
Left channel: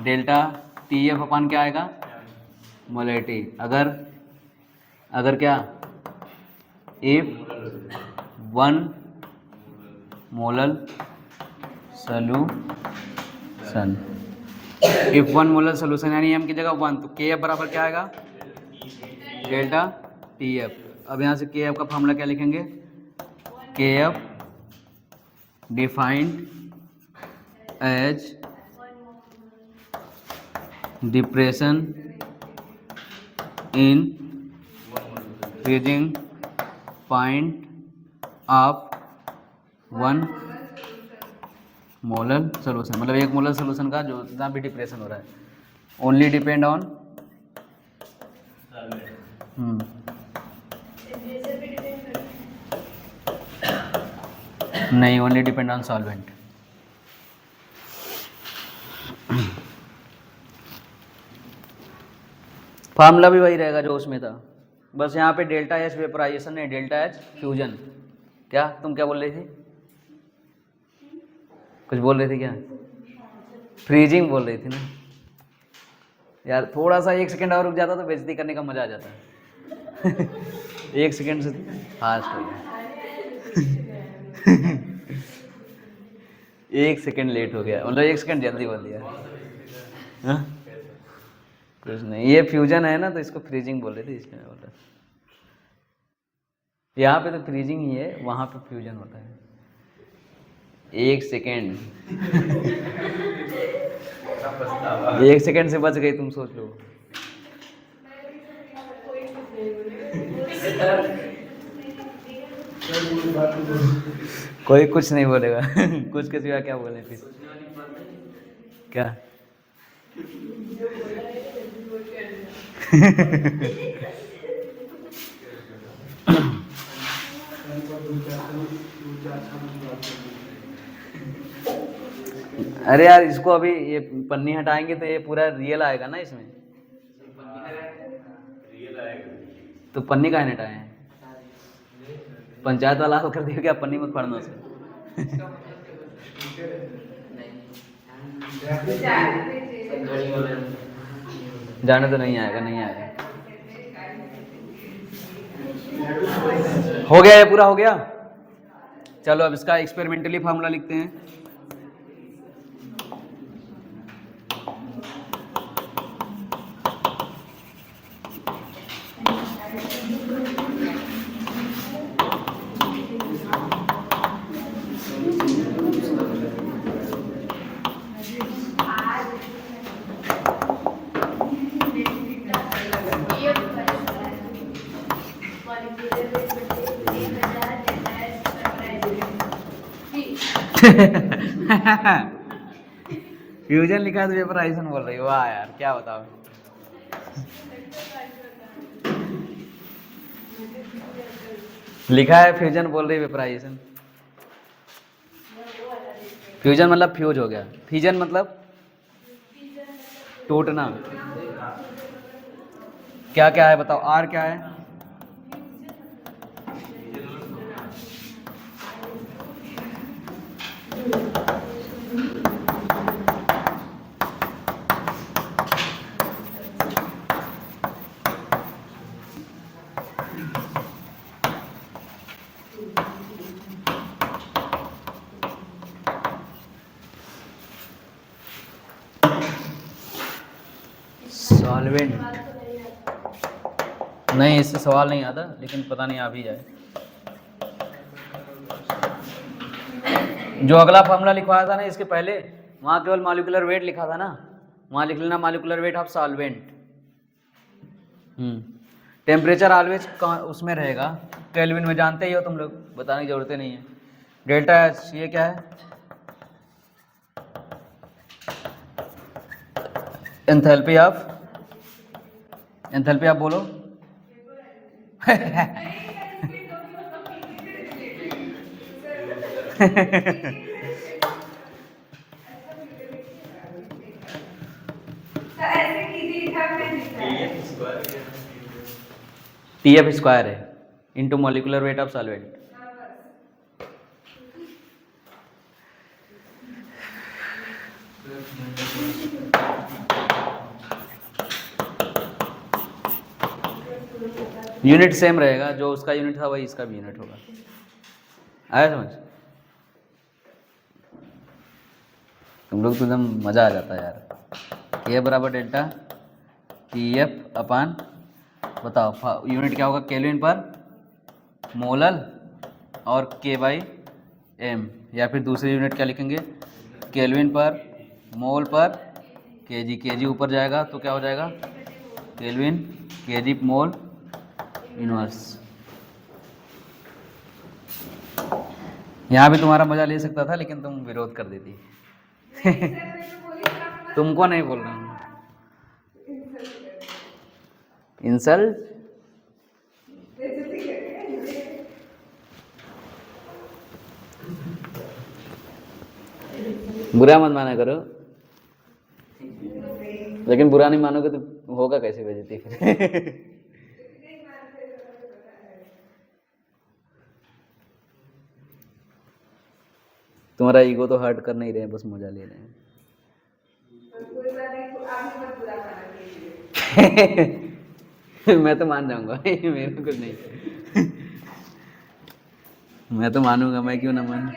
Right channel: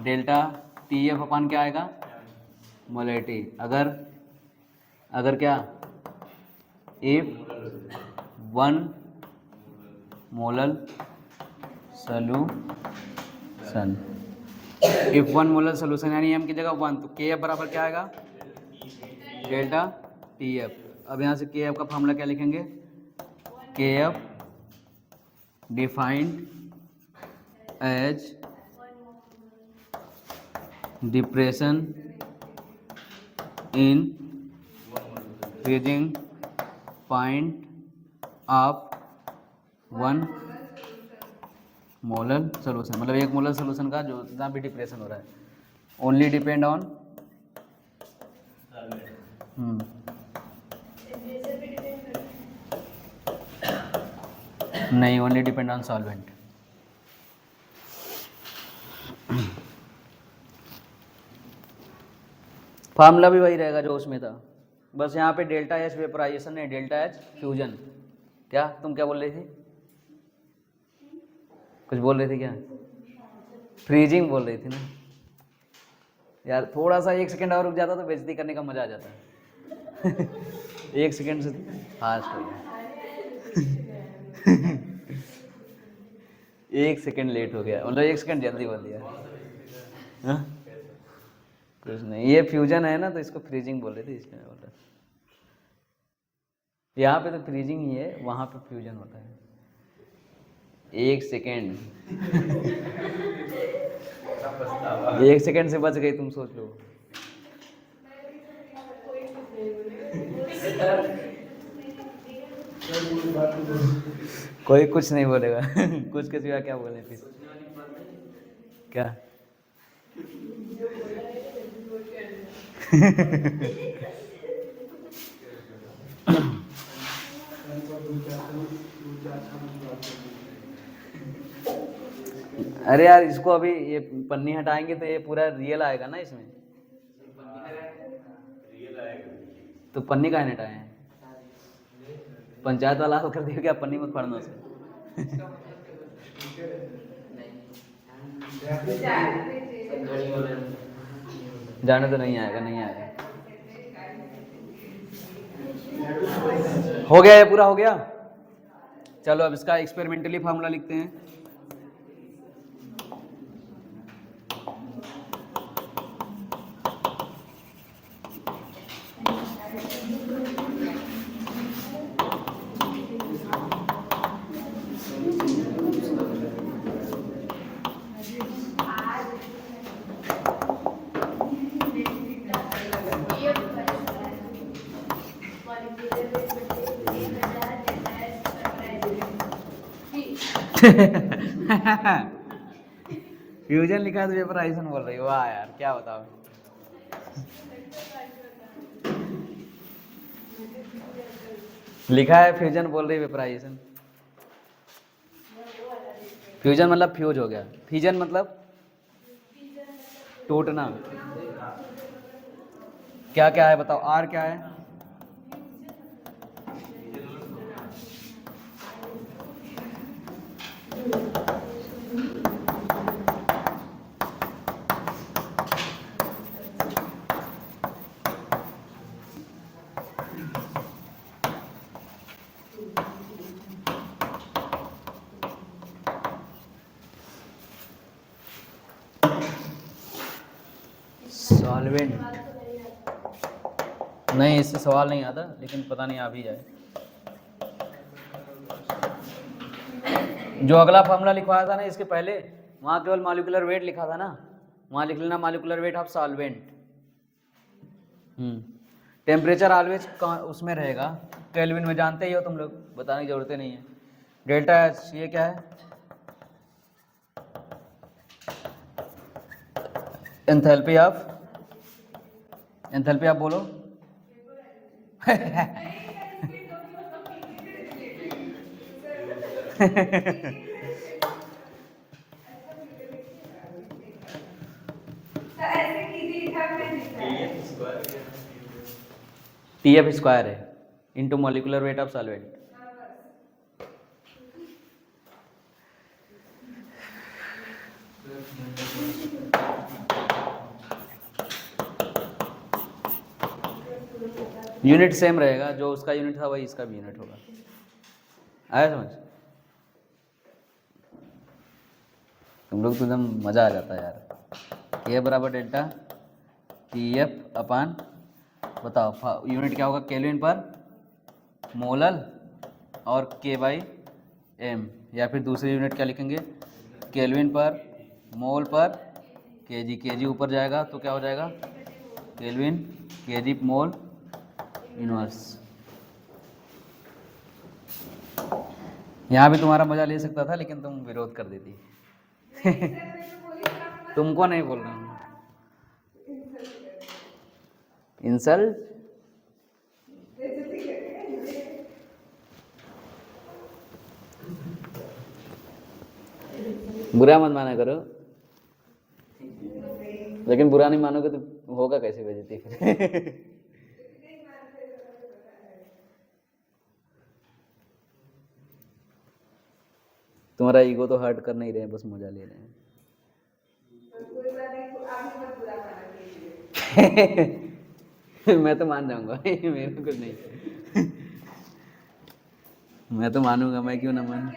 डेल्टा टी एफ अपन क्या आएगा? मोलैलिटी। अगर क्या? If 1 molal solution, if 1 molal solution यानी एम की जगह 1, तो के एफ बराबर क्या आएगा? Delta T F. अब यहाँ से के एफ का फॉर्मूला क्या लिखेंगे? K F defined as depression in freezing point of 1 molar solution, मतलब 1 मोलर सोल्यूशन का जो जितना भी डिप्रेशन हो रहा है, ओनली डिपेंड ऑन नहीं, only depend on solvent. Formula भी वही रहेगा जो उसमें था, बस यहाँ पे डेल्टा एच वेपराइजेशन है, डेल्टा एच फ्यूजन। क्या तुम क्या बोल रही थी? कुछ बोल रही थी क्या? फ्रीजिंग बोल रही थी ना यार। थोड़ा सा 1 सेकंड और रुक जाता तो बेइज्जती करने का मजा आ जाता। 1 सेकंड से फास्ट हो गया। 1 सेकंड लेट हो गया, मतलब 1 सेकंड जल्दी बोल दिया। हाँ, कुछ नहीं, ये फ्यूजन है ना, तो इसको फ्रीजिंग बोल रहे थे, इसलिए मैं बोल रहा। यहाँ पे तो फ्रीजिंग ही है, वहाँ पे फ्यूजन होता है। 1 सेकेंड। 1 सेकेंड से बच गई, तुम सोच लो। कोई कुछ नहीं बोलेगा। कुछ के सिवा क्या बोले फिर? क्या? अरे यार, इसको अभी ये पन्नी हटाएंगे तो ये पूरा रियल आएगा ना इसमें। तो पन्नी काहे नहीं हटाए हैं? पंचायत वाला होकर दिया क्या? पन्नी मत फाड़ना उसमें। जाने तो नहीं आएगा, नहीं आएगा। हो गया, ये पूरा हो गया। चलो अब इसका एक्सपेरिमेंटली फार्मूला लिखते हैं। फ्यूजन लिखा है तो वेपराइजेशन बोल रही है। वाह यार, क्या बताओ। लिखा है फ्यूजन, बोल रही है वेपराइजेशन। फ्यूजन मतलब फ्यूज हो गया, फ्यूजन मतलब टूटना। क्या क्या है बताओ, आर क्या है? सॉल्वेंट। नहीं, इससे सवाल नहीं आता, लेकिन पता नहीं आ भी जाए। जो अगला फॉर्मूला लिखवाया था ना इसके पहले, वहाँ केवल मॉलिक्यूलर वेट लिखा था ना, वहाँ लिख लेना molecular weight of solvent. Temperature always उसमें रहेगा, केल्विन में, जानते ही हो तुम लोग, बताने की जरूरत नहीं है। डेल्टा एच ये क्या है? एंथैल्पी ऑफ, एंथैल्पी आप बोलो। TF स्क्वायर है into molecular weight of solvent. Unit same रहेगा, जो उसका यूनिट था वही इसका भी यूनिट होगा। आया समझ? तुम लोग तो एकदम मजा आ जाता है यार। K बराबर डेल्टा TF अपान, बताओ यूनिट क्या होगा? केल्विन पर मोलल और K बाई M, या फिर दूसरी यूनिट क्या लिखेंगे? केल्विन पर मोल पर केजी। केजी ऊपर जाएगा तो क्या हो जाएगा? Kelvin KG mole inverse. यहाँ भी तुम्हारा मजा ले सकता था, लेकिन तुम विरोध कर देती। तुमको नहीं बोल रहा हूँ। इंसल्ट? बुरा मत माना करो, लेकिन बुरा नहीं मानोगे तो होगा कैसे बेइज्जती फिर? तुम्हारा ईगो तो हर्ट कर नहीं रहे हैं, बस मजा ले रहे हैं। मैं तो मान जाऊंगा। मेरे को कुछ नहीं। मैं तो मानूंगा, मैं क्यों ना मानूं।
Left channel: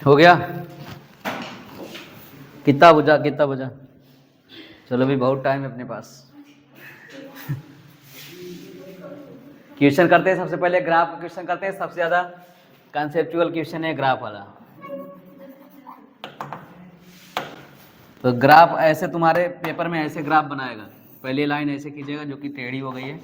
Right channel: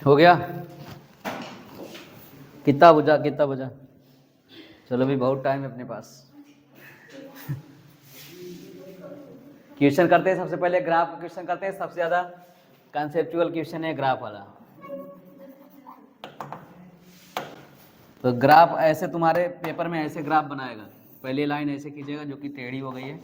हो गया? कितना बजा, कितना बजा? चलो भी बहुत टाइम है अपने पास। क्वेश्चन करते हैं, सबसे पहले ग्राफ क्वेश्चन करते हैं। सबसे ज़्यादा कंसेप्चुअल क्वेश्चन है ग्राफ वाला। तो ग्राफ ऐसे तुम्हारे पेपर में ऐसे ग्राफ बनाएगा। पहली लाइन ऐसे कीजिएगा जो कि टेढ़ी हो गई है।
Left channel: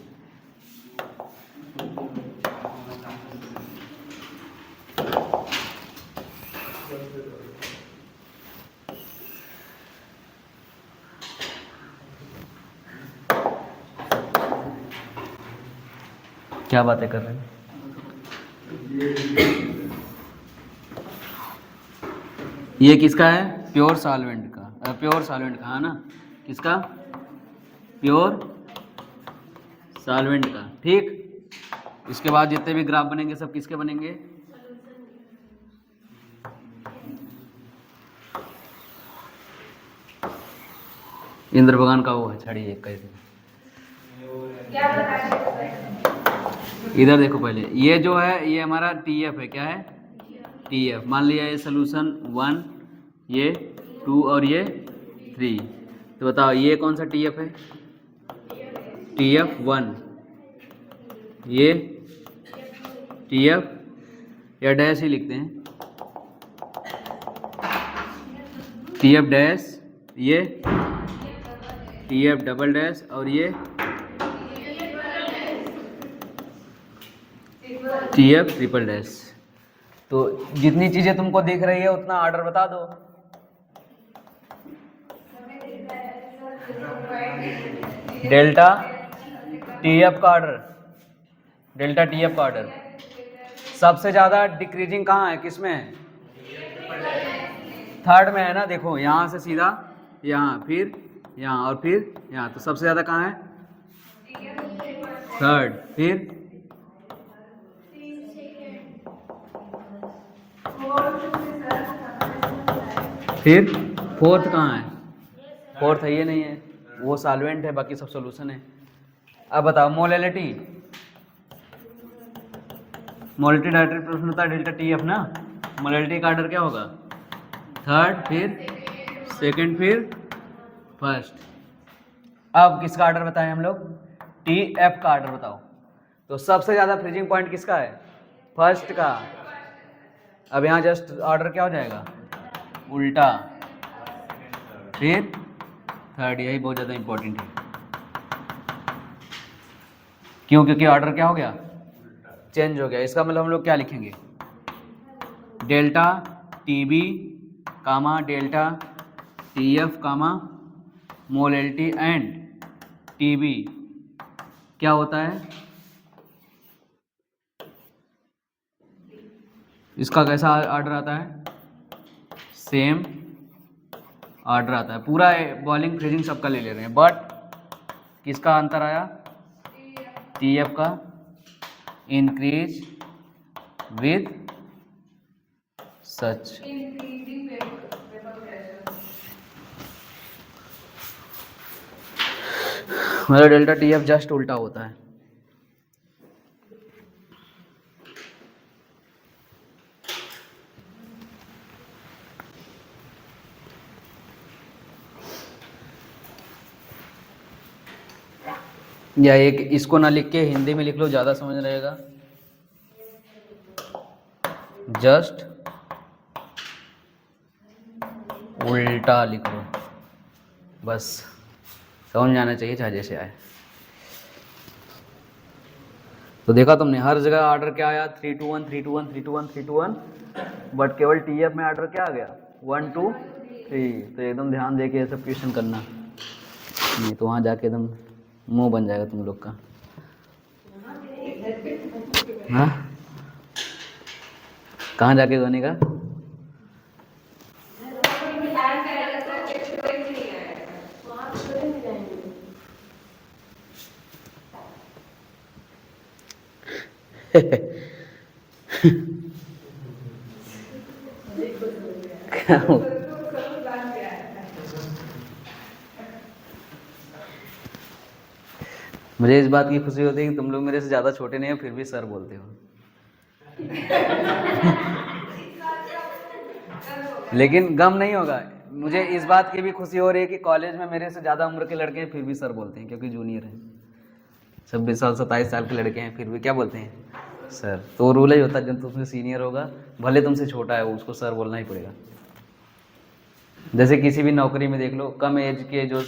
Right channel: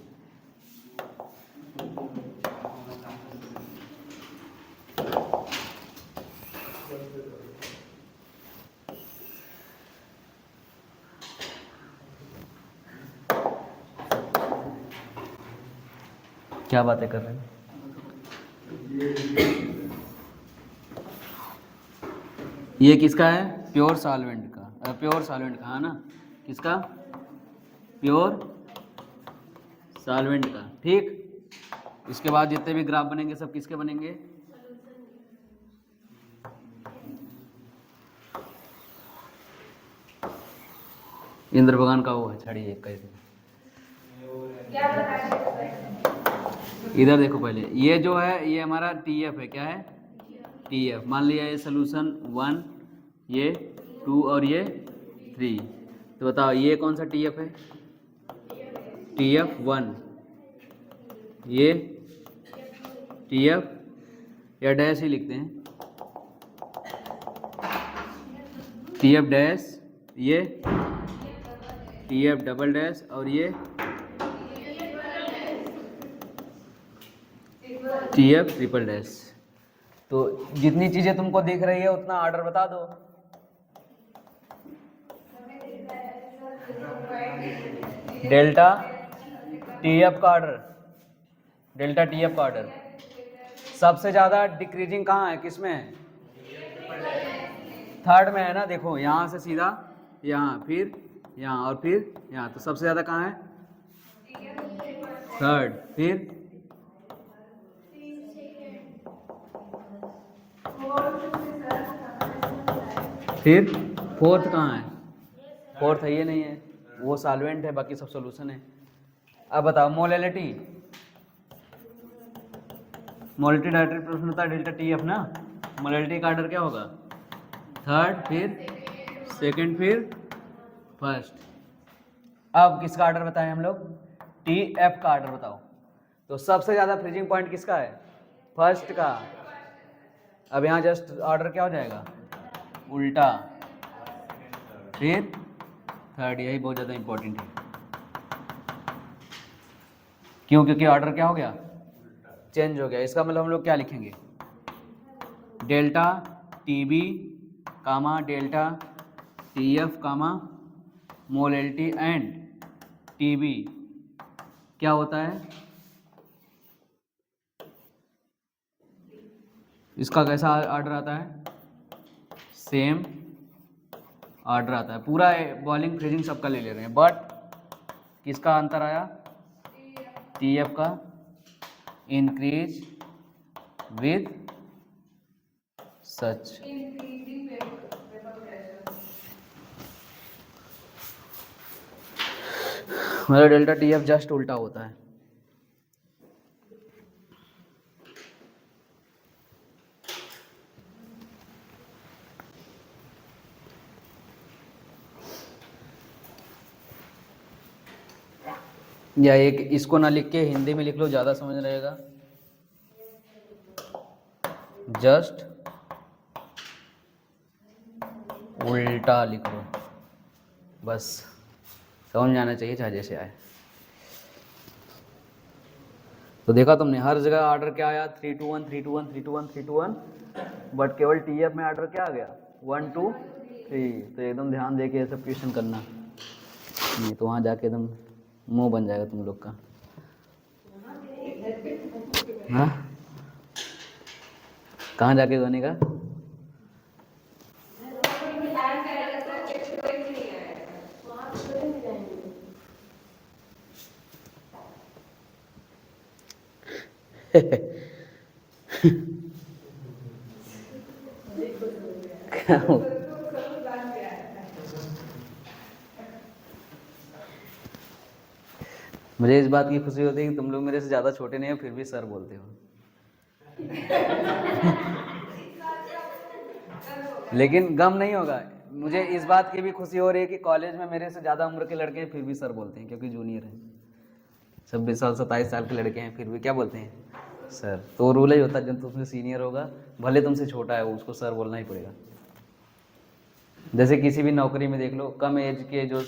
क्या बातें कर रहे हैं? ये किसका है? प्योर सॉल्वेंट का। प्योर सॉल्वेंट का है ना? किसका? प्योर सॉल्वेंट का। ठीक। इसके बाद जितने भी ग्राफ बनेंगे सब किसके बनेंगे? इंद्र भगवान का वो है छड़ी एक कैसे। इधर देखो पहले, ये जो है ये हमारा TF है। क्या है? TF। मान लिया ये सोल्यूशन 1, ये 2 और ये 3। तो बताओ ये कौन सा TF है? TF 1। ये TF या डैश ही लिखते हैं, TF डैश, ये TF डबल डैश और ये TF ट्रिपल डैश। तो जितनी चीजें तुमको दिख रही है उतना ऑर्डर बता दो। डेल्टा TF का ऑर्डर, डेल्टा TF का ऑर्डर सबसे ज्यादा डिक्रीजिंग कहाँ है? किसमें है? थर्ड में है ना। देखो यहाँ से सीधा यहाँ, फिर यहाँ और फिर यहाँ। तो सबसे ज्यादा कहाँ है? थर्ड। फिर फोर्थ कहाँ है? फोर्थ है, ये नहीं है, वो सॉल्वेंट है, बाकी सब सॉल्यूशन है। अब बताओ मोलैलिटी। मोलैलिटी डायरेक्ट प्रश्न होता है डेल्टा TF ना। मोलैलिटी का ऑर्डर क्या होगा? थर्ड, फिर सेकंड, फिर फर्स्ट। अब किसका ऑर्डर बताएं हम लोग? TF का ऑर्डर बताओ। तो सबसे ज्यादा फ्रीजिंग पॉइंट किसका है? फर्स्ट का। अब यहाँ जस्ट ऑर्डर क्या हो जाएगा? उल्टा, फिर थर्ड। यही बहुत ज़्यादा इंपॉर्टेंट है। क्यों? क्योंकि ऑर्डर क्या हो गया? चेंज हो गया। इसका मतलब हम लोग क्या लिखेंगे? Delta TB comma delta TF comma molality and TB क्या होता है? इसका कैसा ऑर्डर आता है? सेम ऑर्डर आता है। पूरा बॉइलिंग फ्रीजिंग सबका ले रहे हैं, बट किसका अंतर आया? TF का इंक्रीज विद सच। मतलब डेल्टा TF जस्ट उल्टा होता है। या एक इसको ना लिख के हिंदी में लिख लो, ज़्यादा समझ रहेगा। जस्ट उल्टा लिख लो, बस समझ में आना चाहिए चाहे जैसे आए। तो देखा तुमने हर जगह ऑर्डर क्या आया? 3 2 1 3 2 1 3 2 1 3 2 1, बट केवल TF में ऑर्डर क्या आ गया? 1 2 3। तो एकदम ध्यान दे के ये सब क्वेश्चन करना, नहीं तो वहाँ जाके एकदम मुंह बन जाएगा तुम लोग का। हाँ, कहाँ जाके बनेगा? मुझे इस बात की खुशी होती है कि तुम लोग मेरे से ज़्यादा छोटे नहीं हो फिर भी सर बोलते हो। लेकिन गम नहीं होगा, मुझे इस बात की भी खुशी हो रही है कि कॉलेज में मेरे से ज़्यादा उम्र के लड़के हैं फिर भी सर बोलते हैं, क्योंकि जूनियर हैं। 26 साल 27 साल के लड़के हैं फिर भी क्या बोलते हैं, सर। तो रूल ही होता है, जब तुमसे सीनियर होगा भले तुमसे छोटा है उसको सर बोलना ही पड़ेगा। जैसे किसी भी नौकरी में देख लो, कम एज के जो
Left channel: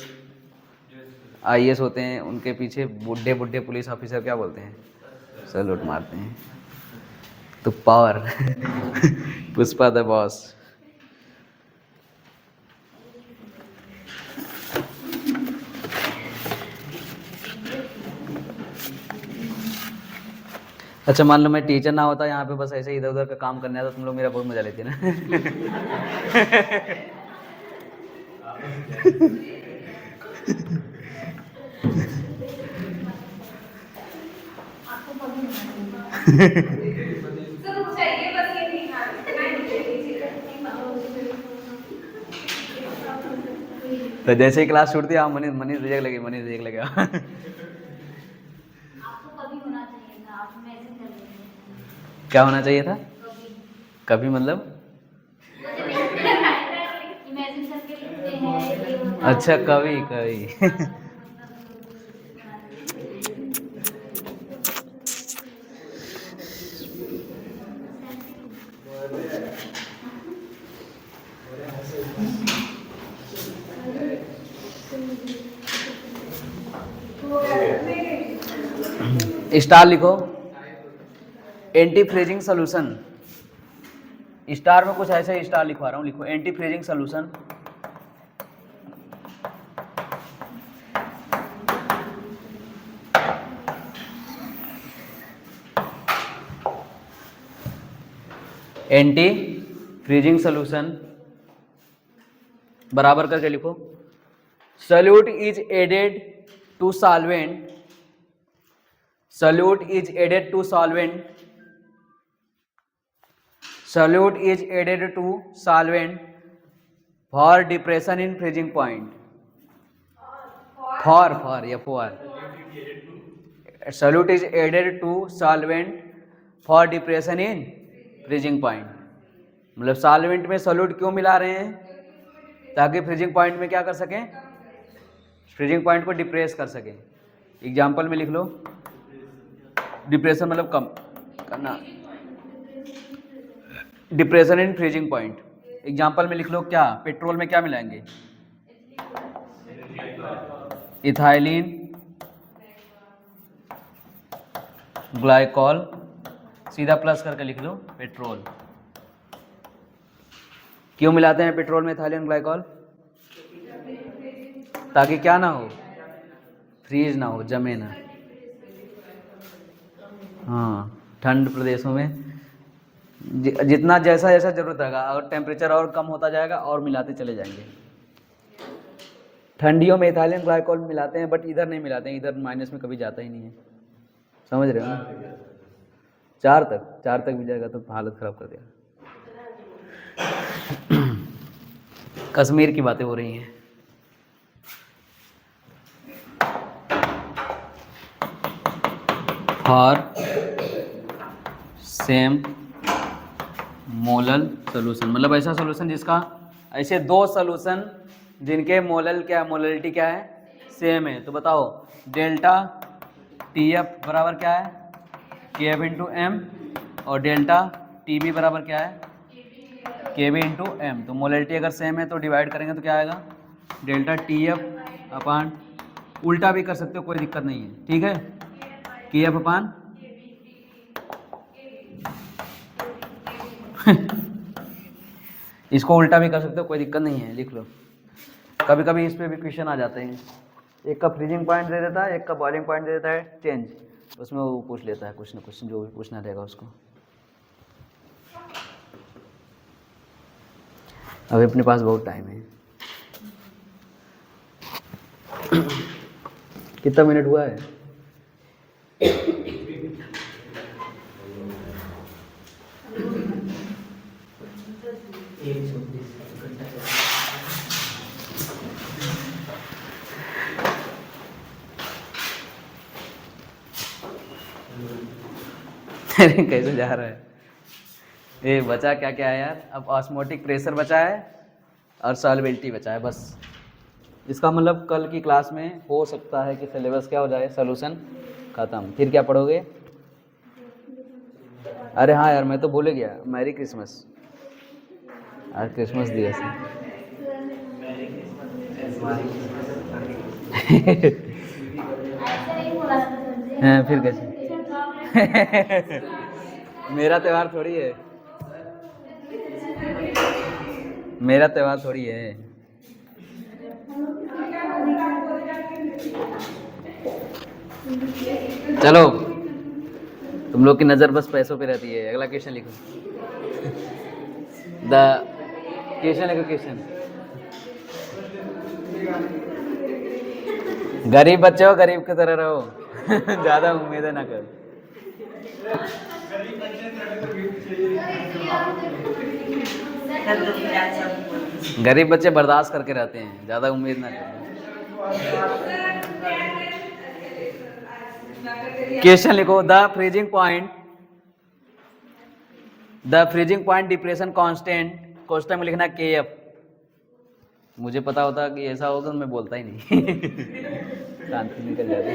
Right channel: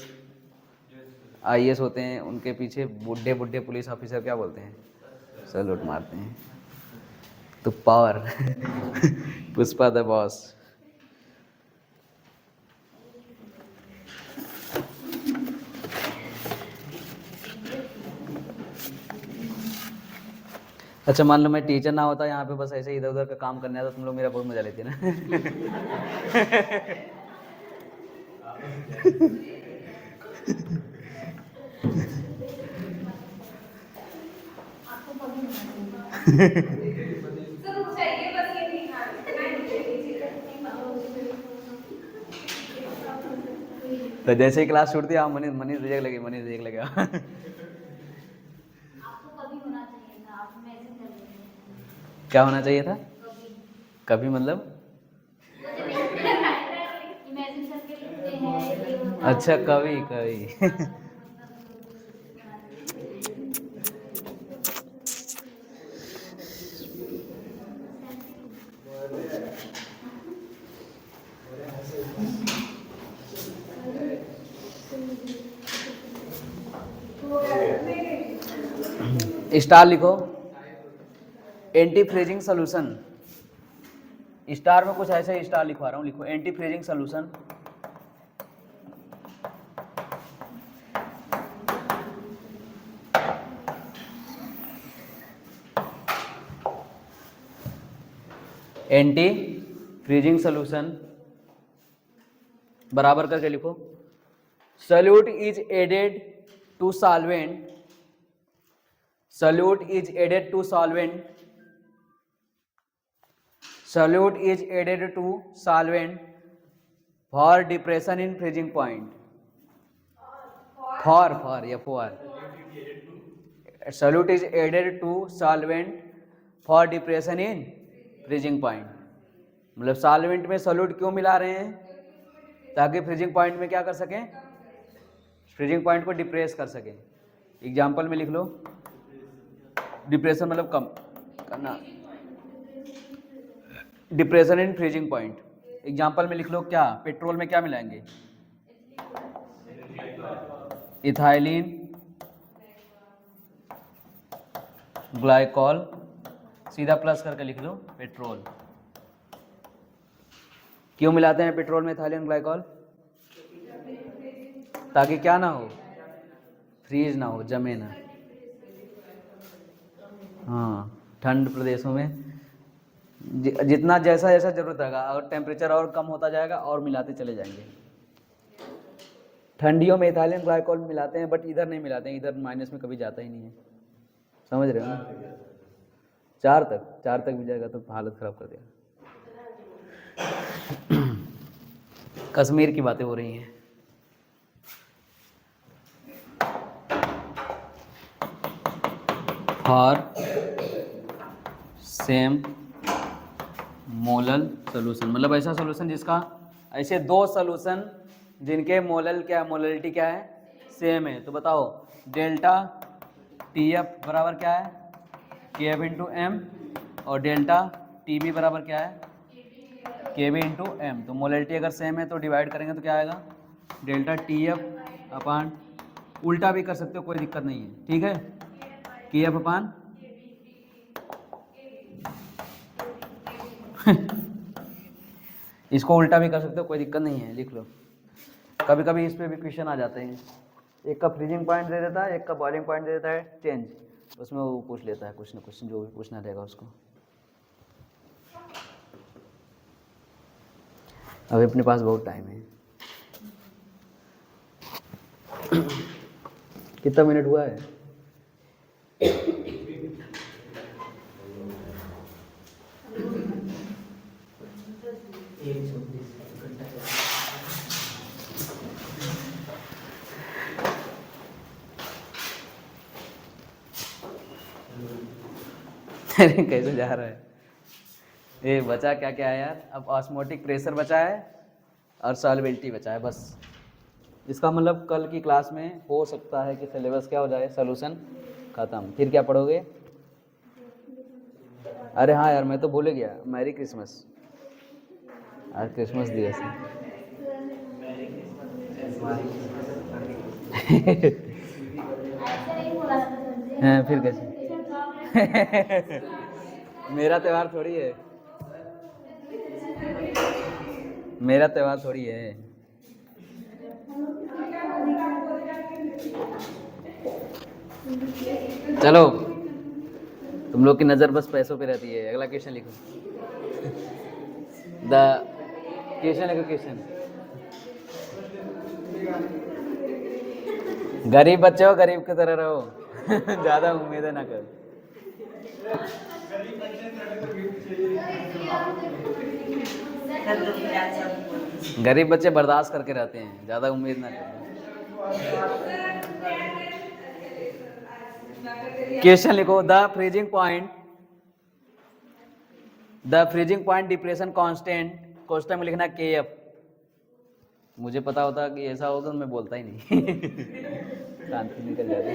IAS होते हैं उनके पीछे बुढ़े बुढ़े पुलिस ऑफिसर क्या बोलते हैं, सैल्यूट मारते हैं। तो पावर पुष्पा द बॉस। अच्छा मान लो मैं टीचर ना होता यहाँ पे, बस ऐसे इधर उधर का काम करने आता, तुम लोग मेरा बहुत मजा लेते ना। तो जैसे ही क्लास छूटती है, मनीष मनीष रिजेक्ट लगे, मनीष रिजेक्ट लगे। आपको कभी होना चाहिए था, आप इमेजिन कर लीजिए। क्या होना चाहिए था कभी? कभी मतलब इमेजिन करके लिखते हैं। अच्छा कभी कभी। स्टार लिखो, एंटी फ्रीजिंग सोल्यूशन। स्टार में कुछ ऐसे स्टार लिखवा रहा हूँ, लिखो anti freezing solution. Anti freezing solution बराबर करके लिखो, solute is added to solvent, solute is added to solvent, solute is added to solvent for depression in freezing point, for या for, solute is added to solvent for depression in freezing point. मतलब solvent में solute क्यों मिला रहे हैं, ताकि freezing point में क्या कर सकें, फ्रीजिंग पॉइंट को डिप्रेस कर सकें। एग्जाम्पल में लिख लो, डिप्रेशन मतलब कम करना, depression in freezing point. Example में लिख लो, क्या पेट्रोल में क्या मिलाएंगे, इथाइलिन ग्लाइकॉल, सीधा प्लस करके लिख लो पेट्रोल। क्यों मिलाते हैं पेट्रोल में इथाइलिन ग्लाइकॉल, ताकि क्या ना हो, फ्रीज ना हो, जमे ना। हाँ, ठंड प्रदेशों में जितना जैसा जैसा जरूरत रहेगा, और टेम्परेचर और कम होता जाएगा और मिलाते चले जाएंगे। ठंडियों में इथाइलिन ग्लाइकॉल मिलाते हैं, बट इधर नहीं मिलाते हैं, इधर माइनस में कभी जाता ही नहीं है। समझ रहे हो ना? 4 तक भी जाएगा तो हालत खराब कर देगा। कश्मीर की बातें हो रही हैं। फॉर सेम मोलल सोल्यूशन, मतलब ऐसा सोल्यूशन जिसका, ऐसे दो सोल्यूशन जिनके मोलल क्या, मोललिटी क्या है, सेम है। तो बताओ डेल्टा TF बराबर क्या है, KF इंटू एम, और डेल्टा TB बराबर क्या है, KB इंटू एम। तो मोललिटी अगर सेम है तो डिवाइड करेंगे तो क्या आएगा, डेल्टा TF अपान, उल्टा भी कर सकते हो कोई दिक्कत नहीं है, ठीक है, KF अपान इसको उल्टा भी कर सकते हो कोई दिक्कत नहीं है, लिख लो। कभी कभी इस पे भी क्वेश्चन आ जाते हैं, एक का फ्रीजिंग पॉइंट दे देता है, एक का बॉइलिंग पॉइंट दे देता है चेंज, उसमें वो पूछ लेता है कुछ ना कुछ, जो भी पूछना रहेगा उसको। अभी अपने पास बहुत टाइम है। कितना मिनट हुआ है? अरे कैसे जा रहा है ये? बचा क्या क्या है यार? अब ऑस्मोटिक प्रेशर बचा है और सॉल्युबिलिटी बचा है बस। इसका मतलब कल की क्लास में हो सकता है कि सिलेबस क्या हो जाए, सॉल्यूशन खत्म। फिर क्या पढ़ोगे? अरे हाँ यार, मैं तो भूल गया, मैरी क्रिसमस। आज क्रिसमस दिवस है। हाँ, फिर कैसे? मेरा त्योहार थोड़ी है, मेरा त्योहार थोड़ी है। चलो, तुम लोग की नज़र बस पैसों पे रहती है। अगला क्वेश्चन लिखो। द क्वेश्चन लिखो, क्वेश्चन। गरीब बच्चे हो, गरीब की तरह रहो। ज़्यादा उम्मीदें ना करो। गरीब बच्चे बर्दाश्त करके रहते हैं, ज़्यादा उम्मीद ना करो। क्वेश्चन लिखो। The freezing point depression constant, question में लिखना के एफ। मुझे पता होता कि ऐसा होगा तो मैं बोलता ही नहीं। शांति निकल जाती।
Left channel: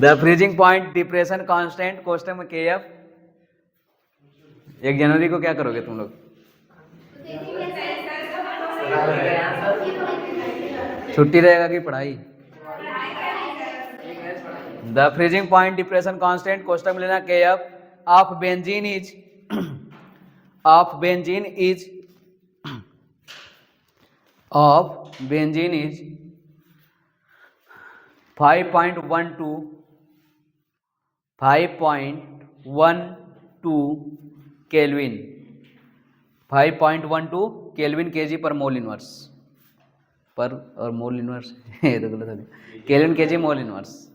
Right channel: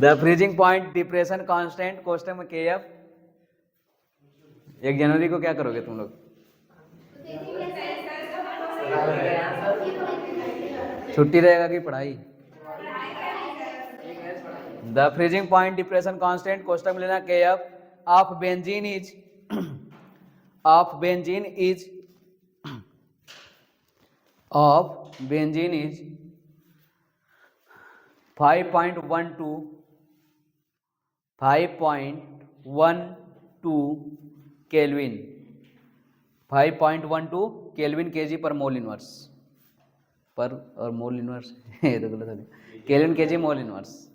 The freezing point depression constant, question में के एफ। 1 जनवरी को क्या करोगे तुम लोग? छुट्टी रहेगा कि पढ़ाई? The freezing point depression constant, question में लेना के F of benzene is of benzene is 5.12 kelvin, 5.12 kelvin KG पर मोल इनवर्स पर, और मोल इनवर्स ये तो गलत है, केल्विन केजी मोल इनवर्स।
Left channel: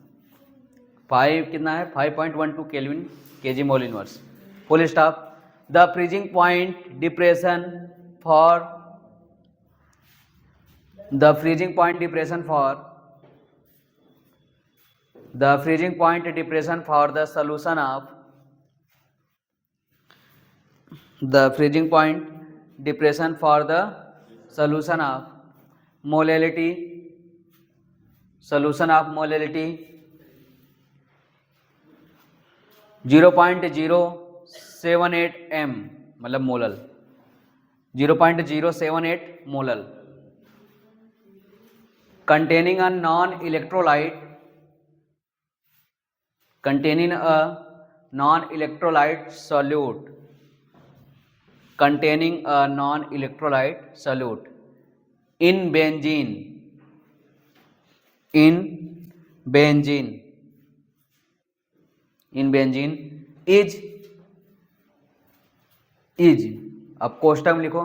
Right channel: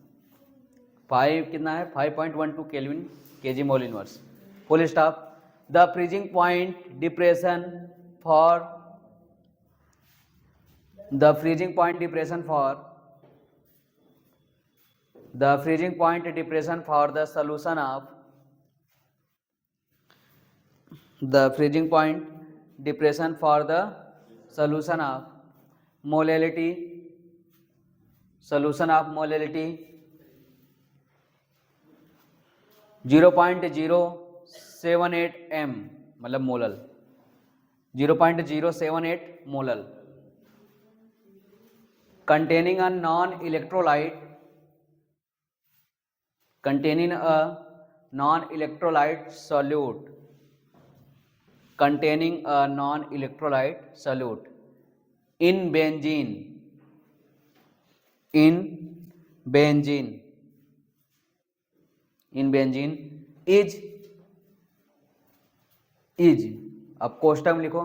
5 कितना है? 5.12 kelvin KG mole inverse. Full stop. The freezing point depression for the freezing point depression for the freezing point depression for the solution of the freezing point depression for the solution of molality, solution of molality 0.078 m, मतलब molal 0.078 molal, containing a non-electrolyte solute, containing a non-electrolyte solute in benzene is अब कोष्टक लिखो,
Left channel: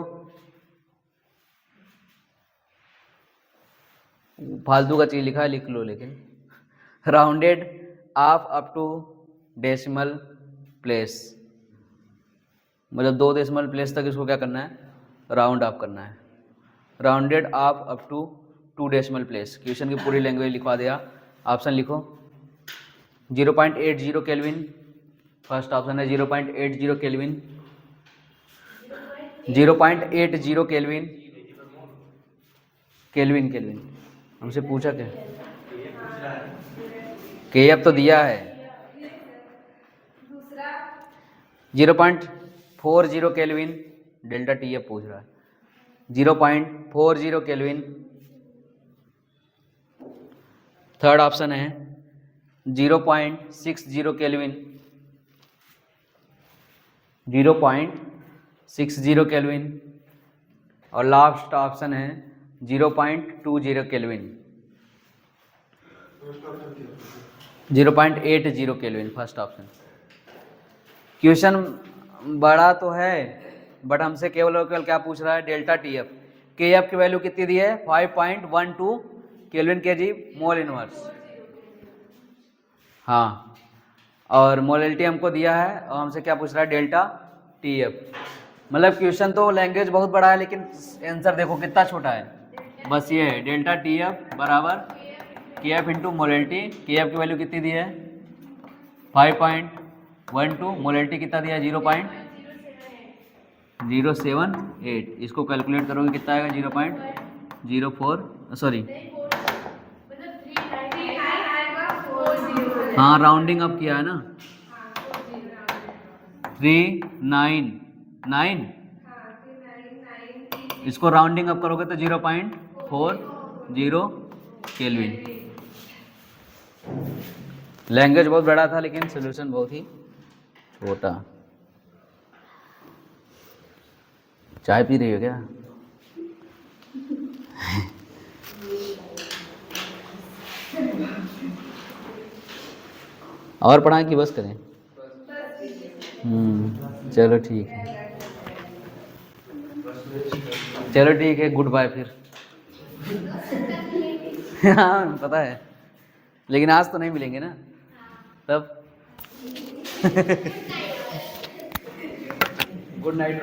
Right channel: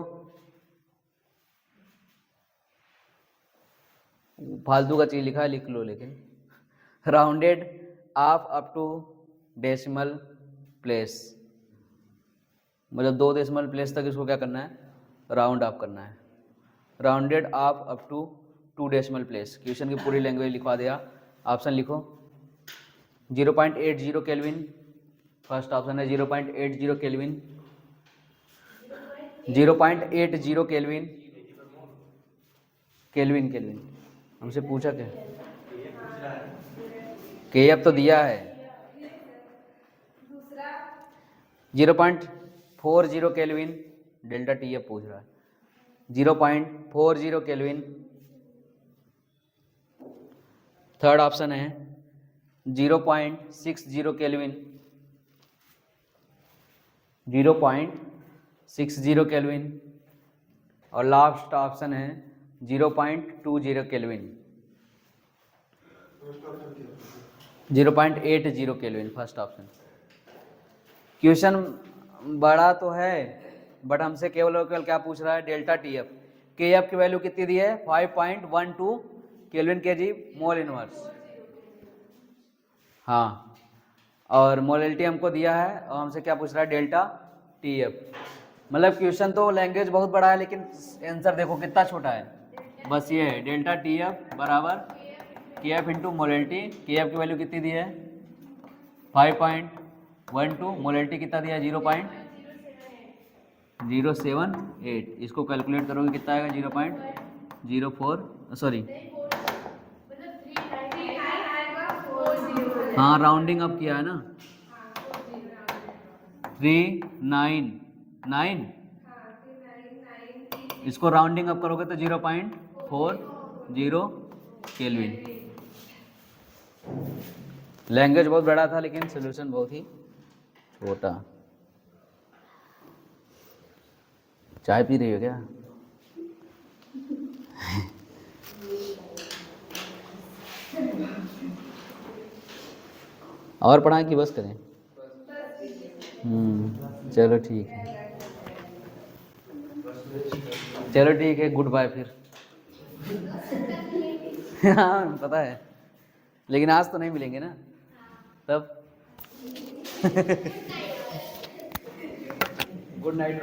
फालतू का चीज लिखा है लिख लो, लेकिन rounded off up to decimal place, मतलब 2 डेसिमल प्लेस तक इसको क्या करना है? राउंड ऑफ करना है। Rounded off up to 2 decimal place. Question की पूरी लैंग्वेज लिखवा दिया। ऑप्शन लिखो। 0.80 केल्विन, फर्स्ट ऑप्शन है 0.80 केल्विन, 0.80 केल्विन, केल्विन हमसे पूछा क्या? के एफ तो दिया है। 0.40 केल्विन, डेल्टा टी एफ पूछ रहा है। 0.40 केल्विन। थर्ड ऑप्शन है 0.60 केल्विन, 0.60 केल्विन, और लास्ट ऑप्शन है 0.20 kelvin, 0.80 kelvin, first option. Question बड़ा तो है बट हमसे केवल और केवल क्या पूछ रहा है? Delta T F. के एफ की वैल्यू कितनी दी है? 5.12 केल्विन केजी मोल इनवर्स। हाँ, और मोलैलिटी हमको दिया है और हमसे क्या पूछ रहा है? Delta T F. मतलब क्वेश्चन तो लैंग्वेज बहुत बड़ा है लेकिन आंसर देखो कितना छोटा है। बस ये है डेल्टा टी एफ बराबर के एफ इंटू मोलैलिटी। के एफ की वैल्यू कितनी दी है? 5.12, मोलैलिटी कितना दिया? 0.078। इसको कैलकुलेट करोगे कितना आएगा? 0.04, सॉरी, हाँ राउंडिंग अप किया है ना, 399, इसको राउंडिंग अप करोगे तो 0.40 केल्विन। लैंग्वेज बहुत बड़ा था लेकिन सोल्यूशन बहुत ही छोटा। चाय पी रही हो क्या? और पढ़ाएं कि बस करें? चलो ठीक है, चलो ठीक है, गुड बाय फिर। हाँ पता है, लेकिन आज तो नहीं मिलेंगे ना, तब गुड नाइट।